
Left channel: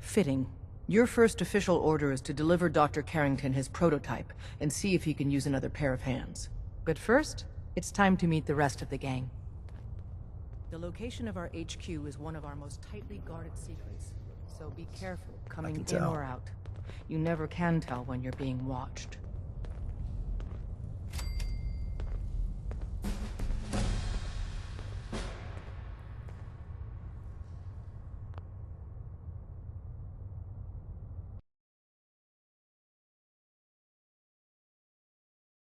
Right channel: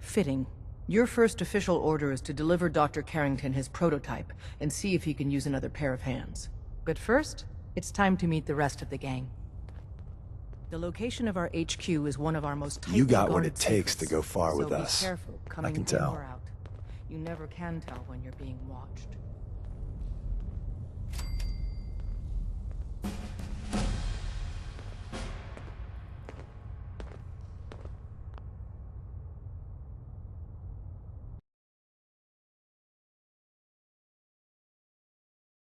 Fitting. Your first official order is to deliver Dr. Carrington his prototype and see if he can use another pair of hands. But first, it's time to meet the rest of the gang. The location of our HQ is one of our most tightly You got what guarded it takes to secrets, go far with so us. be careful coming can in tell. or out. You never can tell when you're being watched.